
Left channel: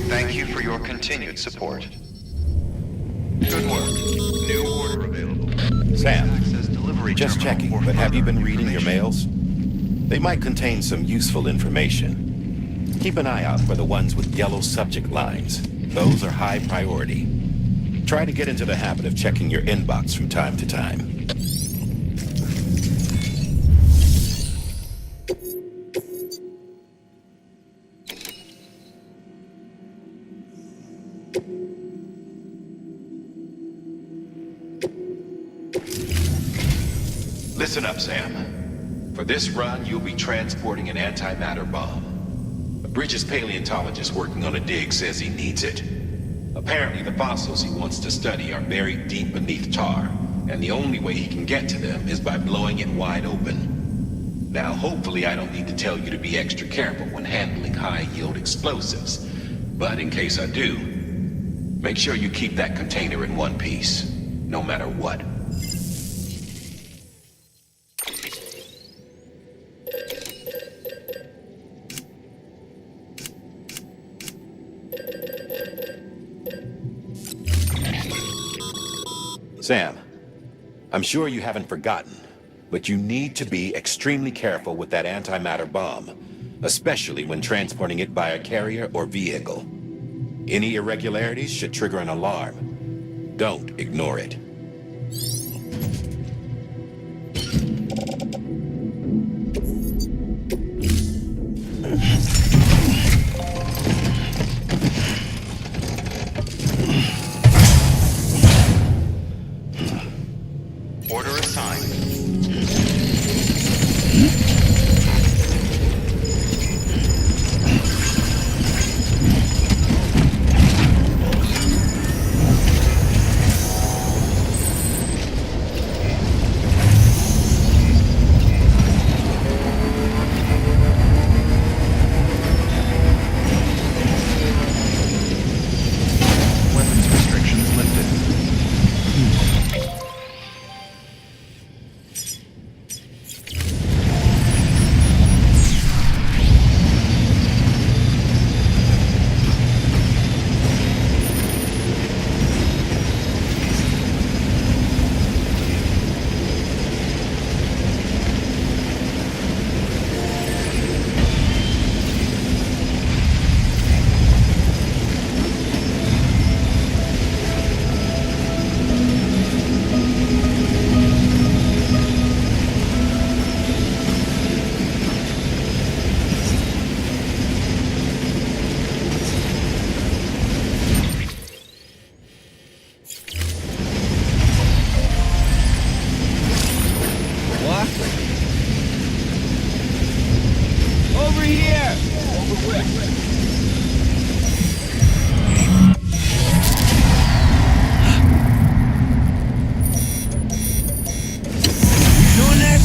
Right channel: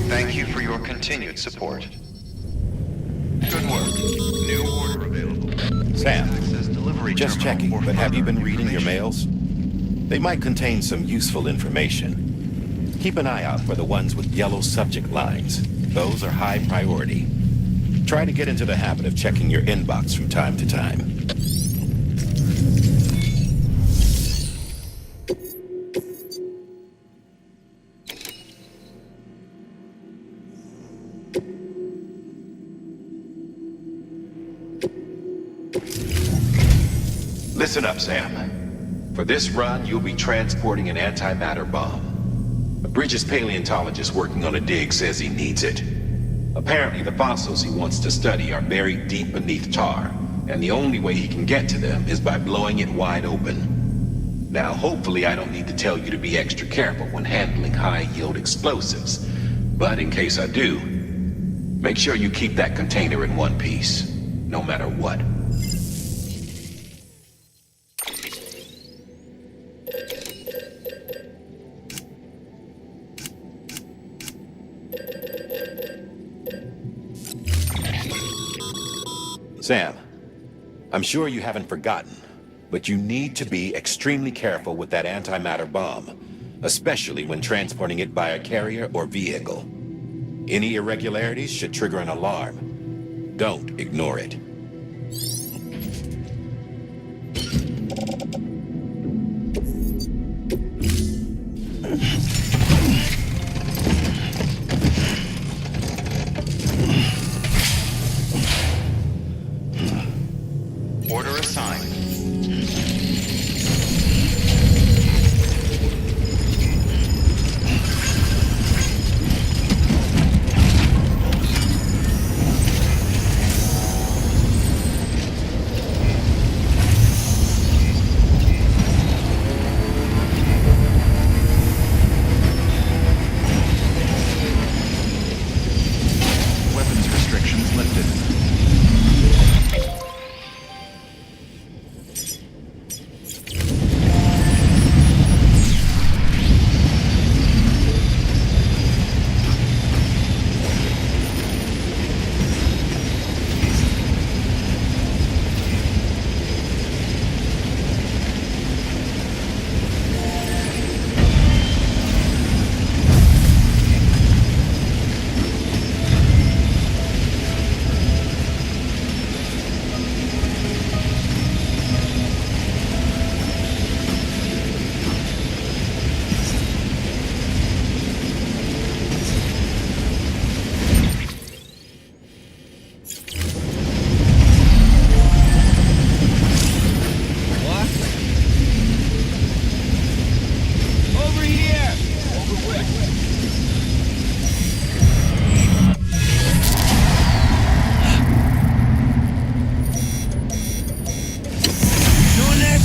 Thank you for your continued support. Good work. New order available. Sam, just checking, but have you been reading your mails? They might contain some useful information. Keep an eye out for the ones with yellow subject lines. Those are high priority. Try to get into the habit of checking your inbox from time to time. Listen up, Sam. For this run, you'll be transporting an antimatter bomb. A Bridges paleontologist working on a dig says he needs it. Apparently, the fossils he wants to study are buried deep beneath tar, and the only way he can get to them is by blowing it wide open. Now, hopefully I don't need to tell you to be extra careful when handling high-yield explosives, but in case I do, make sure you keep that container in one piece, no matter what. Sam, I'm sure you haven't forgotten, but you need to be extremely careful with that antimatter bomb, especially when transporting it by a carrier or vehicle. Any irregularities should trigger an alarm. Don't ignore it. Order assigned. Weapons restrictions lifted. Over here! Over where? Doing this?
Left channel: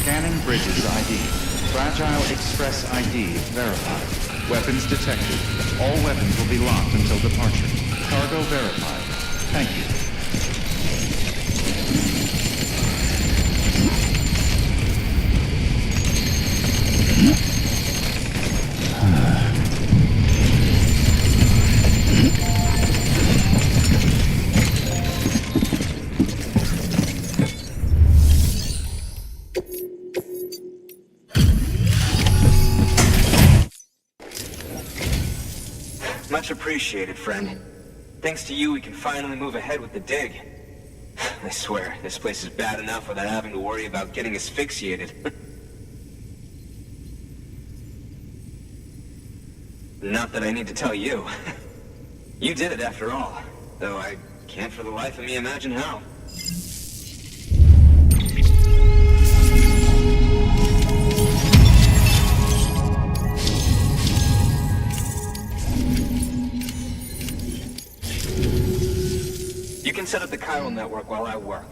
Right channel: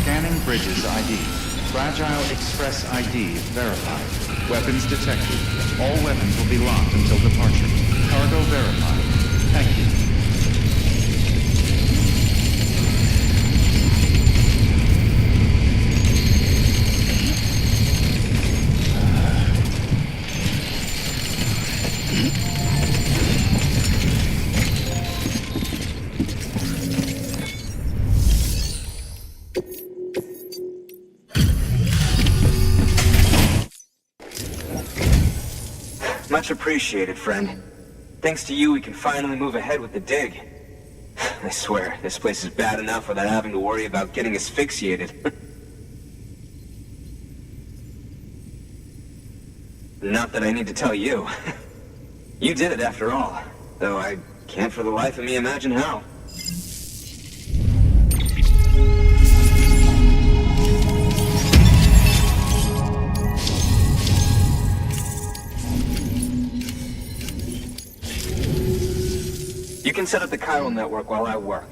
Scanning bridges ID. Fragile Express ID verified. Weapons detected. All weapons will be locked until departure. Cargo verified. Thank you. Much appreciated, friend. Thanks to you, we can finally move ahead with the dig. I swear, this place is bad enough without having to worry about getting asphyxiated. Not that I need to tell you. You did it after all, though I can't for the life of me imagine how. You can set up the chiral network while I work.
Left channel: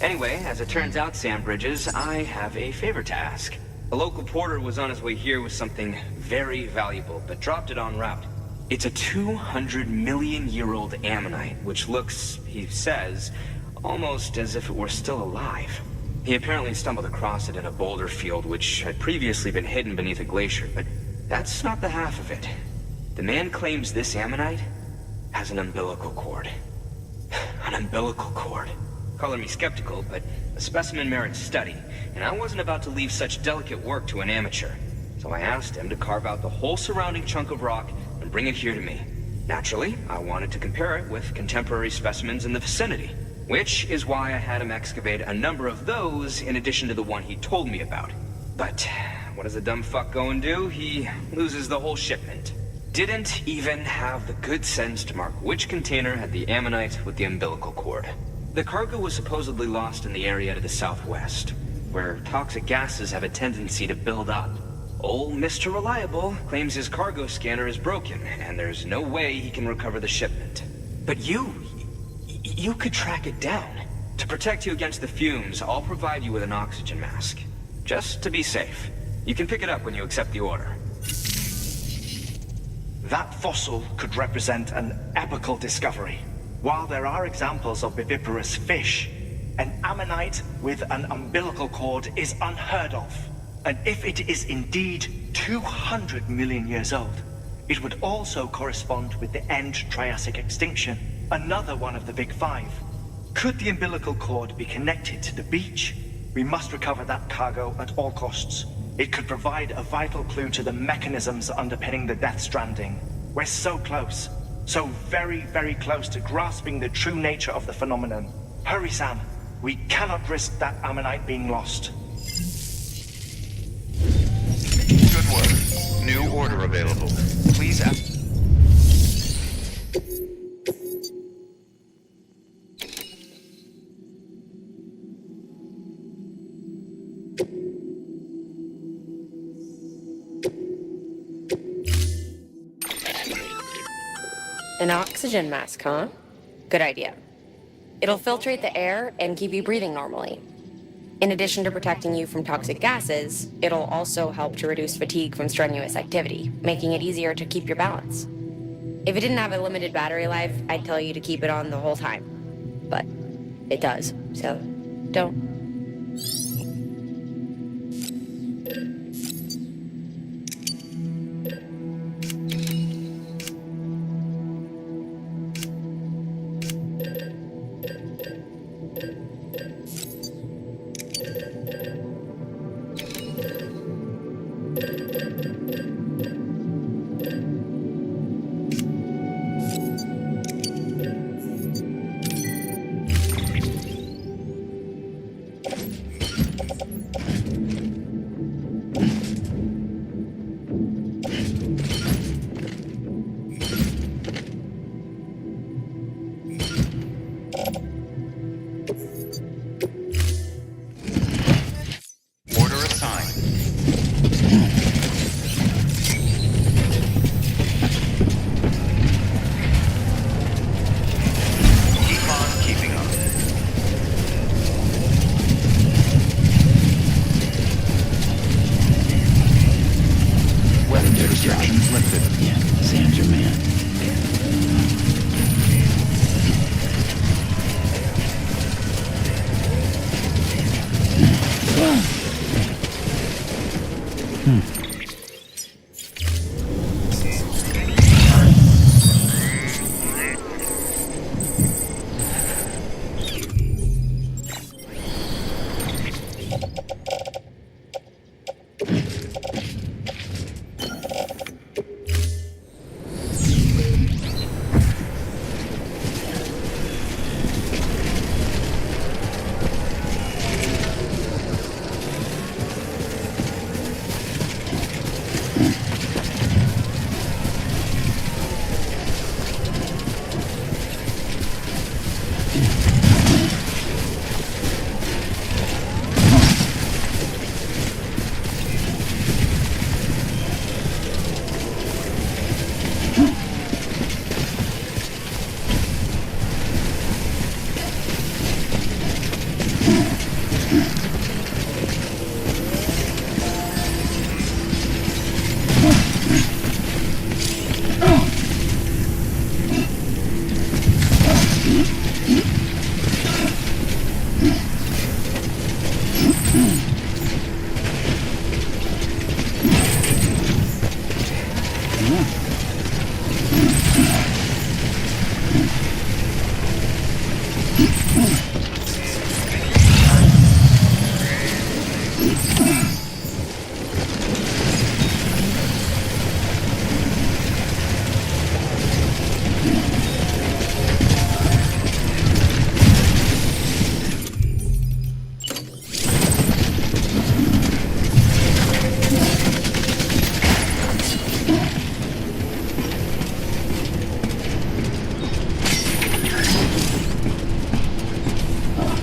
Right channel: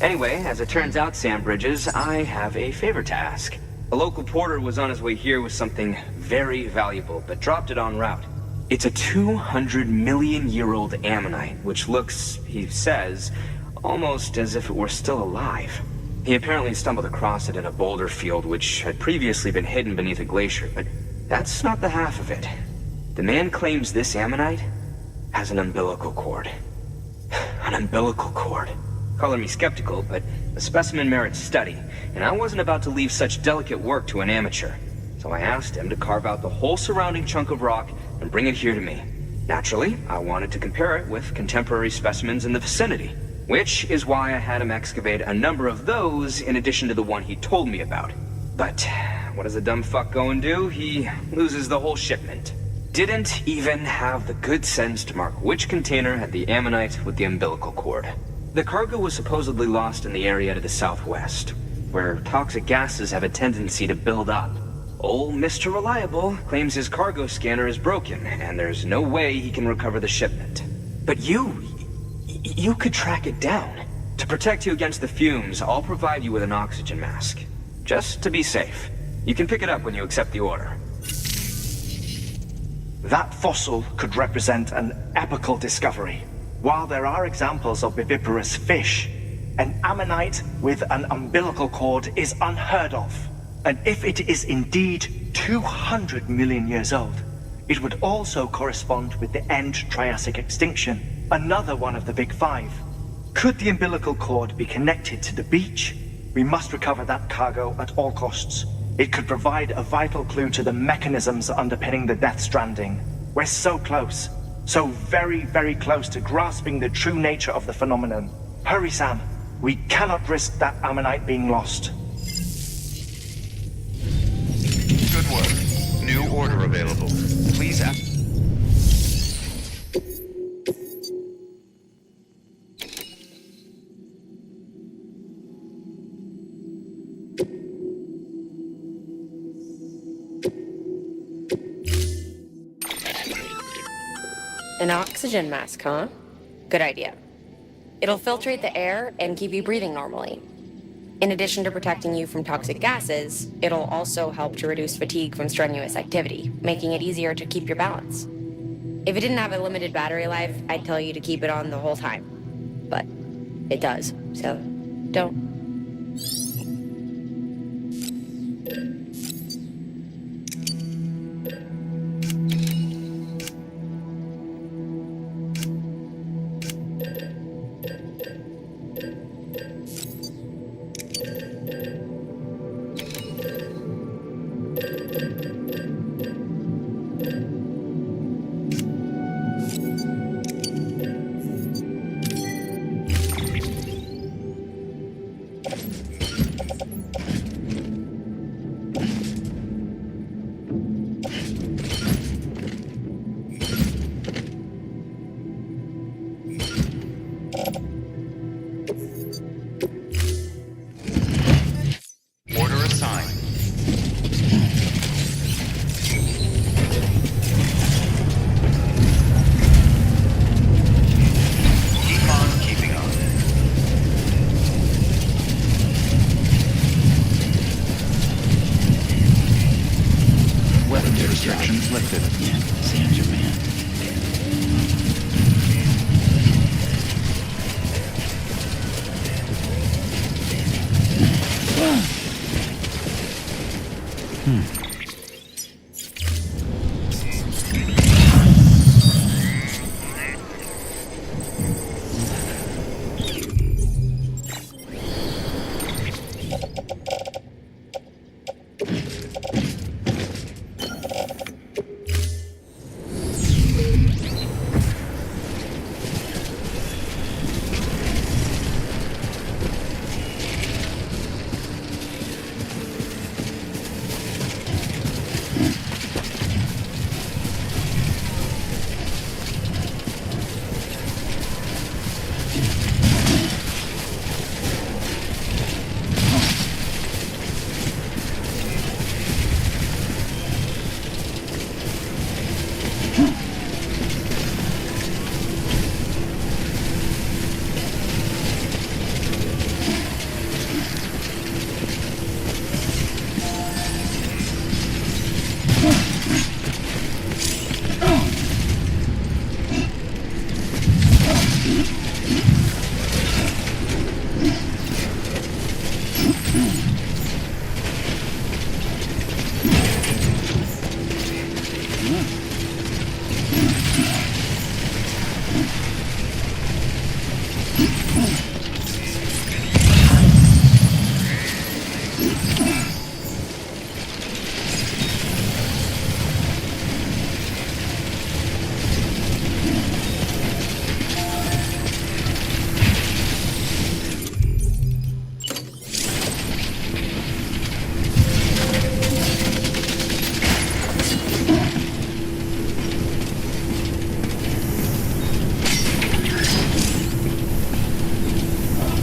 Anyway, as it turns out, Sam Bridges, I have a favor to ask. A local porter was on his way here with something very valuable, but dropped it en route. It's a 200-million-year-old ammonite, which looks, he says, almost as if it were still alive. He apparently stumbled across it in a boulder field which had previously been hidden beneath a glacier, but that's not the half of it. The man claims this ammonite has an umbilical cord. An umbilical cord. Color me skeptical, but the specimen merits study, and I wasn't about to leave such delicate work to an amateur. So I asked him to carve out the whole surrounding chunk of rock and bring it here to me. Naturally, I wanted to compare it with contemporary specimens in the vicinity, which is why I had him excavate a number of those in addition to the one he told me about. But what does the dumb fuck go and do? He loses the whole shipment. Didn't even have the good sense to mark which container had the ammonite with the umbilical cord. The cargo was supposedly lost in the area to the southwest, where toxic gases have a tendency to build up. Old Mr. Reliable claims his cargo scanner is broken, and there's no way he can recover the shipment. But you could track it down. To protect you against the fumes, I'll provide you with an oxygen mask. Just to be safe. You can pick it up when you accept the order. That fossil could represent an epochal discovery. While there are examples of viviparous fish, an ammonite with an umbilical cord is unheard of. And if it is indeed 200 million years old, it would also correspond with the end Triassic extinction, another one of the Big Five. Could the umbilical cord be connected to the beach? We must recover that cargo at all costs. It could provide a vital clue to the mechanisms underpinning the Death Stranding. We're so close. So very, very close to grasping the true nature of the phenomenon. Hurry, Sam. We cannot risk that ammonite being lost. Good work. New order available. Please ask. An oxygen mask, huh? Good idea. It'll filtrate the air and keep you breathing normally. In addition to protecting you from toxic gases, it'll also help to reduce fatigue from strenuous activity, making it easier to keep your balance. If it didn't have a limited battery life, I'd tell you to keep it on the whole time. But it does, so don't. Order assigned. Keep on keeping up. Weapons restrictions lifted. Yeah, Sam's your man.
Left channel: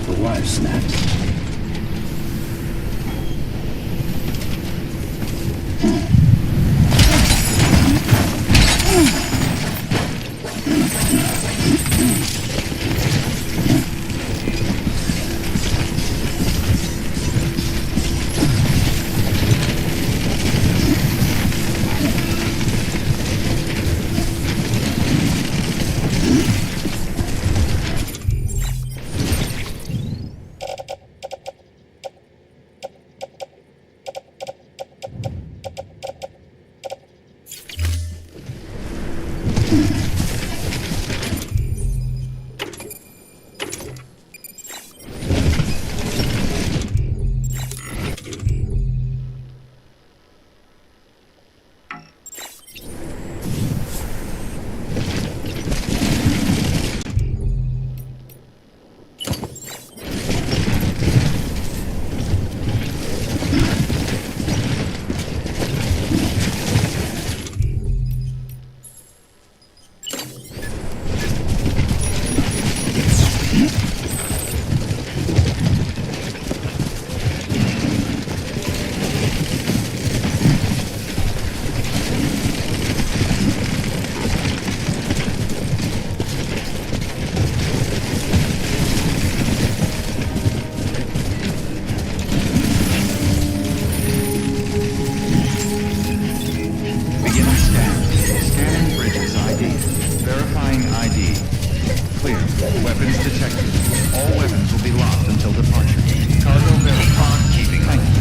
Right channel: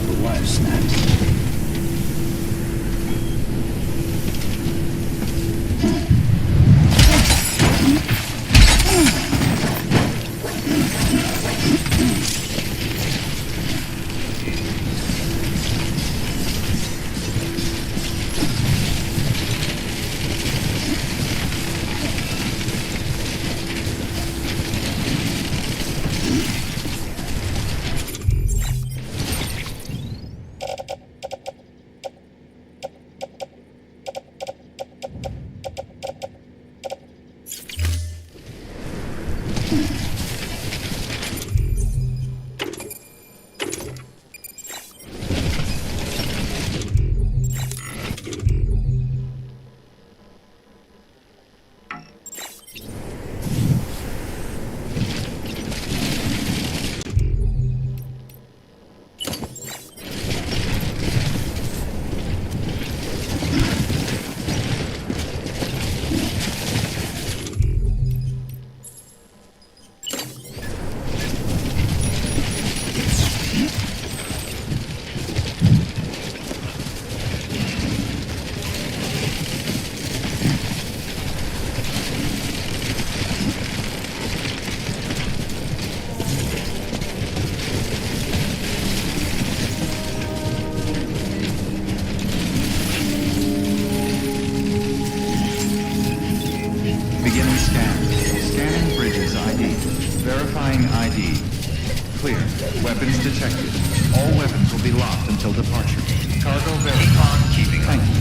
The wire snaps. Beginning scan. Scanning bridges ID. Verifying ID. Clear. Weapons detected. All weapons will be locked until departure. Cargo verified. Keeping. Thank you.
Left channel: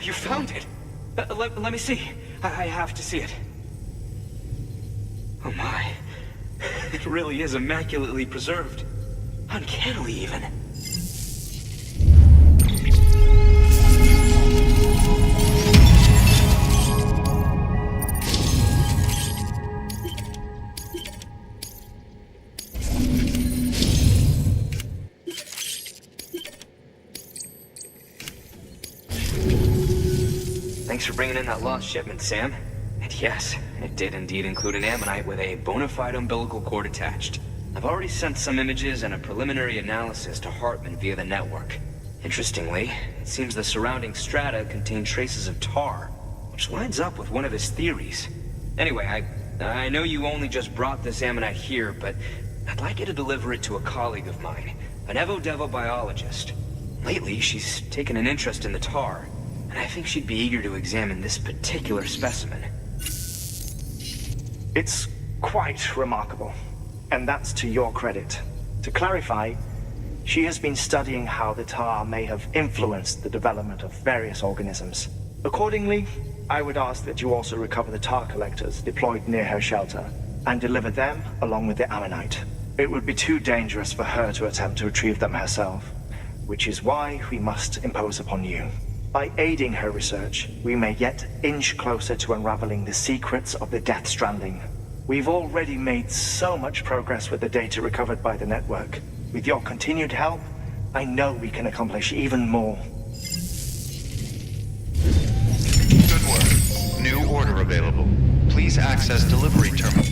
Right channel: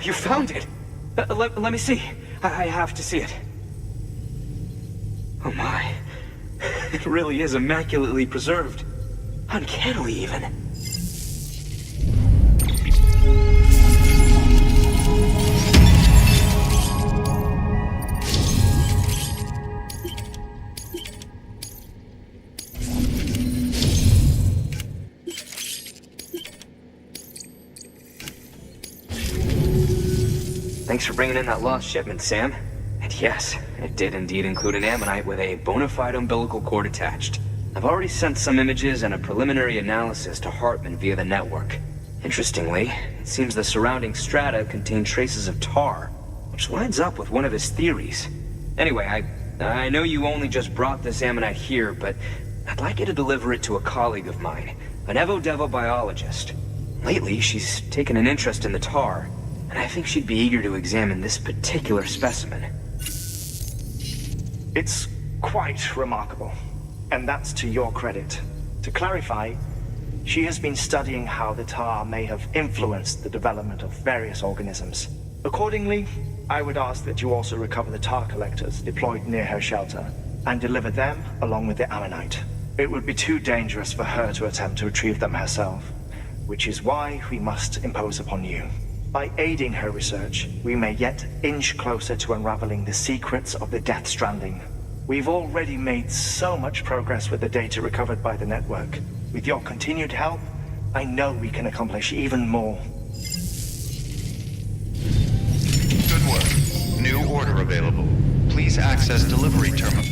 You found it! Let me see. I have to see it. Oh my. It really is immaculately preserved. Uncannily, even. Thanks for bringing in that lost shipment, Sam. And yes, it did indeed include an ammonite with a bona fide umbilical cord attached. I've already sent some images and a preliminary analysis to Hartman via the network. Interestingly, it seems the surrounding strata contain traces of tar, which lines up with one of his theories. Anyway, I know you only just brought this ammonite here, but I'd like you to deliver it to a colleague of mine, an Evo-Devo biologist. Lately, she's taken an interest in the tar, and I think she'd be eager to examine this particular specimen. It's quite remarkable, and that's to your credit. To clarify, she has been studying how the tar may have influenced the development of various organisms. Accordingly, I would ask that you also recover the tar collectors deployed near her shelter, and deliver them along with the ammonite. It would be too dangerous for her to attempt to retrieve them herself, which is why we must impose upon you. By aiding her research, we may yet inch closer to unraveling the secrets of the Death Stranding. We've already made so much progress with the data recovered by the network. With your continued help, I know we can accomplish even more. Good work. New order available. Please access delivery terminal.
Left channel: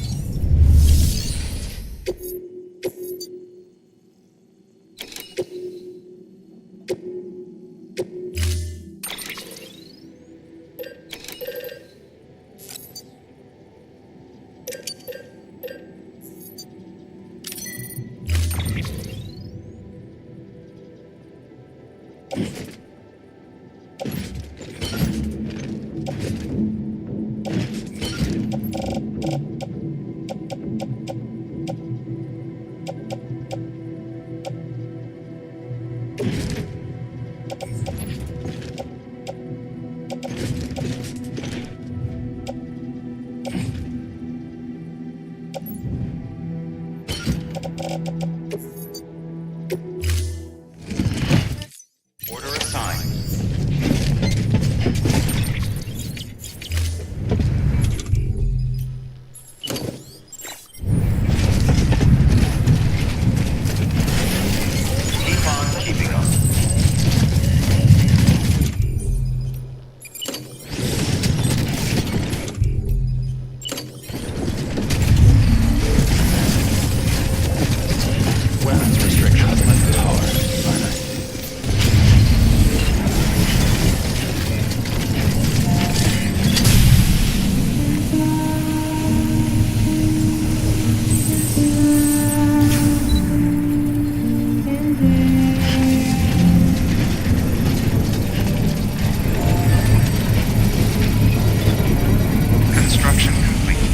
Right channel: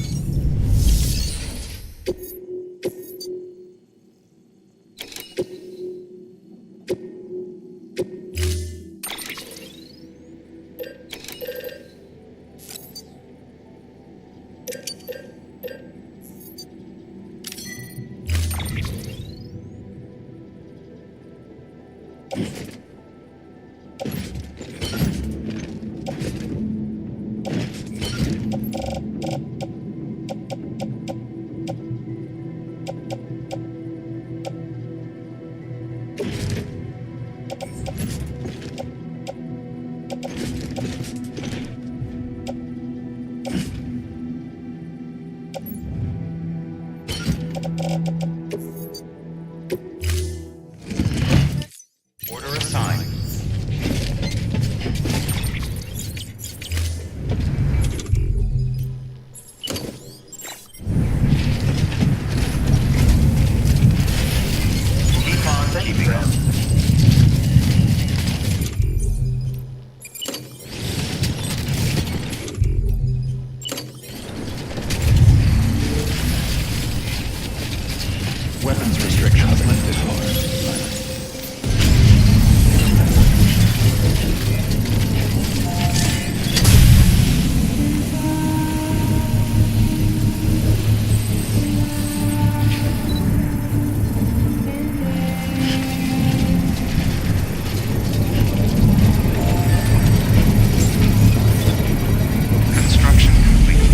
bit hard, aren't I? Construction complete.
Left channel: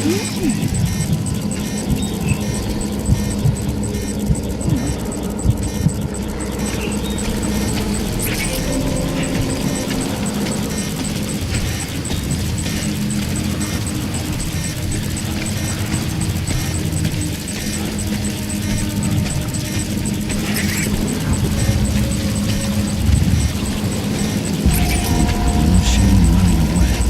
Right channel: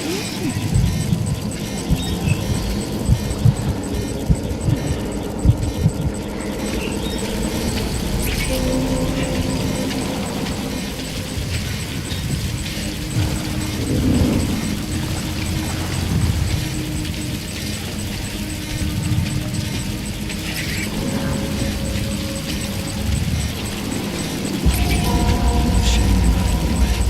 No shame in running away.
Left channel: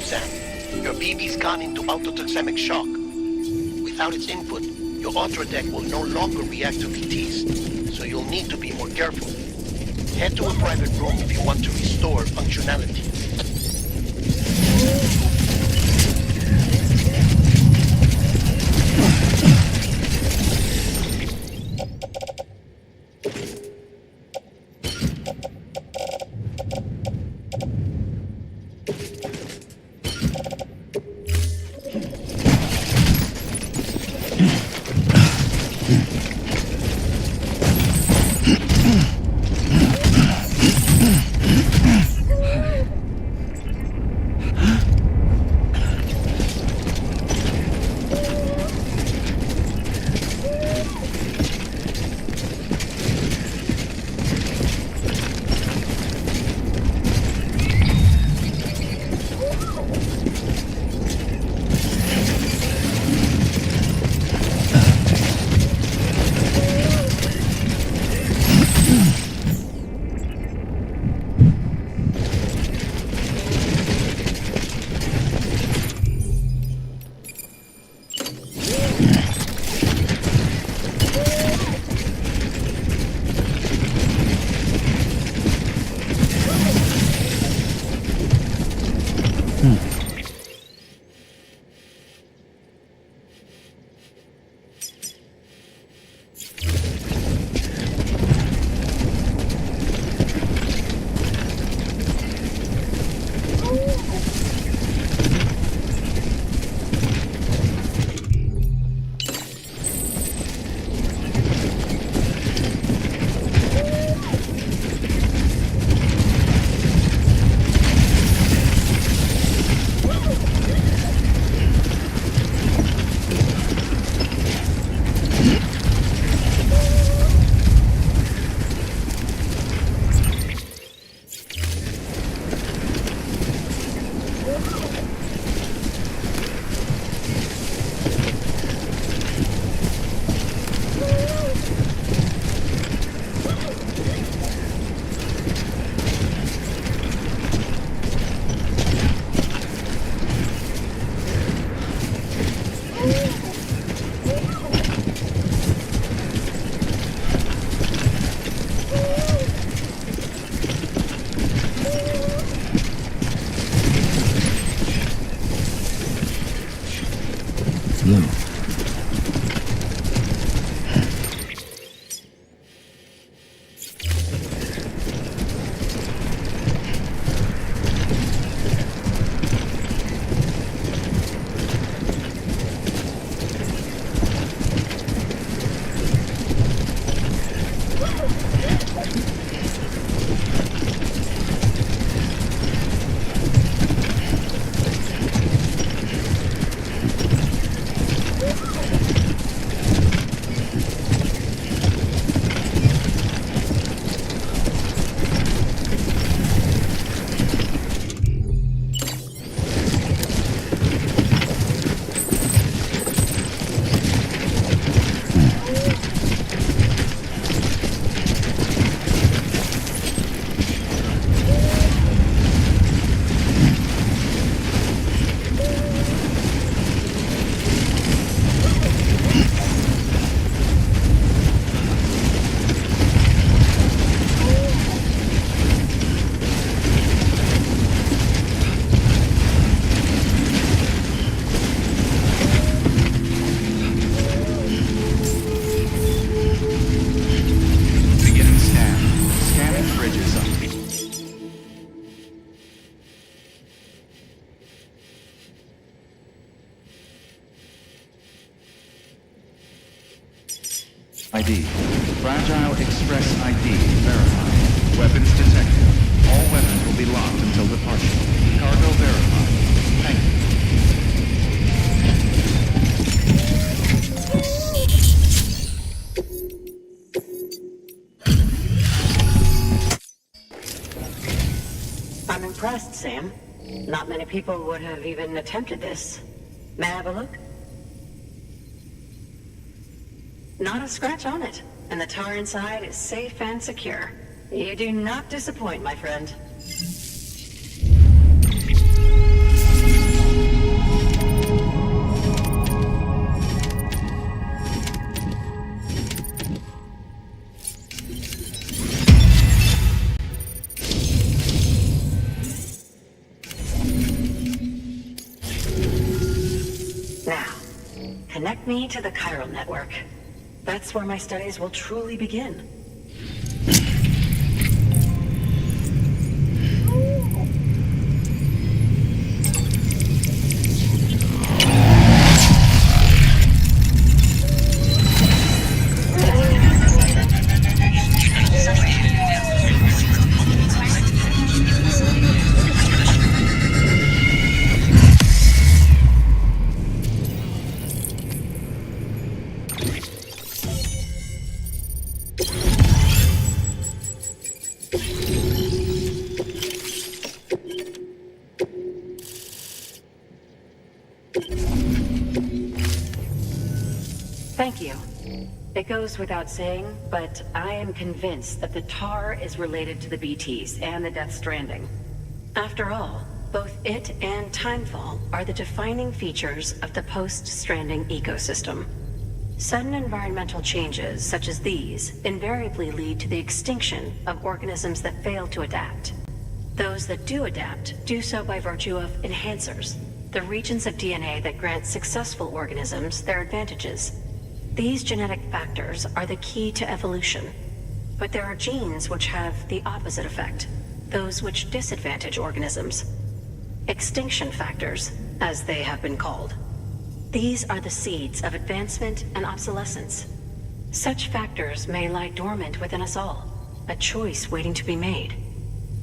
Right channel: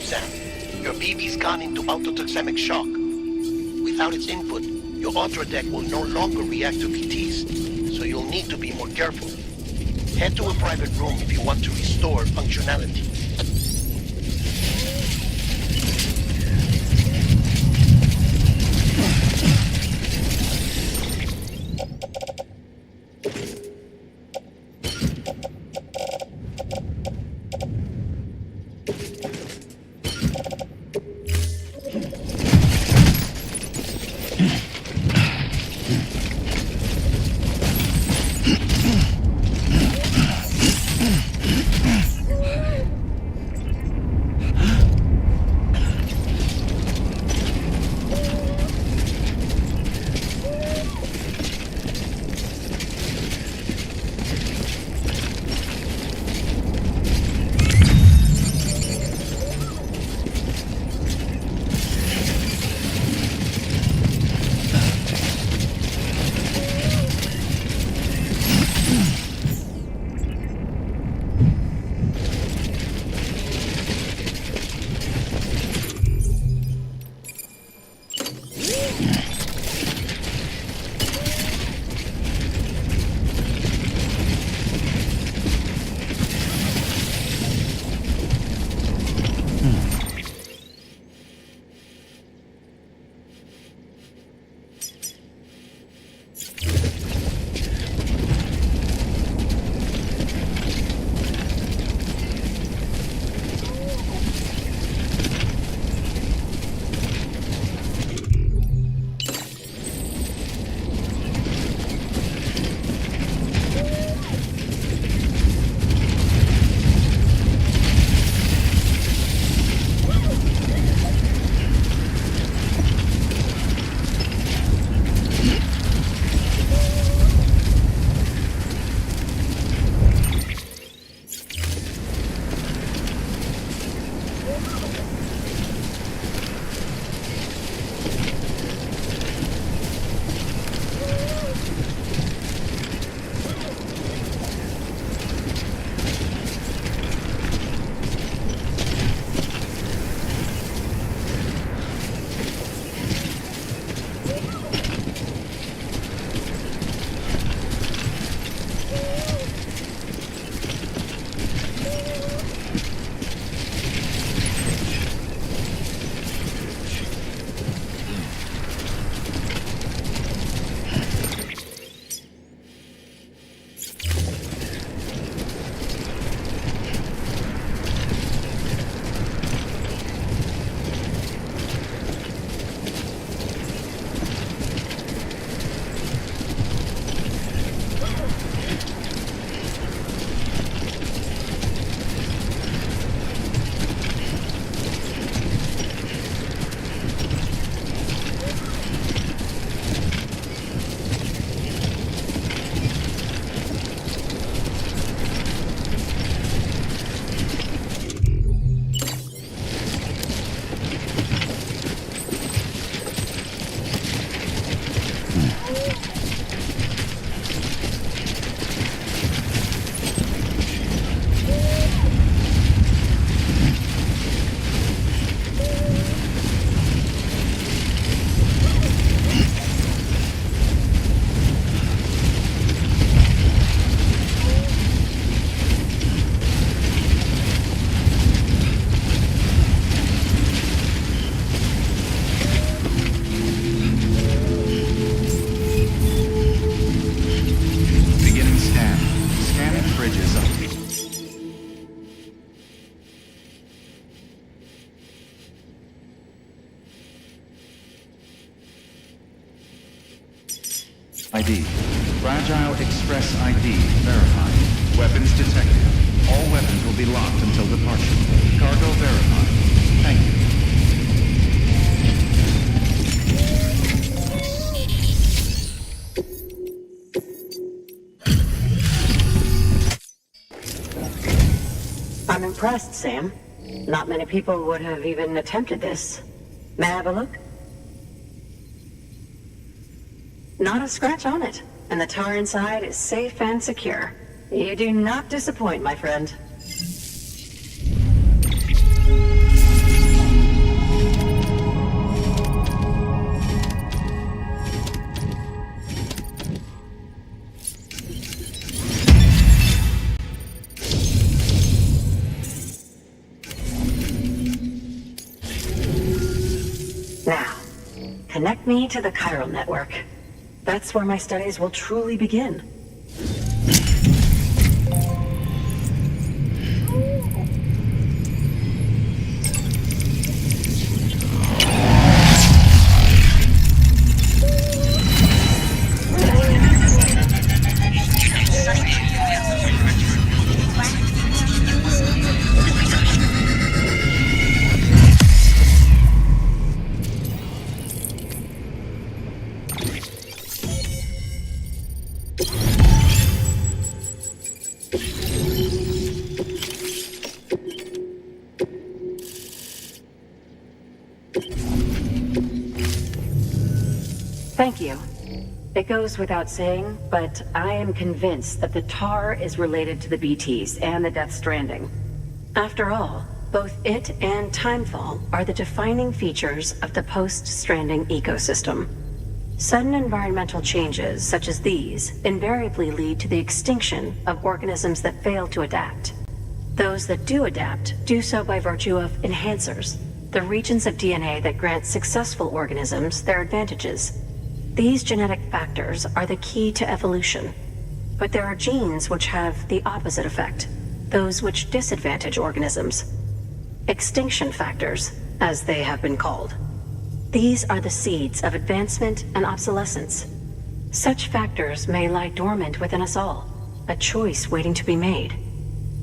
up, Sam. Your BB's gone into autotoxemic shock. Without its input, your Ultra deck will no longer react to PTs, so you'll need to be more careful. Head to a private room if you want to restore functionality. Lou. Beginning scan. Scanning bridges up. ID. Fragile Express ID verified. Weapons detected. All weapons will be locked until departure. Cargo verified. Thank you. I'm impressed, Sam. Not many people would have even attempted this. May I have a look? Not a scratch on it, and the tar inside is safe and secure. You do not disappoint, my friend. Now, connect me to the chiral network. That's where my studies will truly begin. Thank you. It goes without saying, but I am convinced that the tar is related to the BTs and the Death Stranding. After all, both it and Timefall are the defining features of the post-Stranding ecosystem. Sudden environmental changes such as these invariably lead to the extinction of organisms that fail to adapt. Those that do adapt do so by virtue of enhancers, the regions of DNA that grant successful organisms their advantages. These genetic factors are the key to evolution, but there are genes which have the opposite effect, those which disadvantage organisms. Extinction factors, as they have been called. These are the seeds of advancement and obsolescence. Such factors may lie dormant within us all, a choice waiting to be made.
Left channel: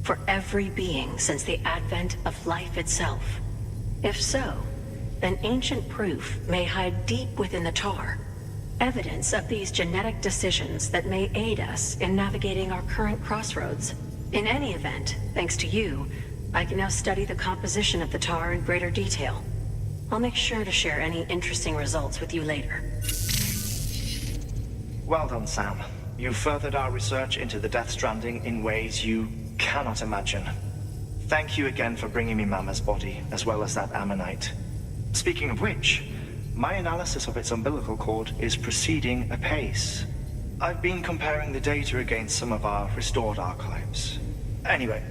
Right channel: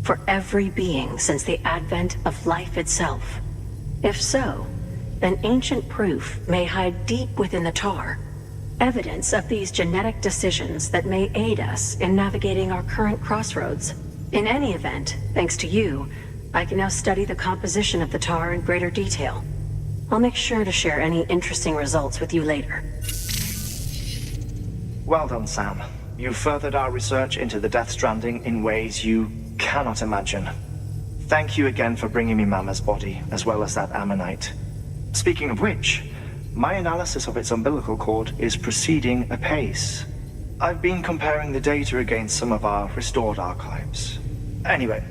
For every being since the advent of life itself. If so, then ancient proof may hide deep within the tar, evidence of these genetic decisions that may aid us in navigating our current crossroads. In any event, thanks to you, I can now study the composition of the tar in greater detail. I'll make sure to share any interesting results with you later. Well done, Sam. You furthered our research into the Death Stranding in ways you cannot imagine. Thank you again for bringing me Mama's body, as well as that ammonite. Speaking of which, my analysis of its umbilical cord is proceeding apace. I've been comparing the data against some of our restored archives. Anyway,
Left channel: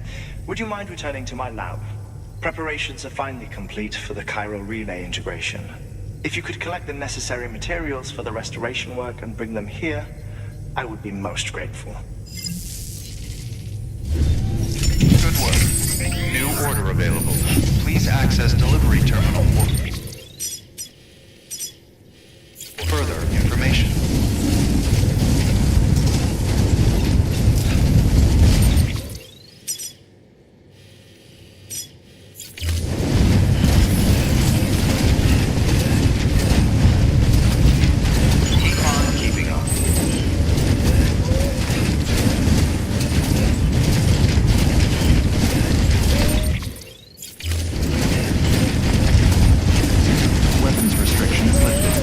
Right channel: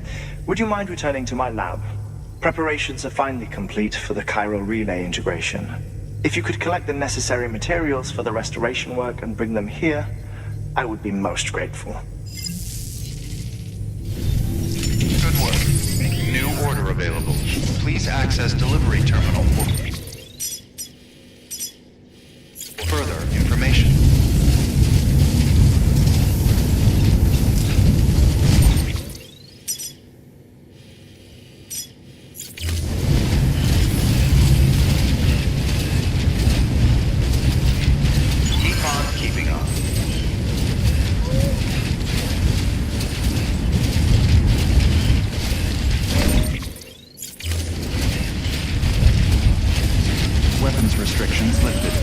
would you mind returning to my lab? Preparations are finally complete for the chiral relay integration. If you could collect the necessary materials for the restoration work and bring them here, I would be most grateful. Good work. New order available. Please access delivery terminal for further information. Keep on keeping on. Weapons restrictions lifted.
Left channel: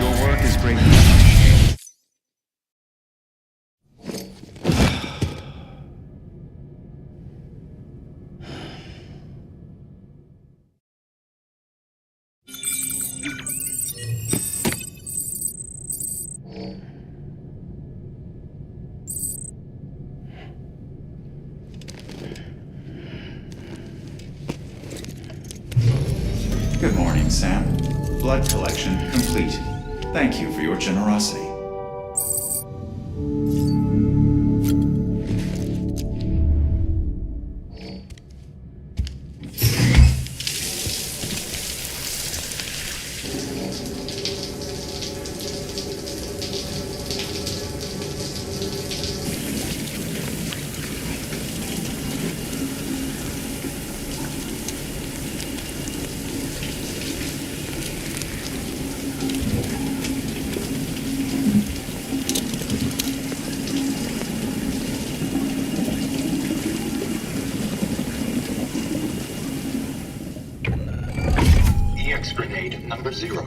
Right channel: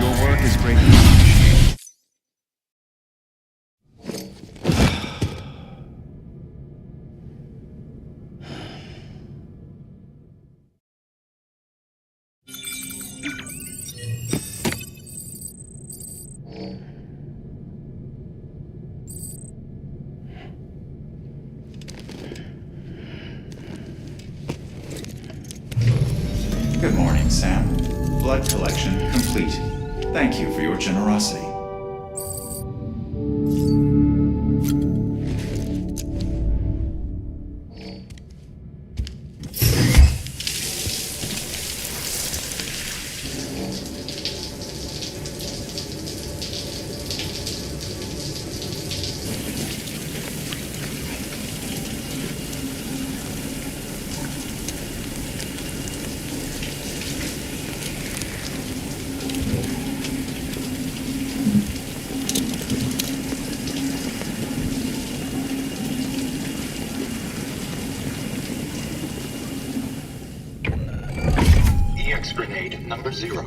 Your work is greatly appreciated. Good morning, Sam. Blood collection complete. Thank you for your generosity. EX grenade number 0.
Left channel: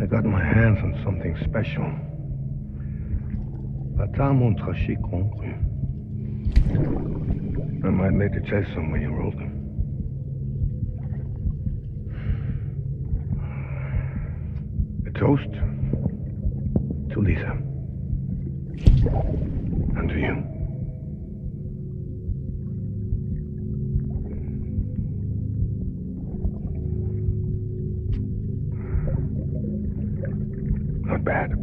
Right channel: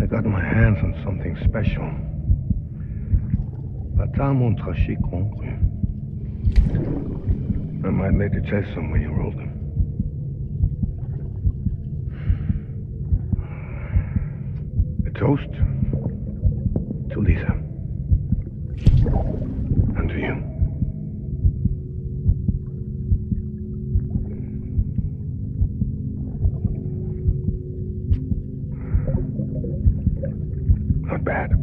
I got my hands on something special. Bata montraché concru. I might later taste some when you roll them. A toast to Lisa. And to you. Not bad.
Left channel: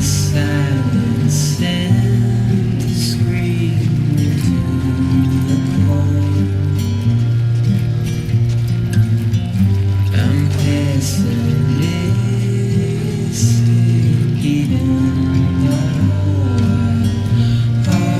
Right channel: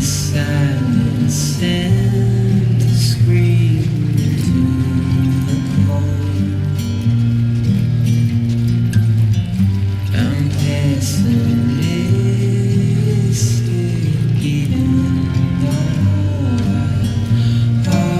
the silence and the scream into the cold. I'm pessimistic even though I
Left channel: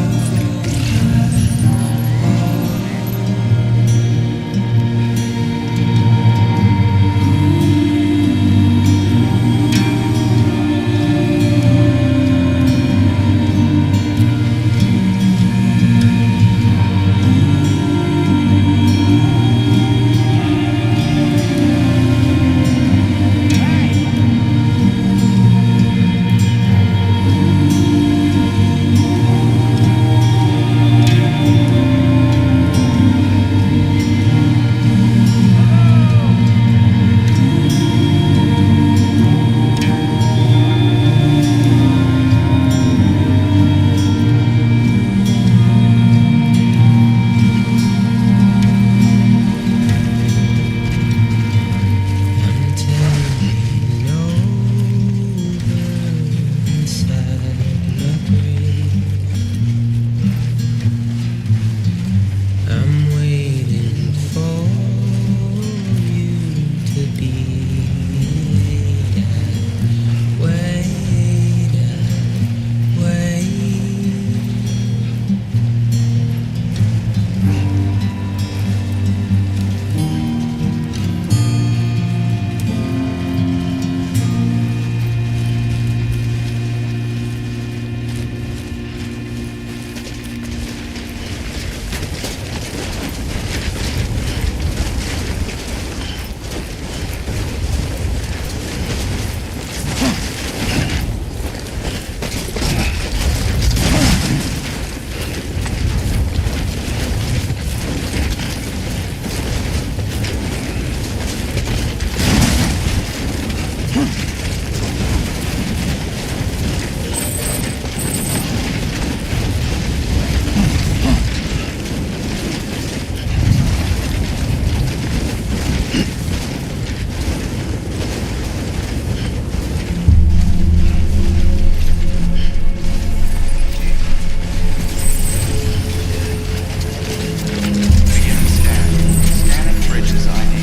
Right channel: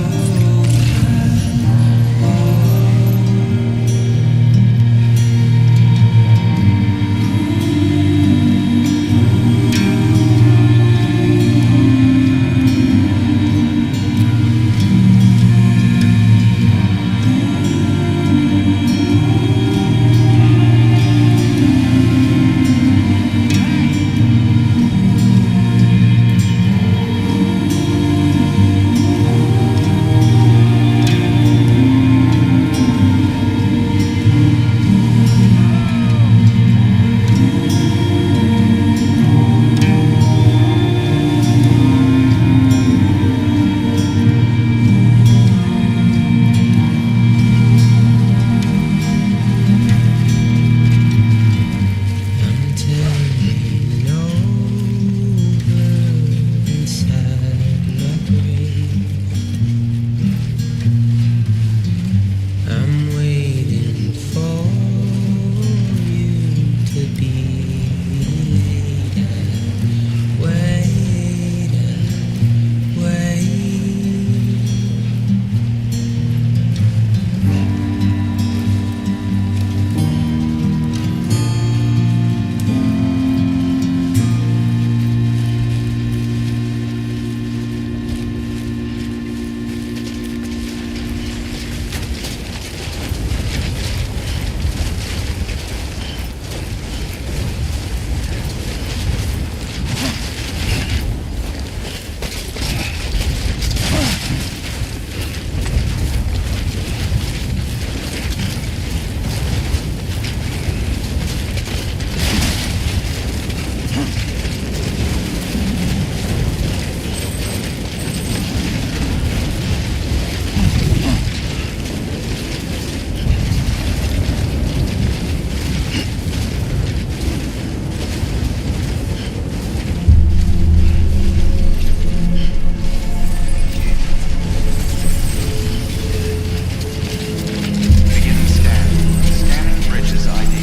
Bridges ID.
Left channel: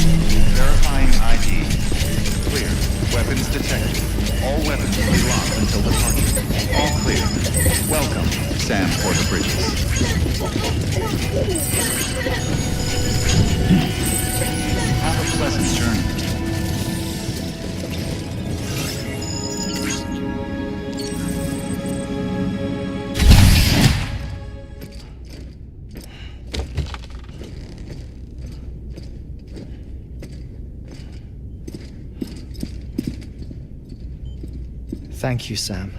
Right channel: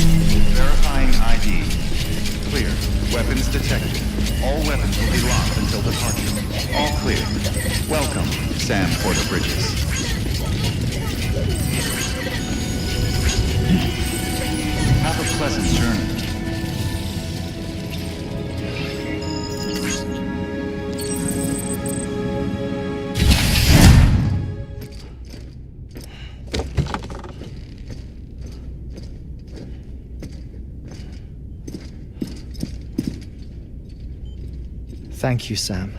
Verifying ID. Clear. Weapons detected. All weapons will be locked until departure. All clear. Welcome, Sam Porter Bridges. Have a pleasant journey. Thank you, Sam.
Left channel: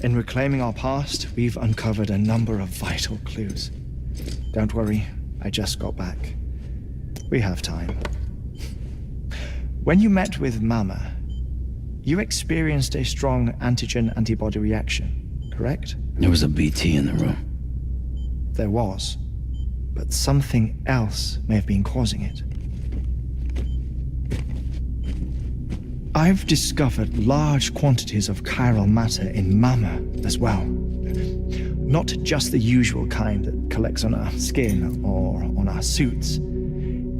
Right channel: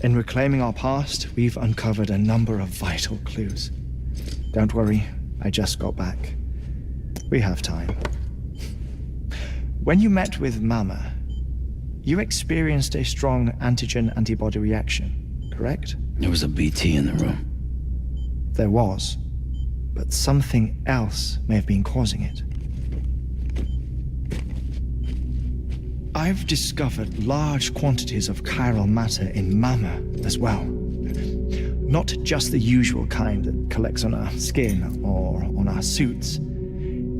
In reclaiming our past, we've uncovered a number of vital clues. Don't worry, I just got back. We have time. When you met with Mama, you experienced a strong antigen-antibody reaction, correct? There was a BT in the room. There was, but something else may have been causing it. I've discovered large quantities of chiral matter in Mama as well. Not just the usual kind that collects on our skin or on our suits.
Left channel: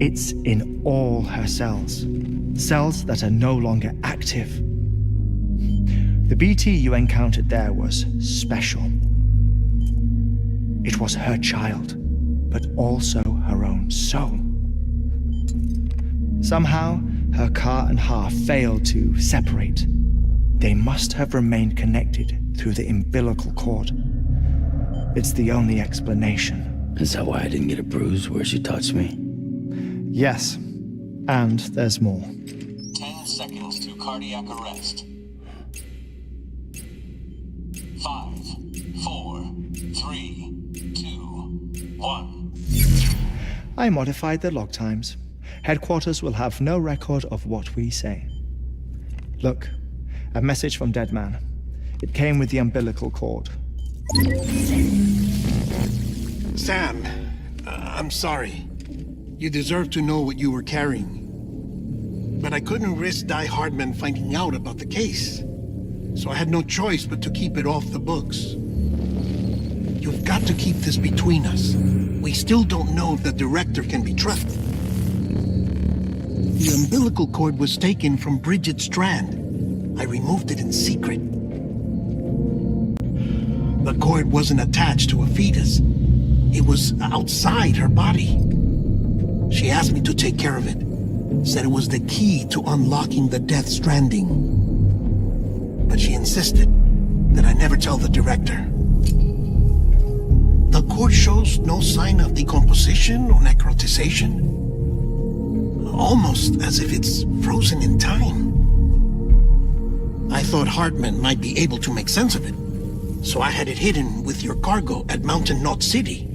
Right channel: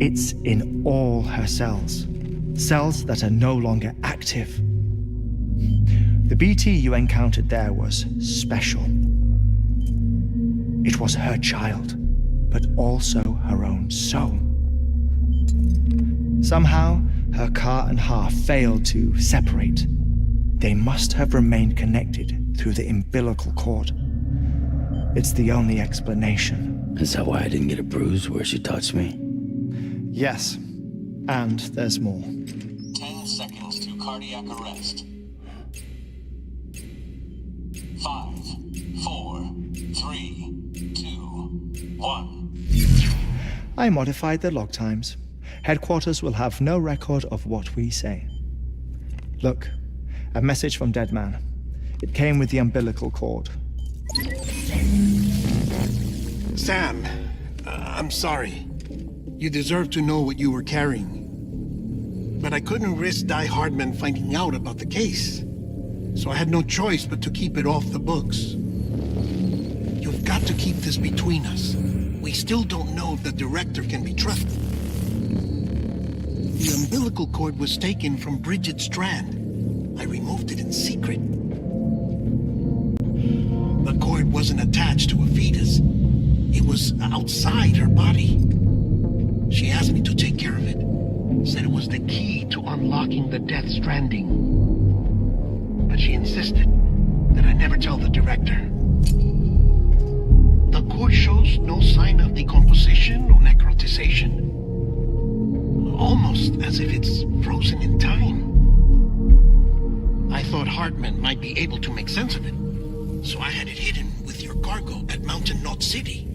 It's in all her cells. Cells that are no longer active. The BT you encountered there was special. It was her child, but also her own soul. Somehow, her car and half failed to separate. They must have remained connected through the umbilical cord. It's the only explanation. Is that why I didn't get a bruise where she touched me? Yes, and there's more. 10 seconds to cardiac arrest. 5, 4, 3, 2, 1. I modified the log times. Headquarters will have no record of what we say. Look, a message from Dead Man. It came with the umbilical cord. Sam, I'm sorry. You deserve to know what you were carrying. But I couldn't risk Die Hardman finding out about the case. so I had no choice but to keep it off the books. You've got to keep this between us. We still don't know if the director can be trusted. The umbilical cord was taken from Bridget Strand. I removed it in secret. The cord wasn't attached to a fetus. It was outside her body. She asked me to take care of it. Said it was the key to unlocking the Death Stranding. But she insisted that I never tell the director. The cord shows no sign of decomposition or necrotization. Almost as if it's frozen in time. I thought Hartman might be able to make sense of it, so I had it hidden with your cargo at Mountain Knot City.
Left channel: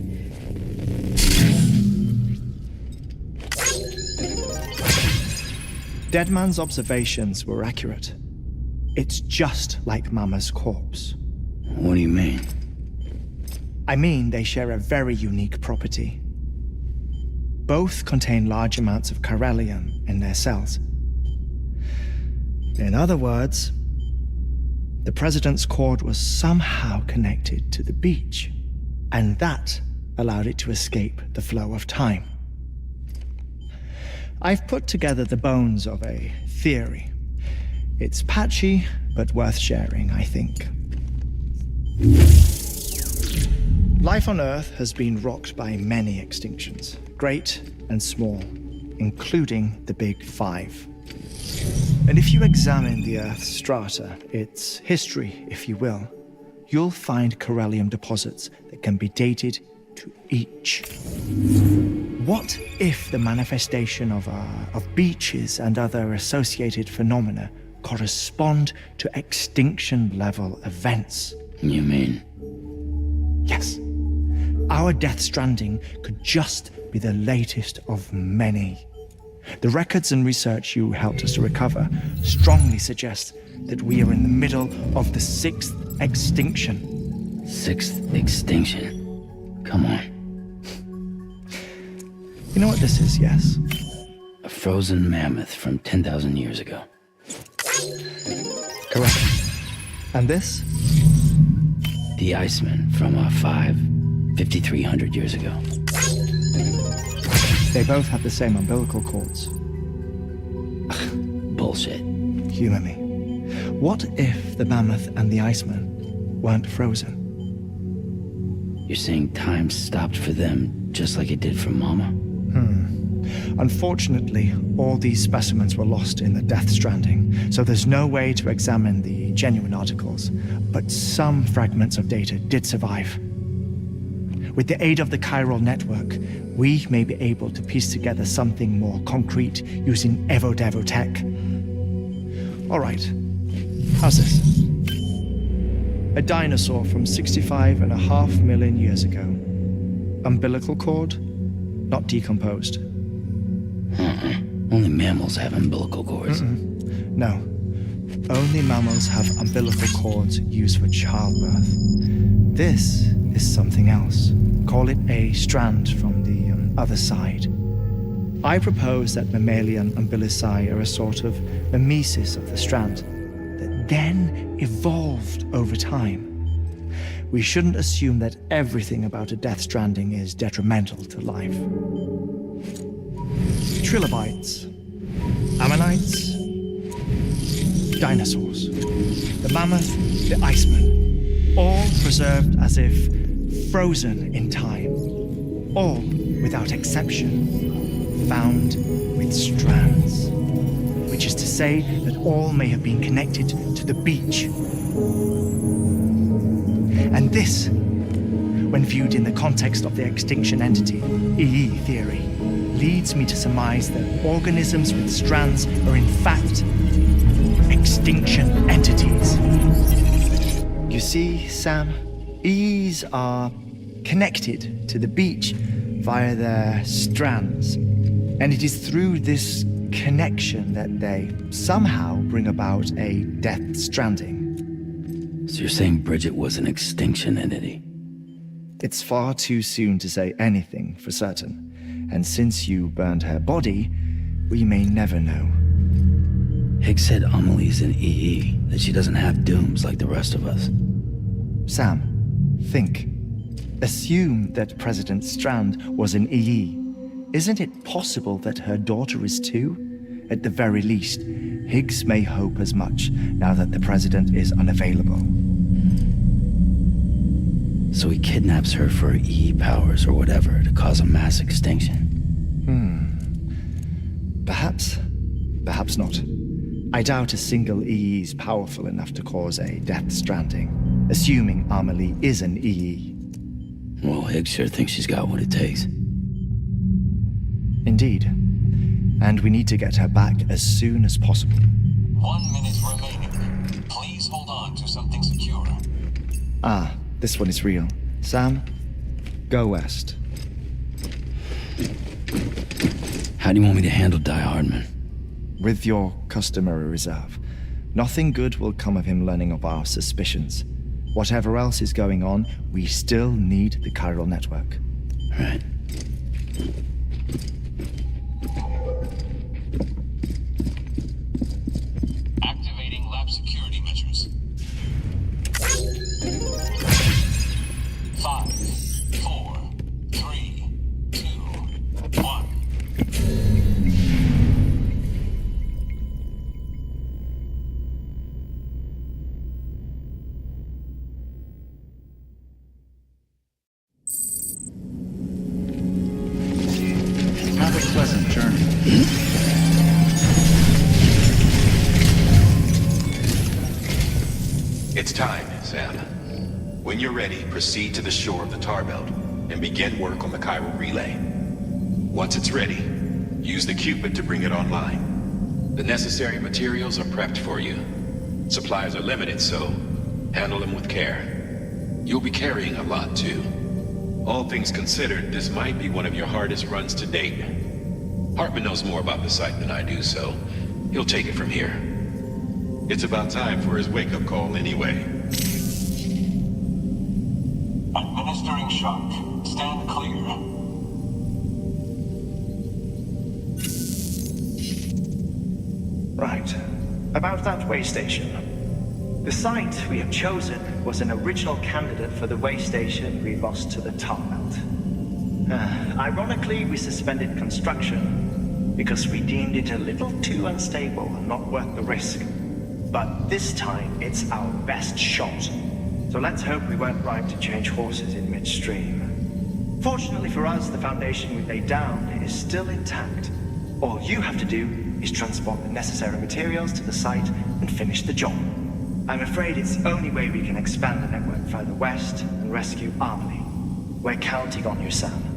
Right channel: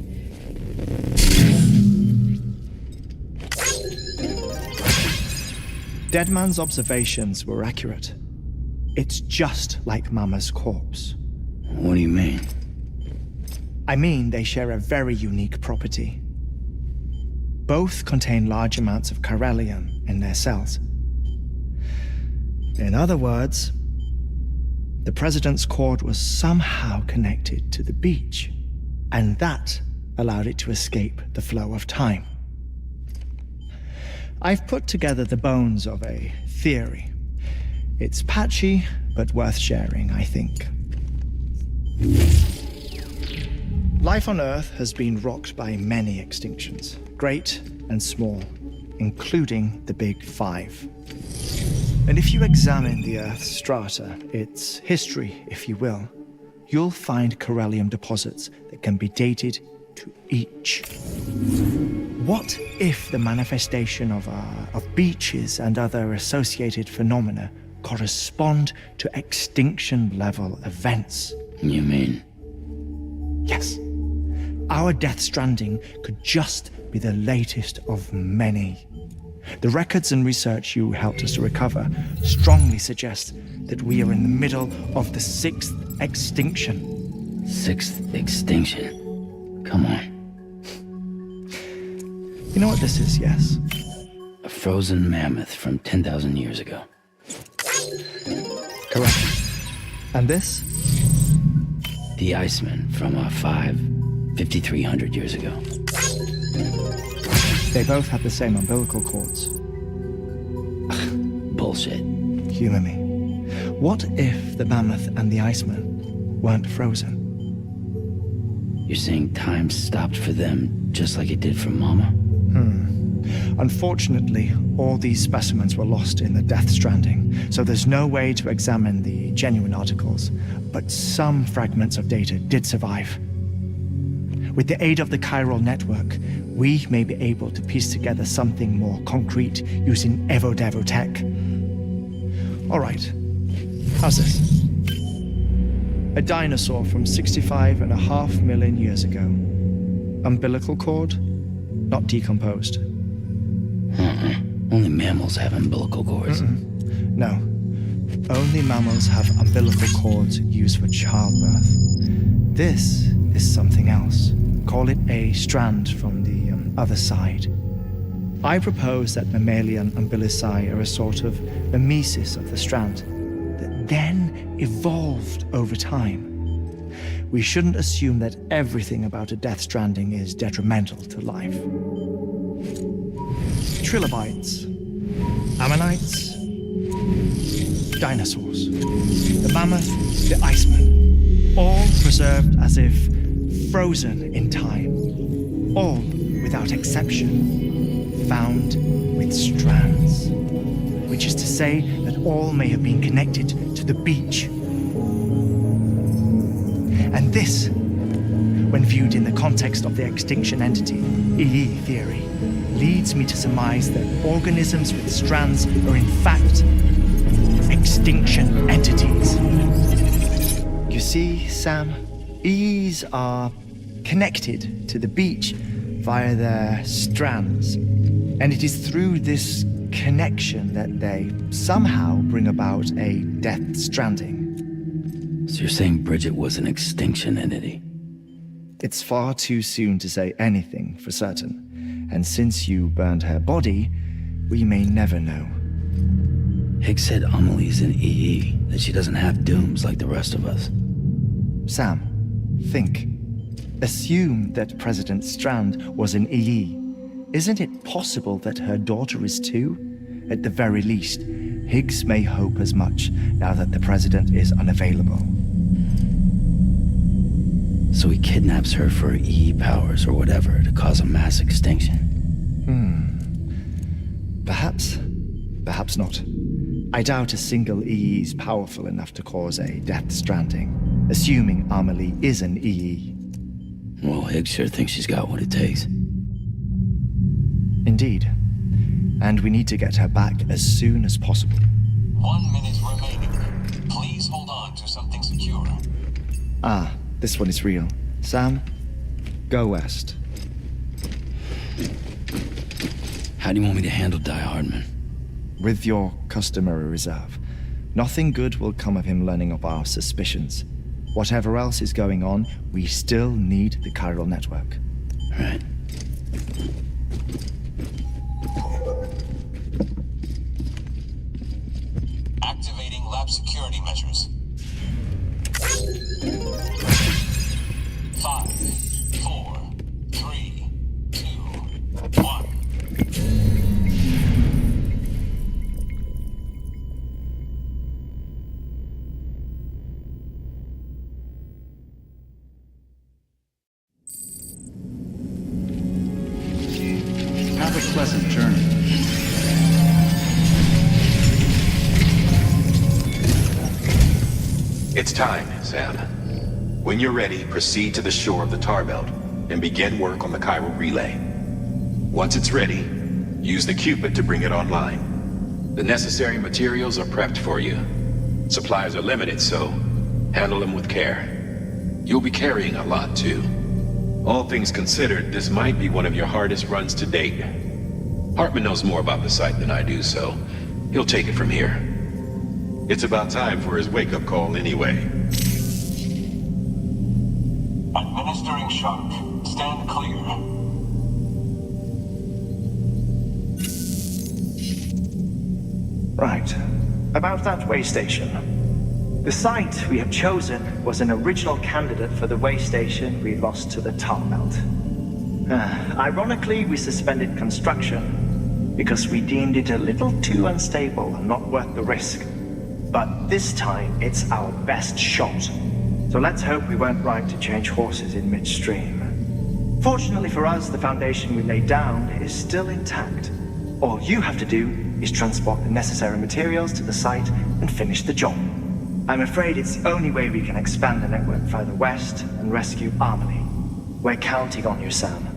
Deadman's observations were accurate. It's just like Mama's corpse. What do you mean? I mean they share a very unique property. Both contain large amounts of chiralium in their cells. In other words, the president's cord was somehow connected to the beach, and that allowed it to escape the flow of time. I've put together the bones of a theory. It's patchy, but worth sharing, I think. Life on Earth has been rocked by many extinctions, great and small, including the Big Five. And if you examine the Earth's strata, its history, if you will, you'll find chiralium deposits that can be dated to each. What if the manifestation of beaches and other associated phenomena correspond to extinction-level events? You mean? Yes. Our Death Stranding could just be the latest of many. The records and research you helped us to recover strongly suggest that we are in the middle of the 6th extinction. 6th extinction? Come on. You know what this is, yes? A frozen mammoth from 10,000 years ago. Correct. And this? The Iceman from 5,300 years ago. They both have the same umbilical cords. Bullshit. Humor me. What if the mammoth and the Iceman weren't frozen? You're saying time stopped for them just like it did for Mama? Unfortunately, all these specimens were lost in the Death Stranding, so there's no way to examine the genuine articles, but some fragments of data did survive. With the aid of the chiral network, we may be able to piece together something more concrete using Evo-Devo tech. All right, how's this? A dinosaur from 65.5 million years ago. Umbilical cord, not decomposed. Only mammals have umbilical cords. No. Only mammals have umbilical cords used for childbirth. This is something else. Call it a strand from the other side. I propose that mammalian umbilici are a sort of mimesis of the strand that then evolved over time. We shouldn't assume that everything about a Death Stranding is detrimental to life. Trilobites, ammonites, dinosaurs, the mammoth, the Iceman, all preserved as if frozen in time, all without exception, found with strands, which is to say that all may have been connected to the beach. And this, when viewed in the context of the extinction entity, EE theory, leads me to surmise that organisms with strands are in fact extinction entities. You see, Sam, EEs are connected to the beach via their strands, and it is through this connection that they somehow bring about a Death Stranding. So you're saying Bridget was an extinction entity? It's far too soon to say anything for certain, and since you burned her body, we may never know. Higgs said Amelie's in EE, that she doesn't have dooms like the rest of us. Sam, think. Assume that President Strand was in EE. Isn't it possible that her daughter is too? At the very least, Higgs may hope as much now that the President is unavailable. So he kidnaps her for EE powers or whatever to cause a mass extinction. Perhaps. Perhaps not. I doubt a single EE is powerful enough to cause a death stranding, assuming Amelie is an EE. Well, Higgs sure thinks she's got what it takes. Indeed. And we need to get her back as soon as possible. 1 minute remaining. Please hold on to something secure. Ah, this one is real. Sam, go west. How do you want me to handle Die Hardman? With your customary reserve. Nothing good will come of him learning of our suspicions. Whatever else is going on, we still need the chiral network. Right. Activating lab security measures. 5, 4, 3, 2, 1. Have a pleasant journey. It's time, Sam. When you're ready, proceed to the shore of the tar belt and begin work on the chiral relay. Once it's ready, use the Cupid to bring it online. The necessary materials are prepped for you. Supplies are limited, so handle them with care. You'll be carrying a lot, too. All things considered, this might be one of your hardest runs to date. Hartman knows more about the site than I do, so he'll take it from here. It's about time for his wake-up call anyway. Administering shock. Stand clear. Right. About that way station. The site we have chosen was an original candidate for the way station we lost to the tar belt. Ironically, we suspended construction because we deemed it a little too unstable and not worth the risk. But this time, it's our best shot. So let's hope we weren't right to change horses in midstream. Fortunately for us, the foundation we laid down is still intact. All you have to do is transport the necessary materials to the site and finish the job. I'm afraid it's the only way we can expand the network further west and rescue Amelie. We're counting on you, Sam.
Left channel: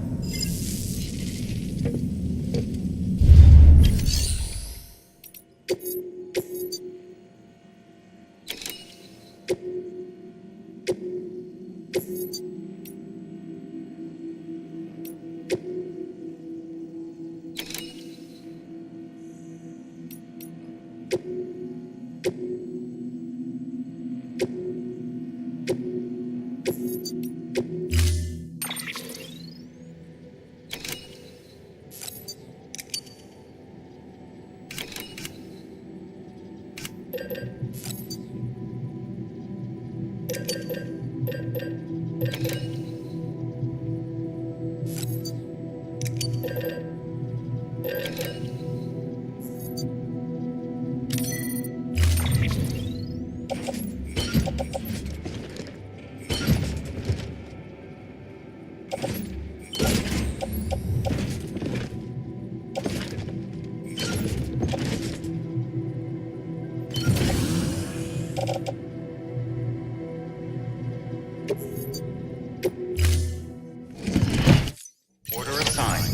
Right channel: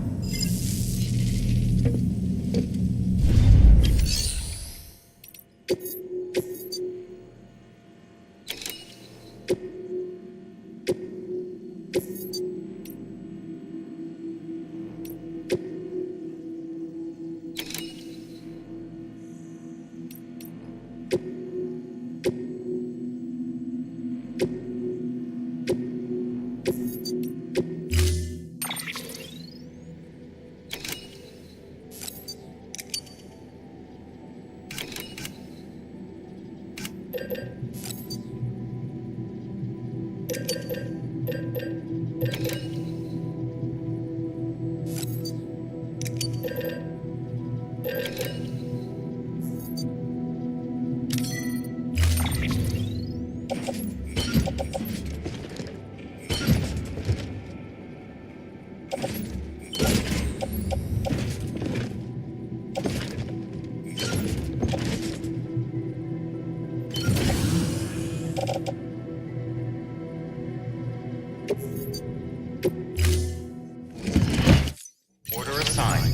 Order assigned.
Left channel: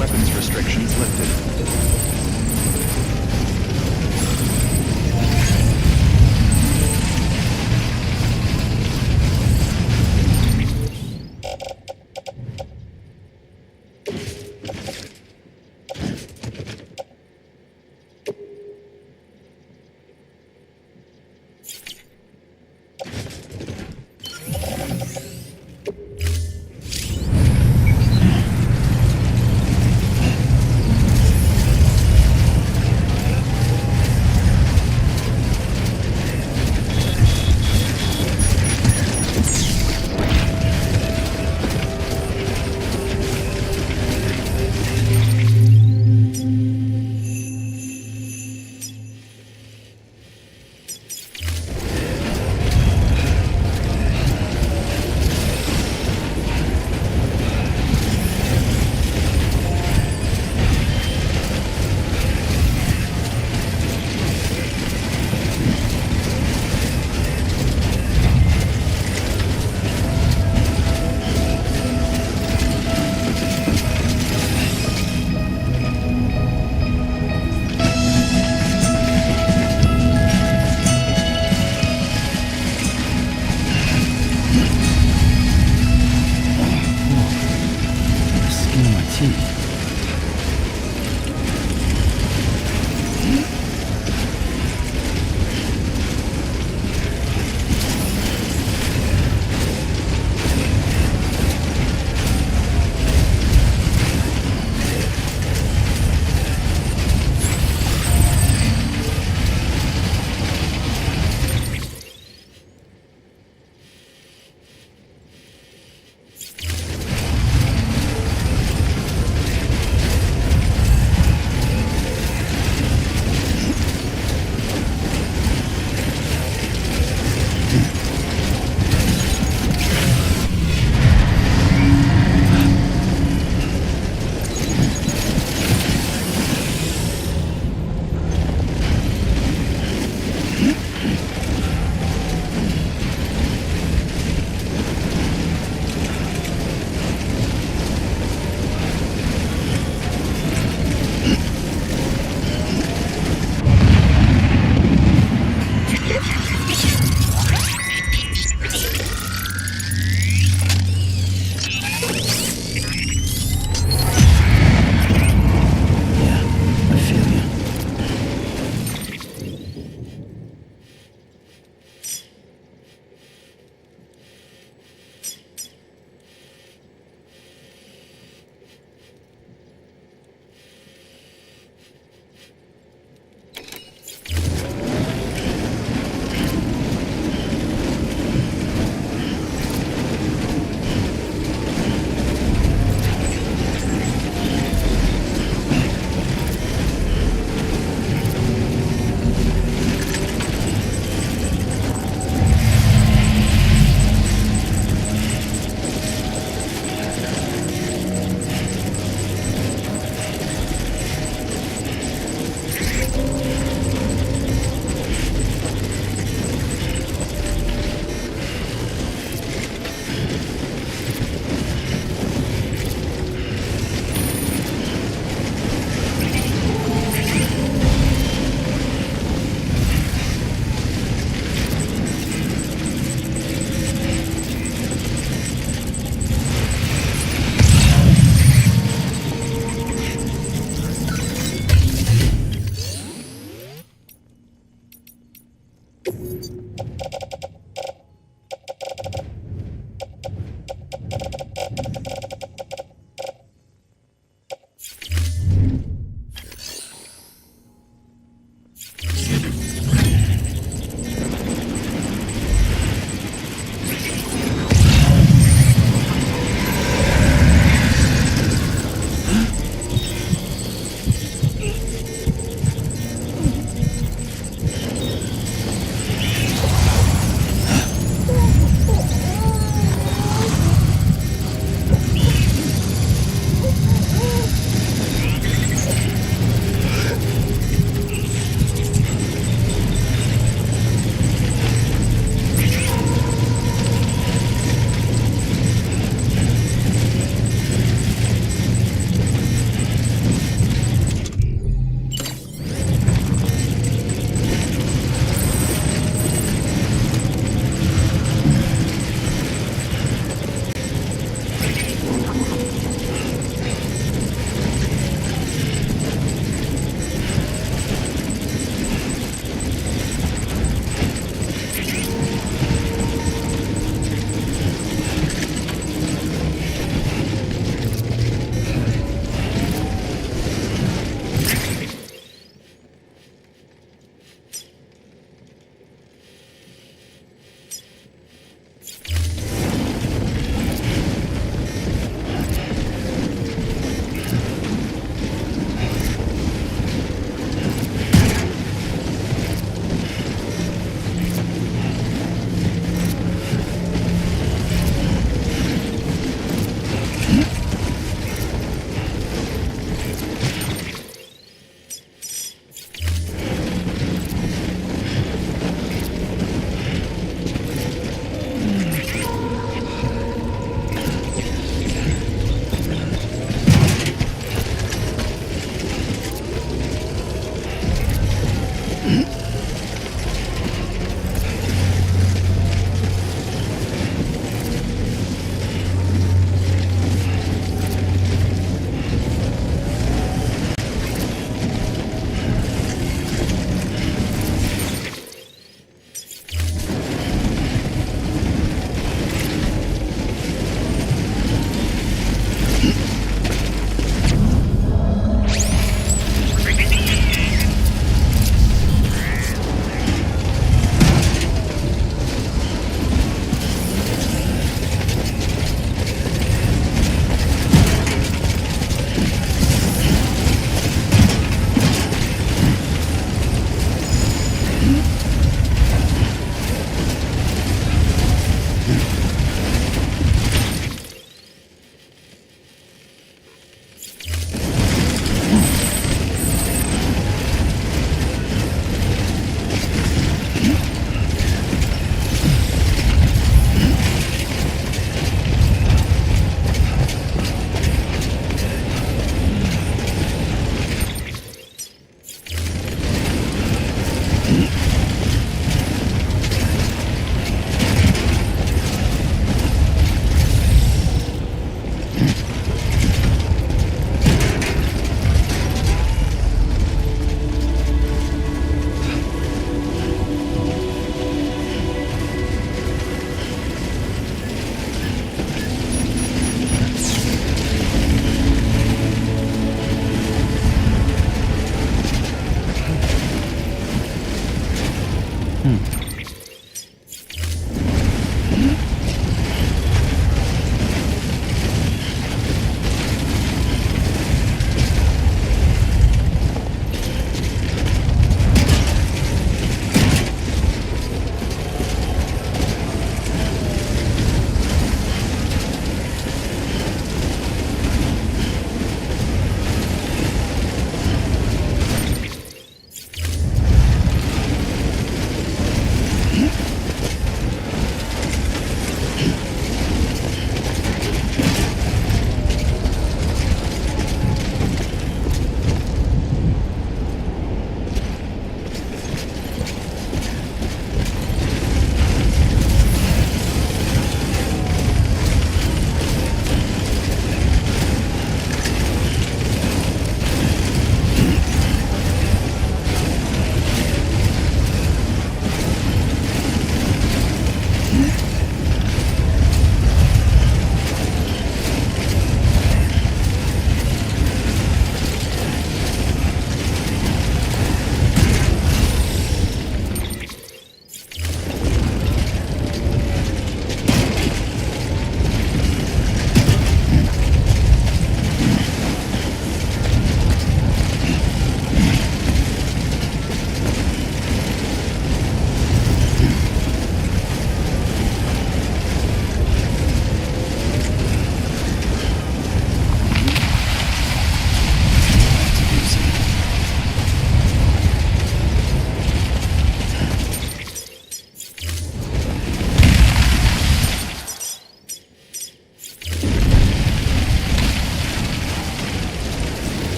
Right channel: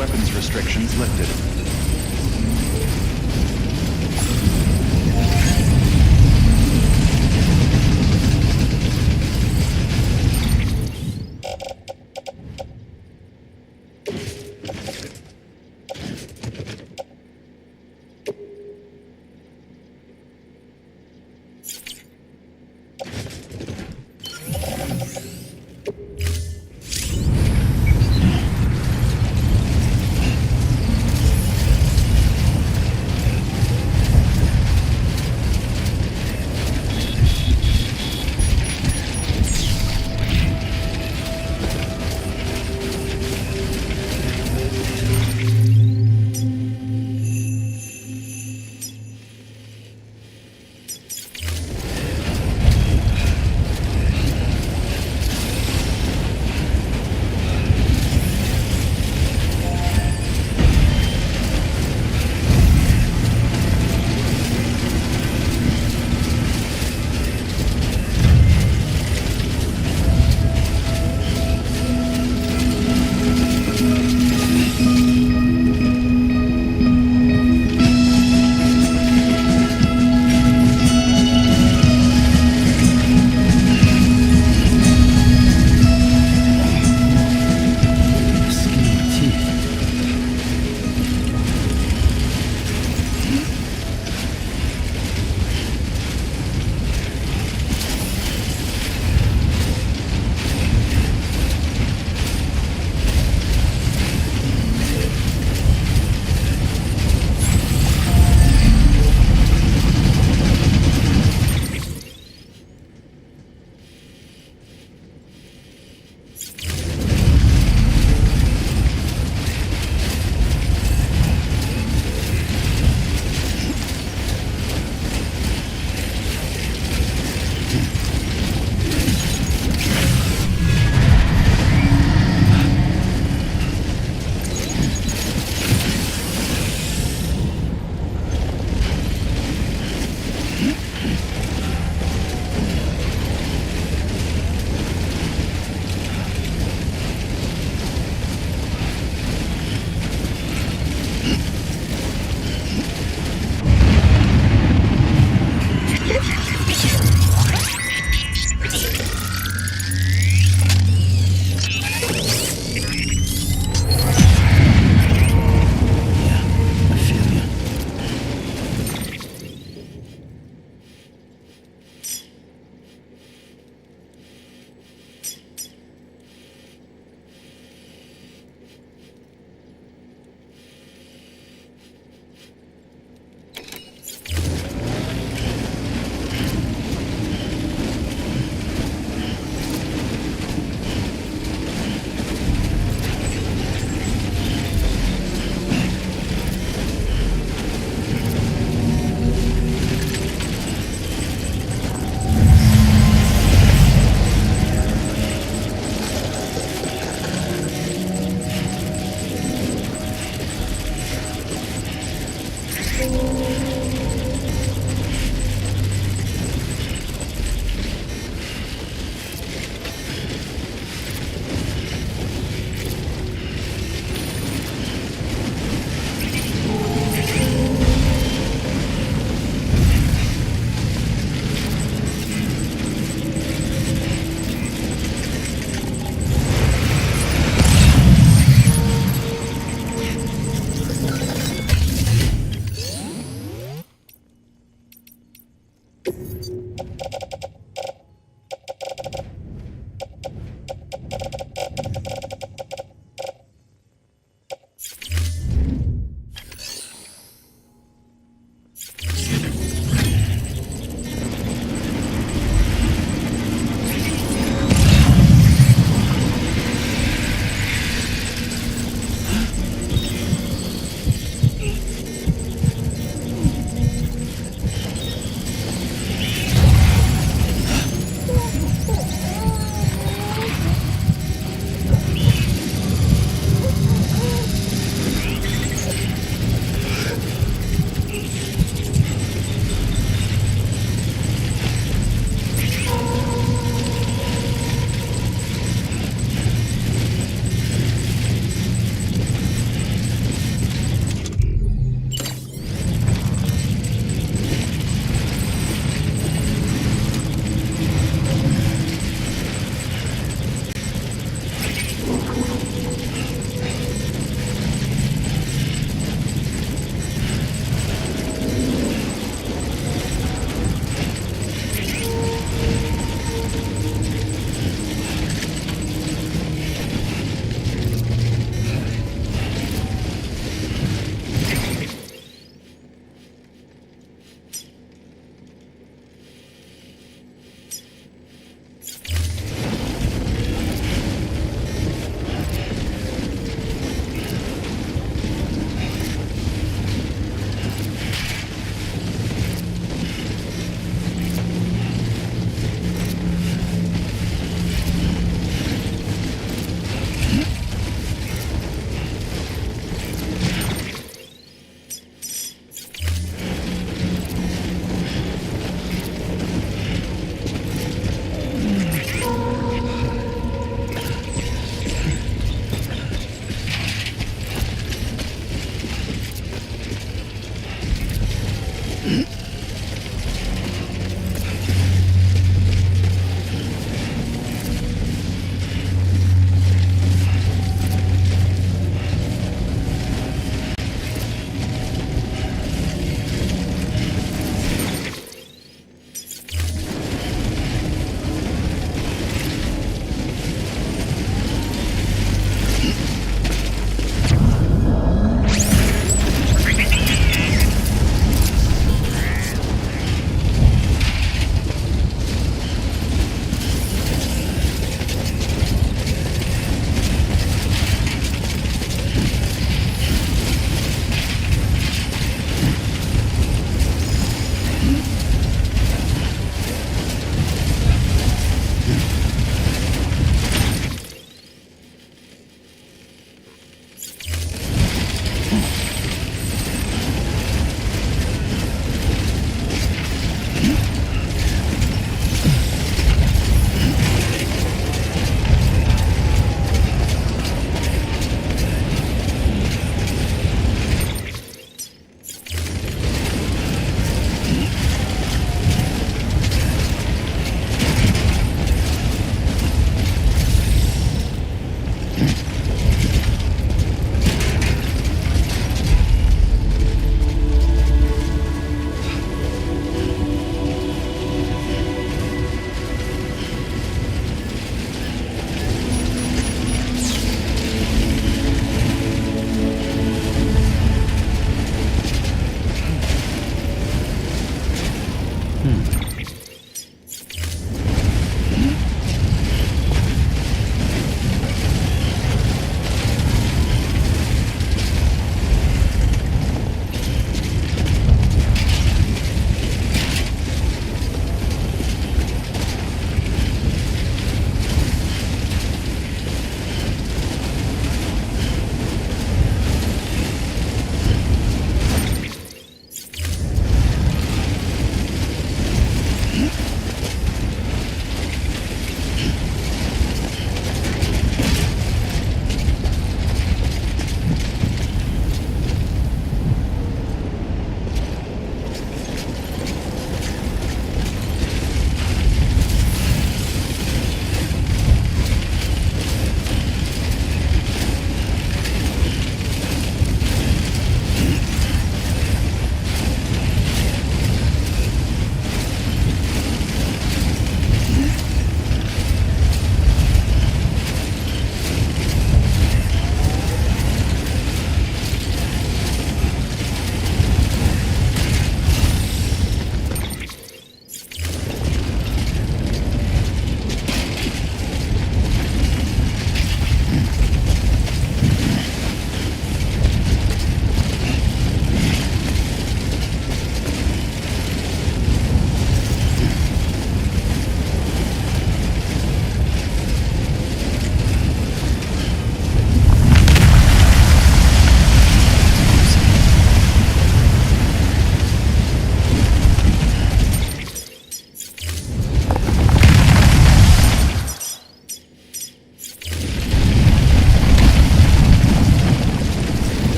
weapons restrictions lifted.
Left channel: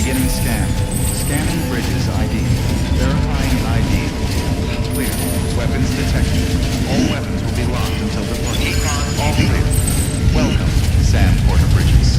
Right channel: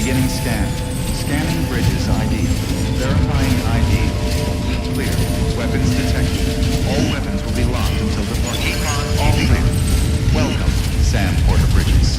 Beginning scan. Scanning bridges ID. Verifying ID. Clear. Weapons detected. All weapons will be locked until departure. All clear. Welcome, Sam Porter Bridges.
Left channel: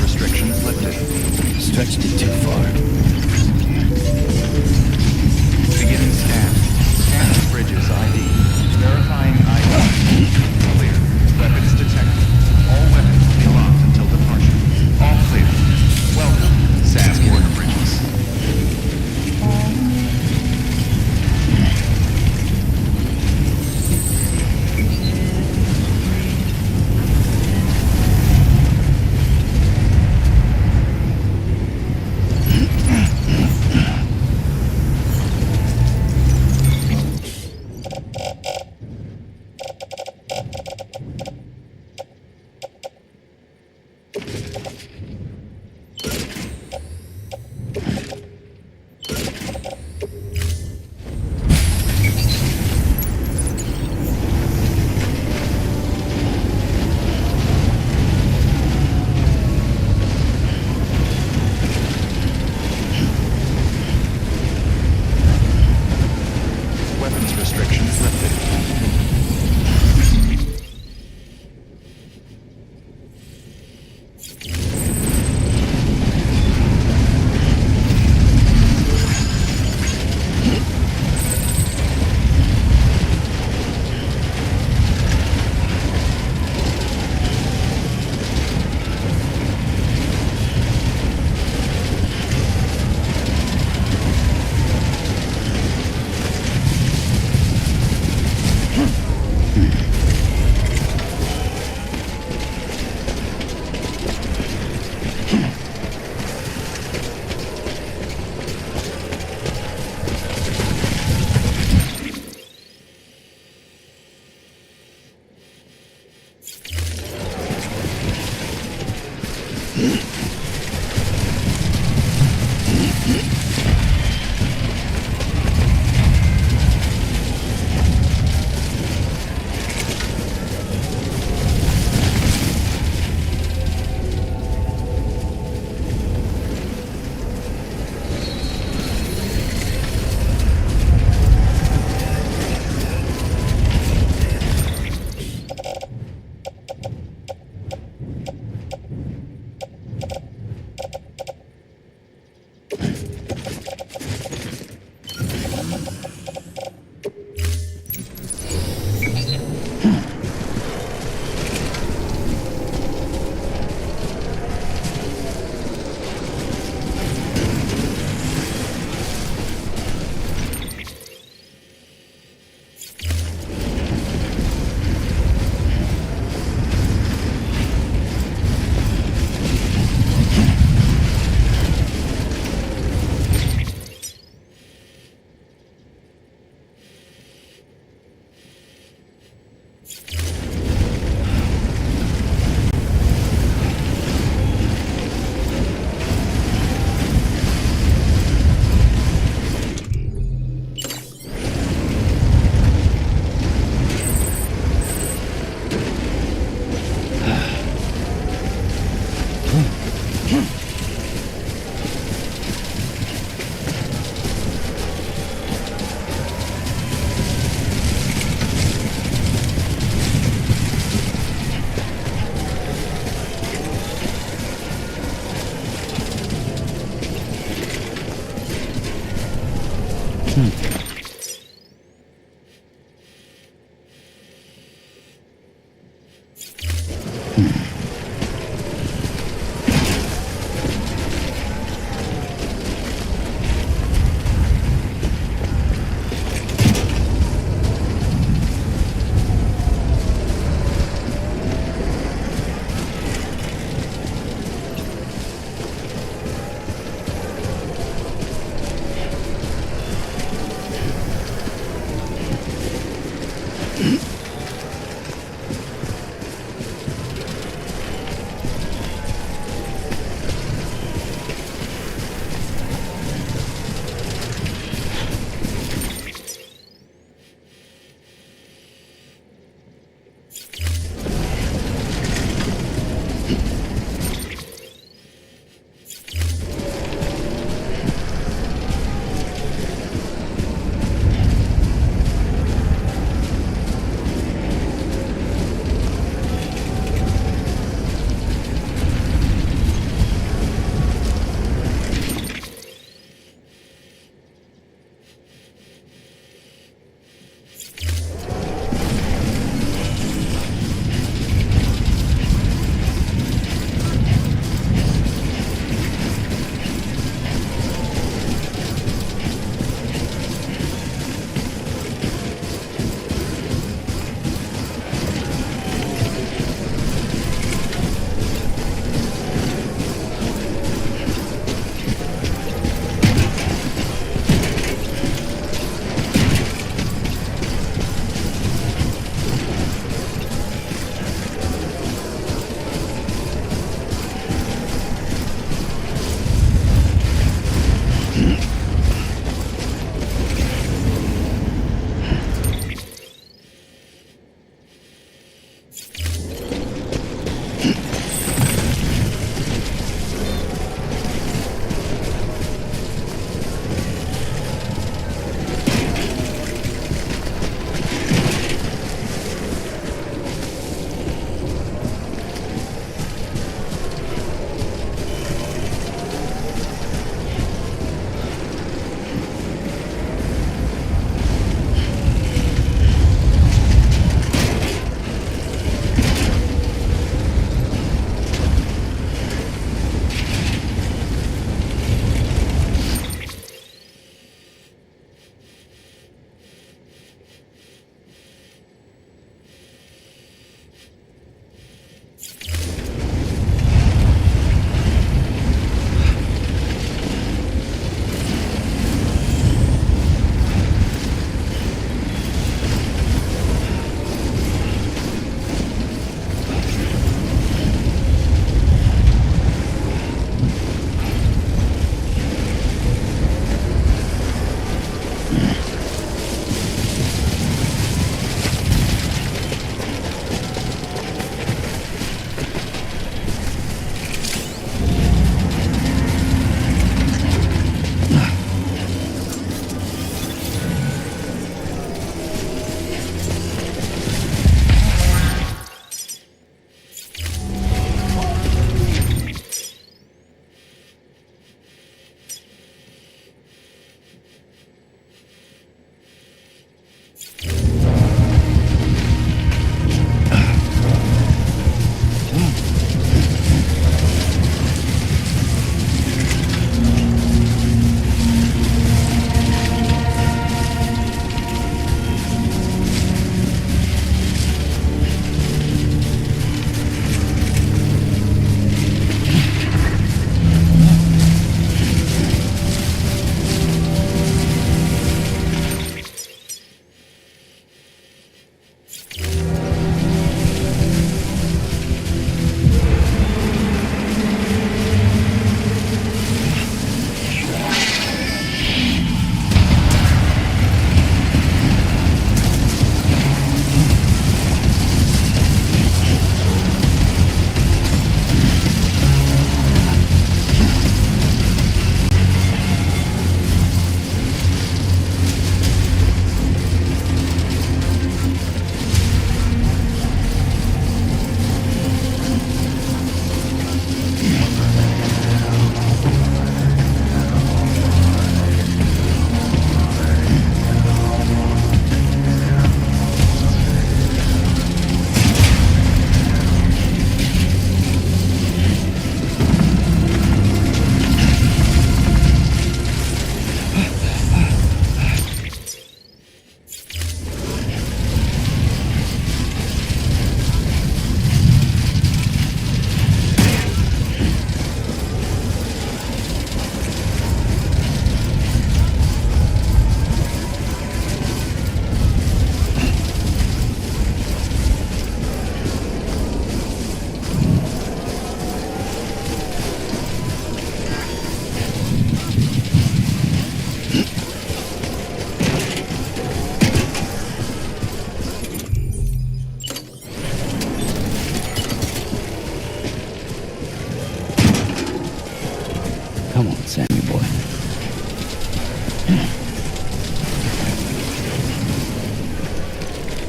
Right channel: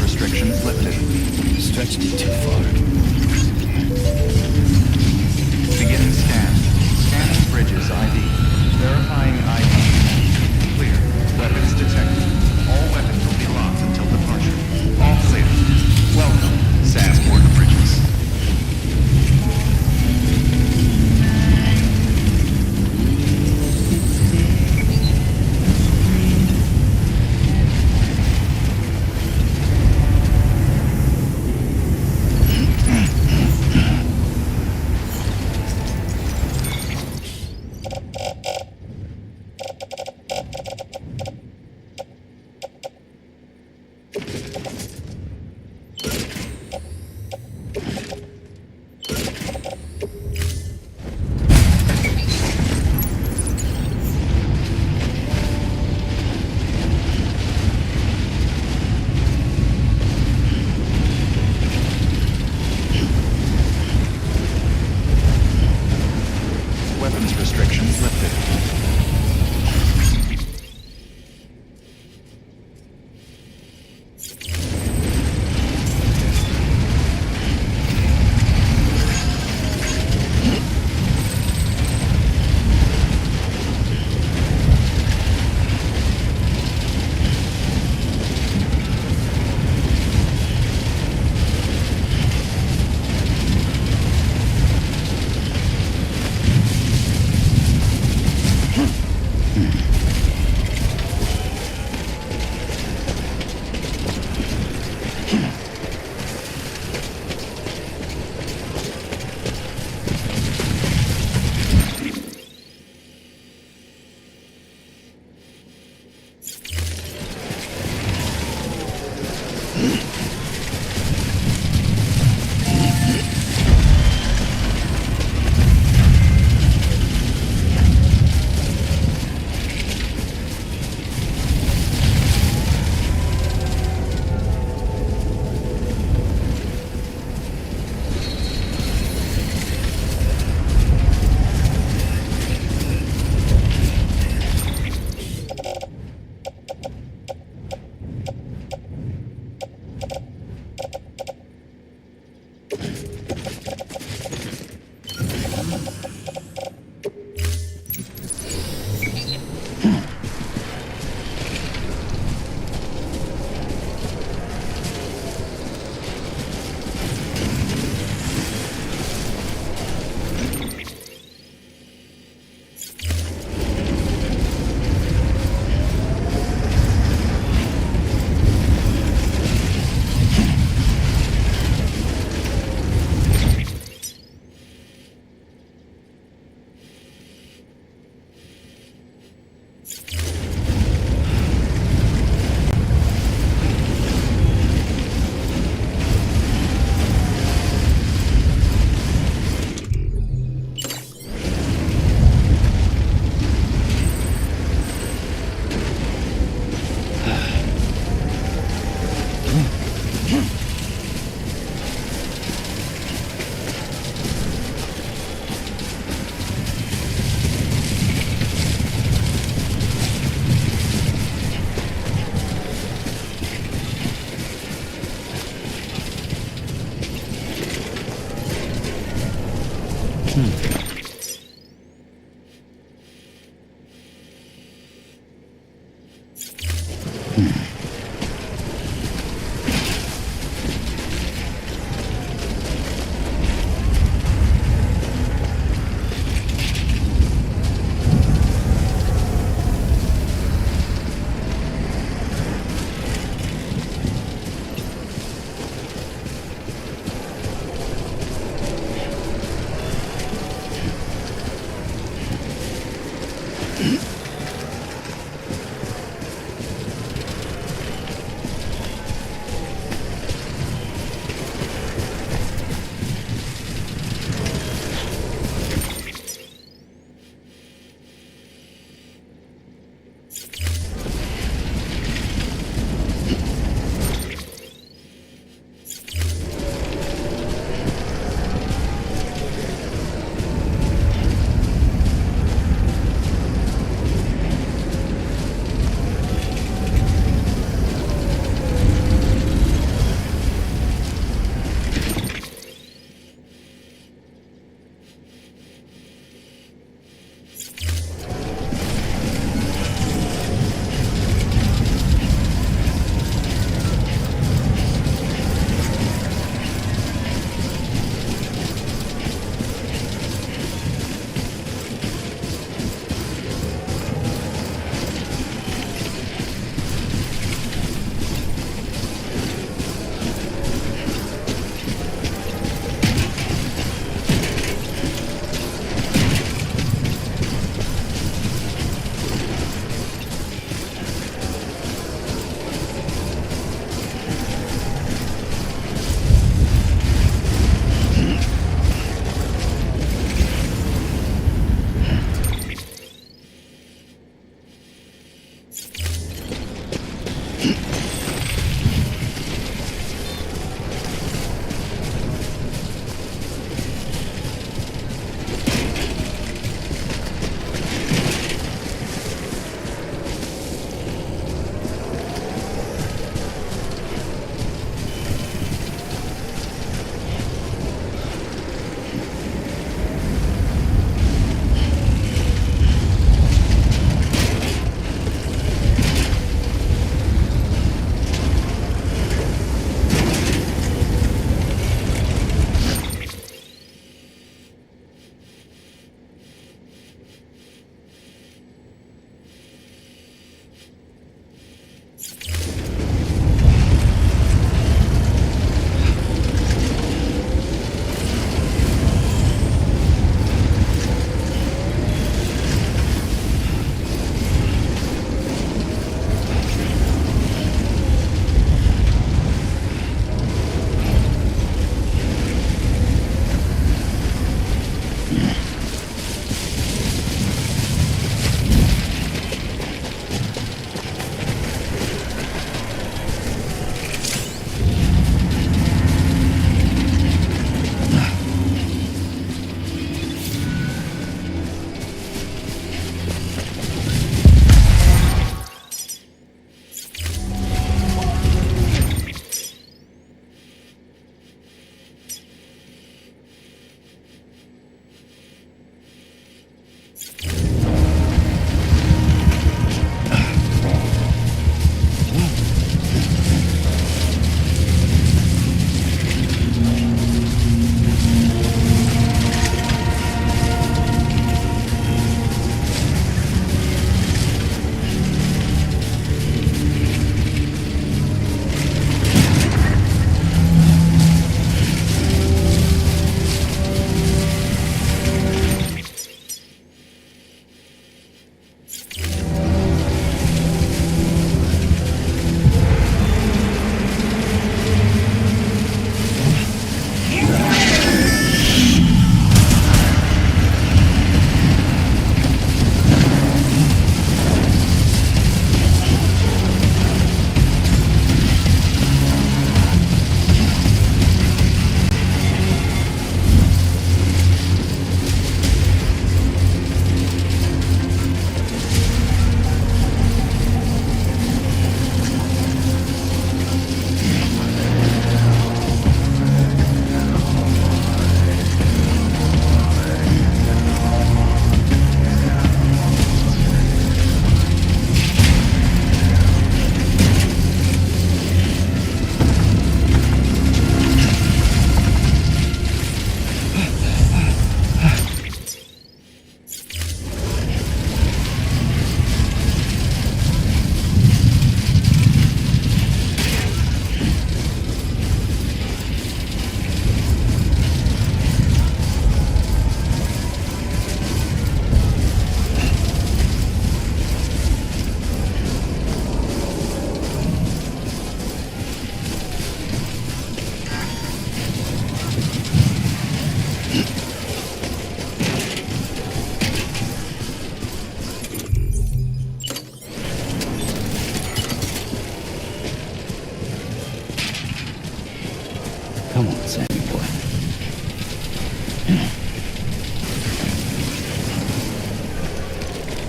Restrictions lifted. Stretched it too far. Beginning scan. Scanning bridges ID. Verifying ID. Clear. Weapons detected. All weapons will be locked until departure. All clear. Welcome, Sam Porter Bridges. Weapons restrictions lifted.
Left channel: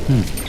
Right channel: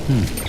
Next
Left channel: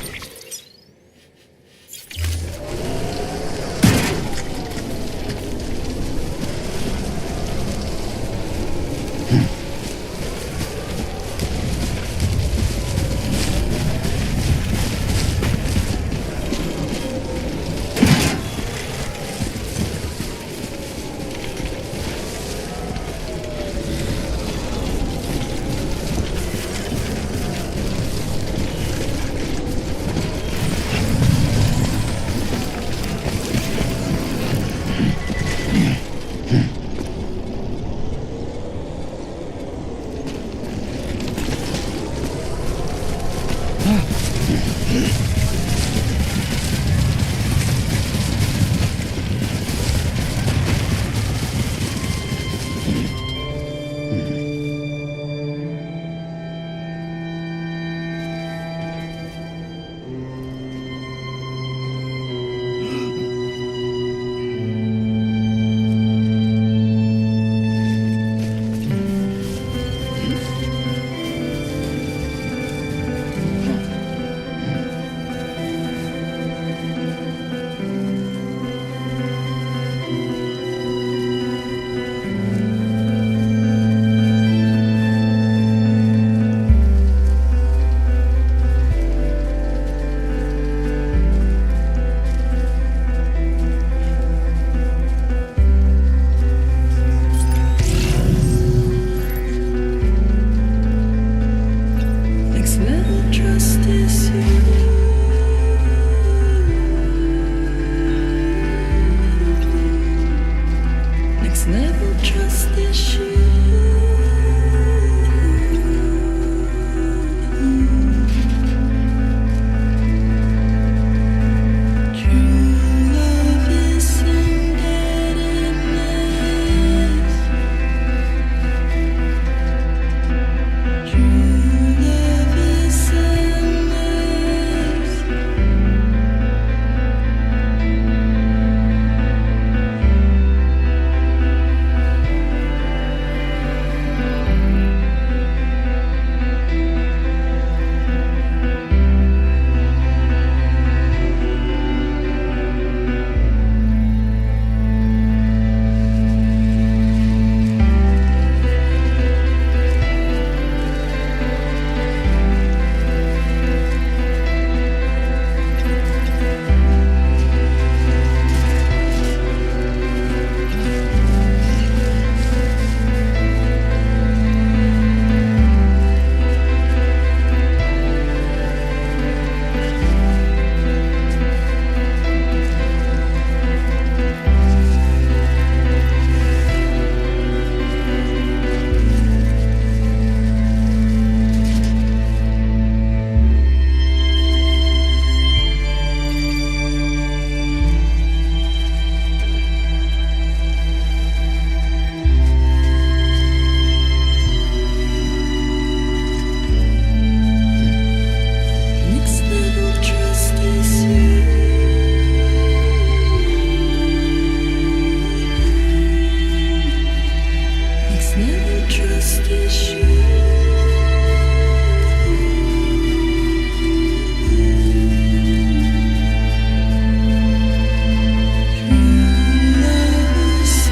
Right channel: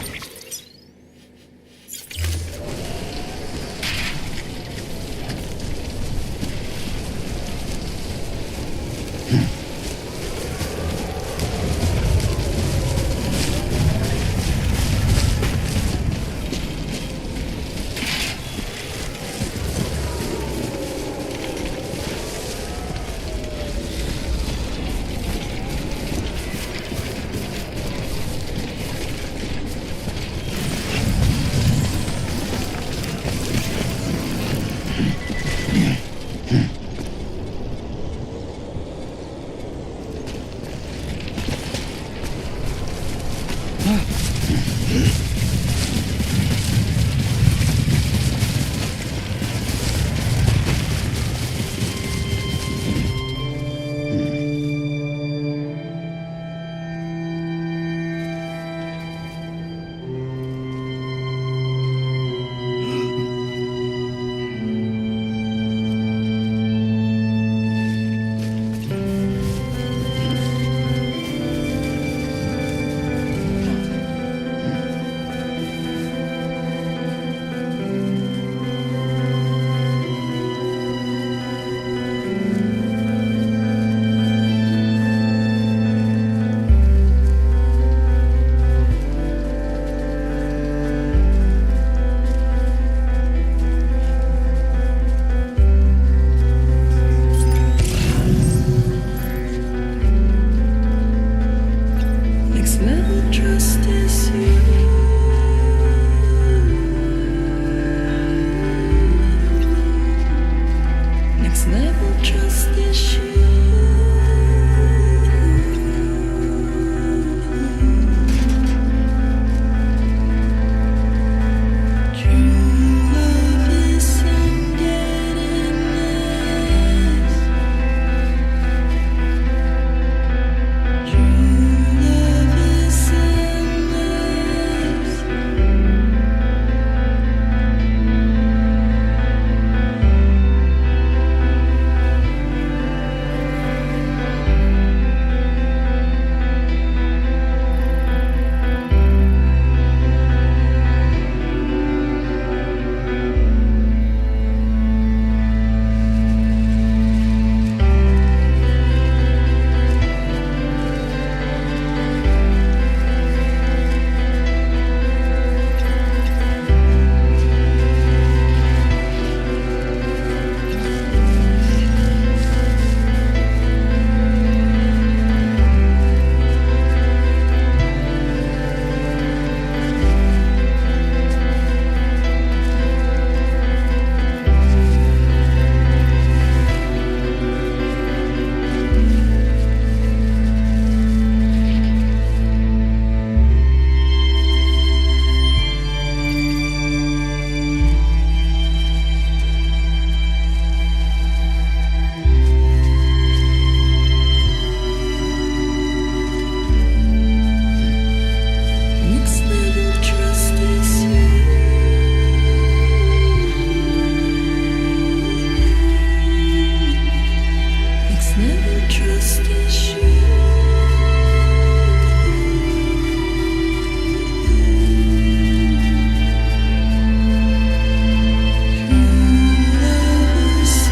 level trust is you. Next level trust is you. True love is indebtedness. True love is a mess. Next level trust is you. Next level trust is you. True love is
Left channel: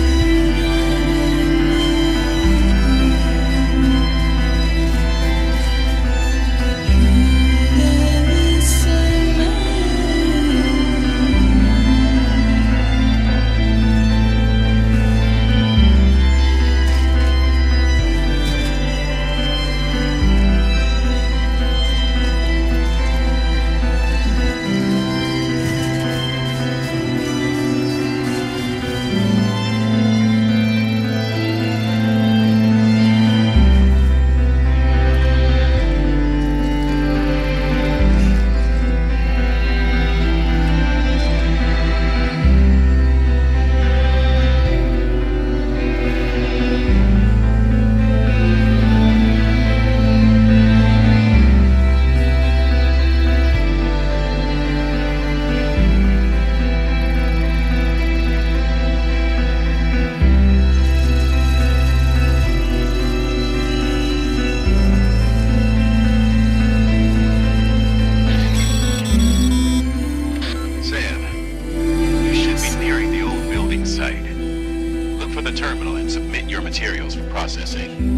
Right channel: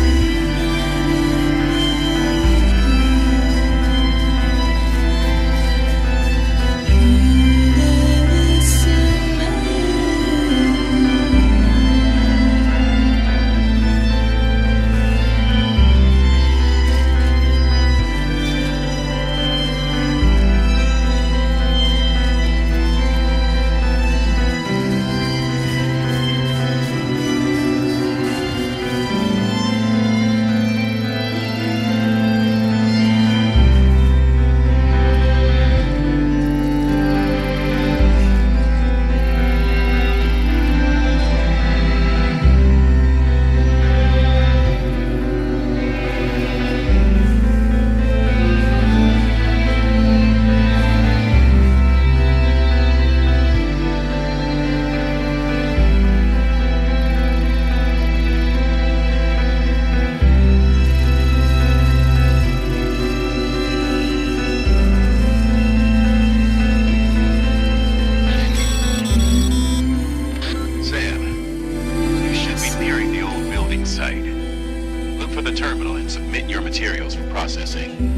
the terminal and submit your materials for processing.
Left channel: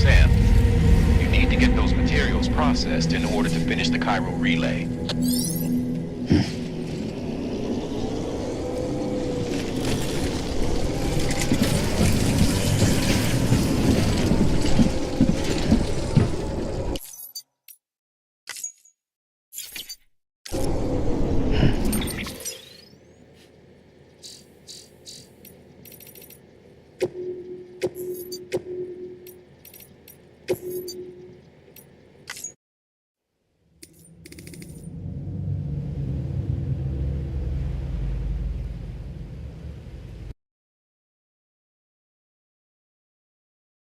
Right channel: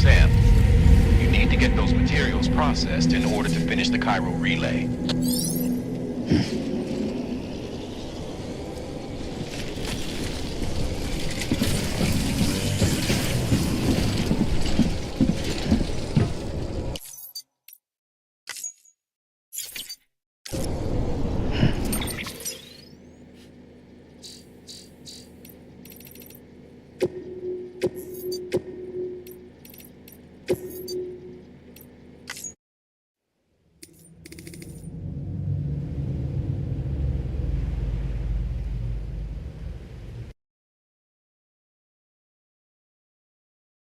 Sam, you need to get those materials processed in order to finish the Cairo relay.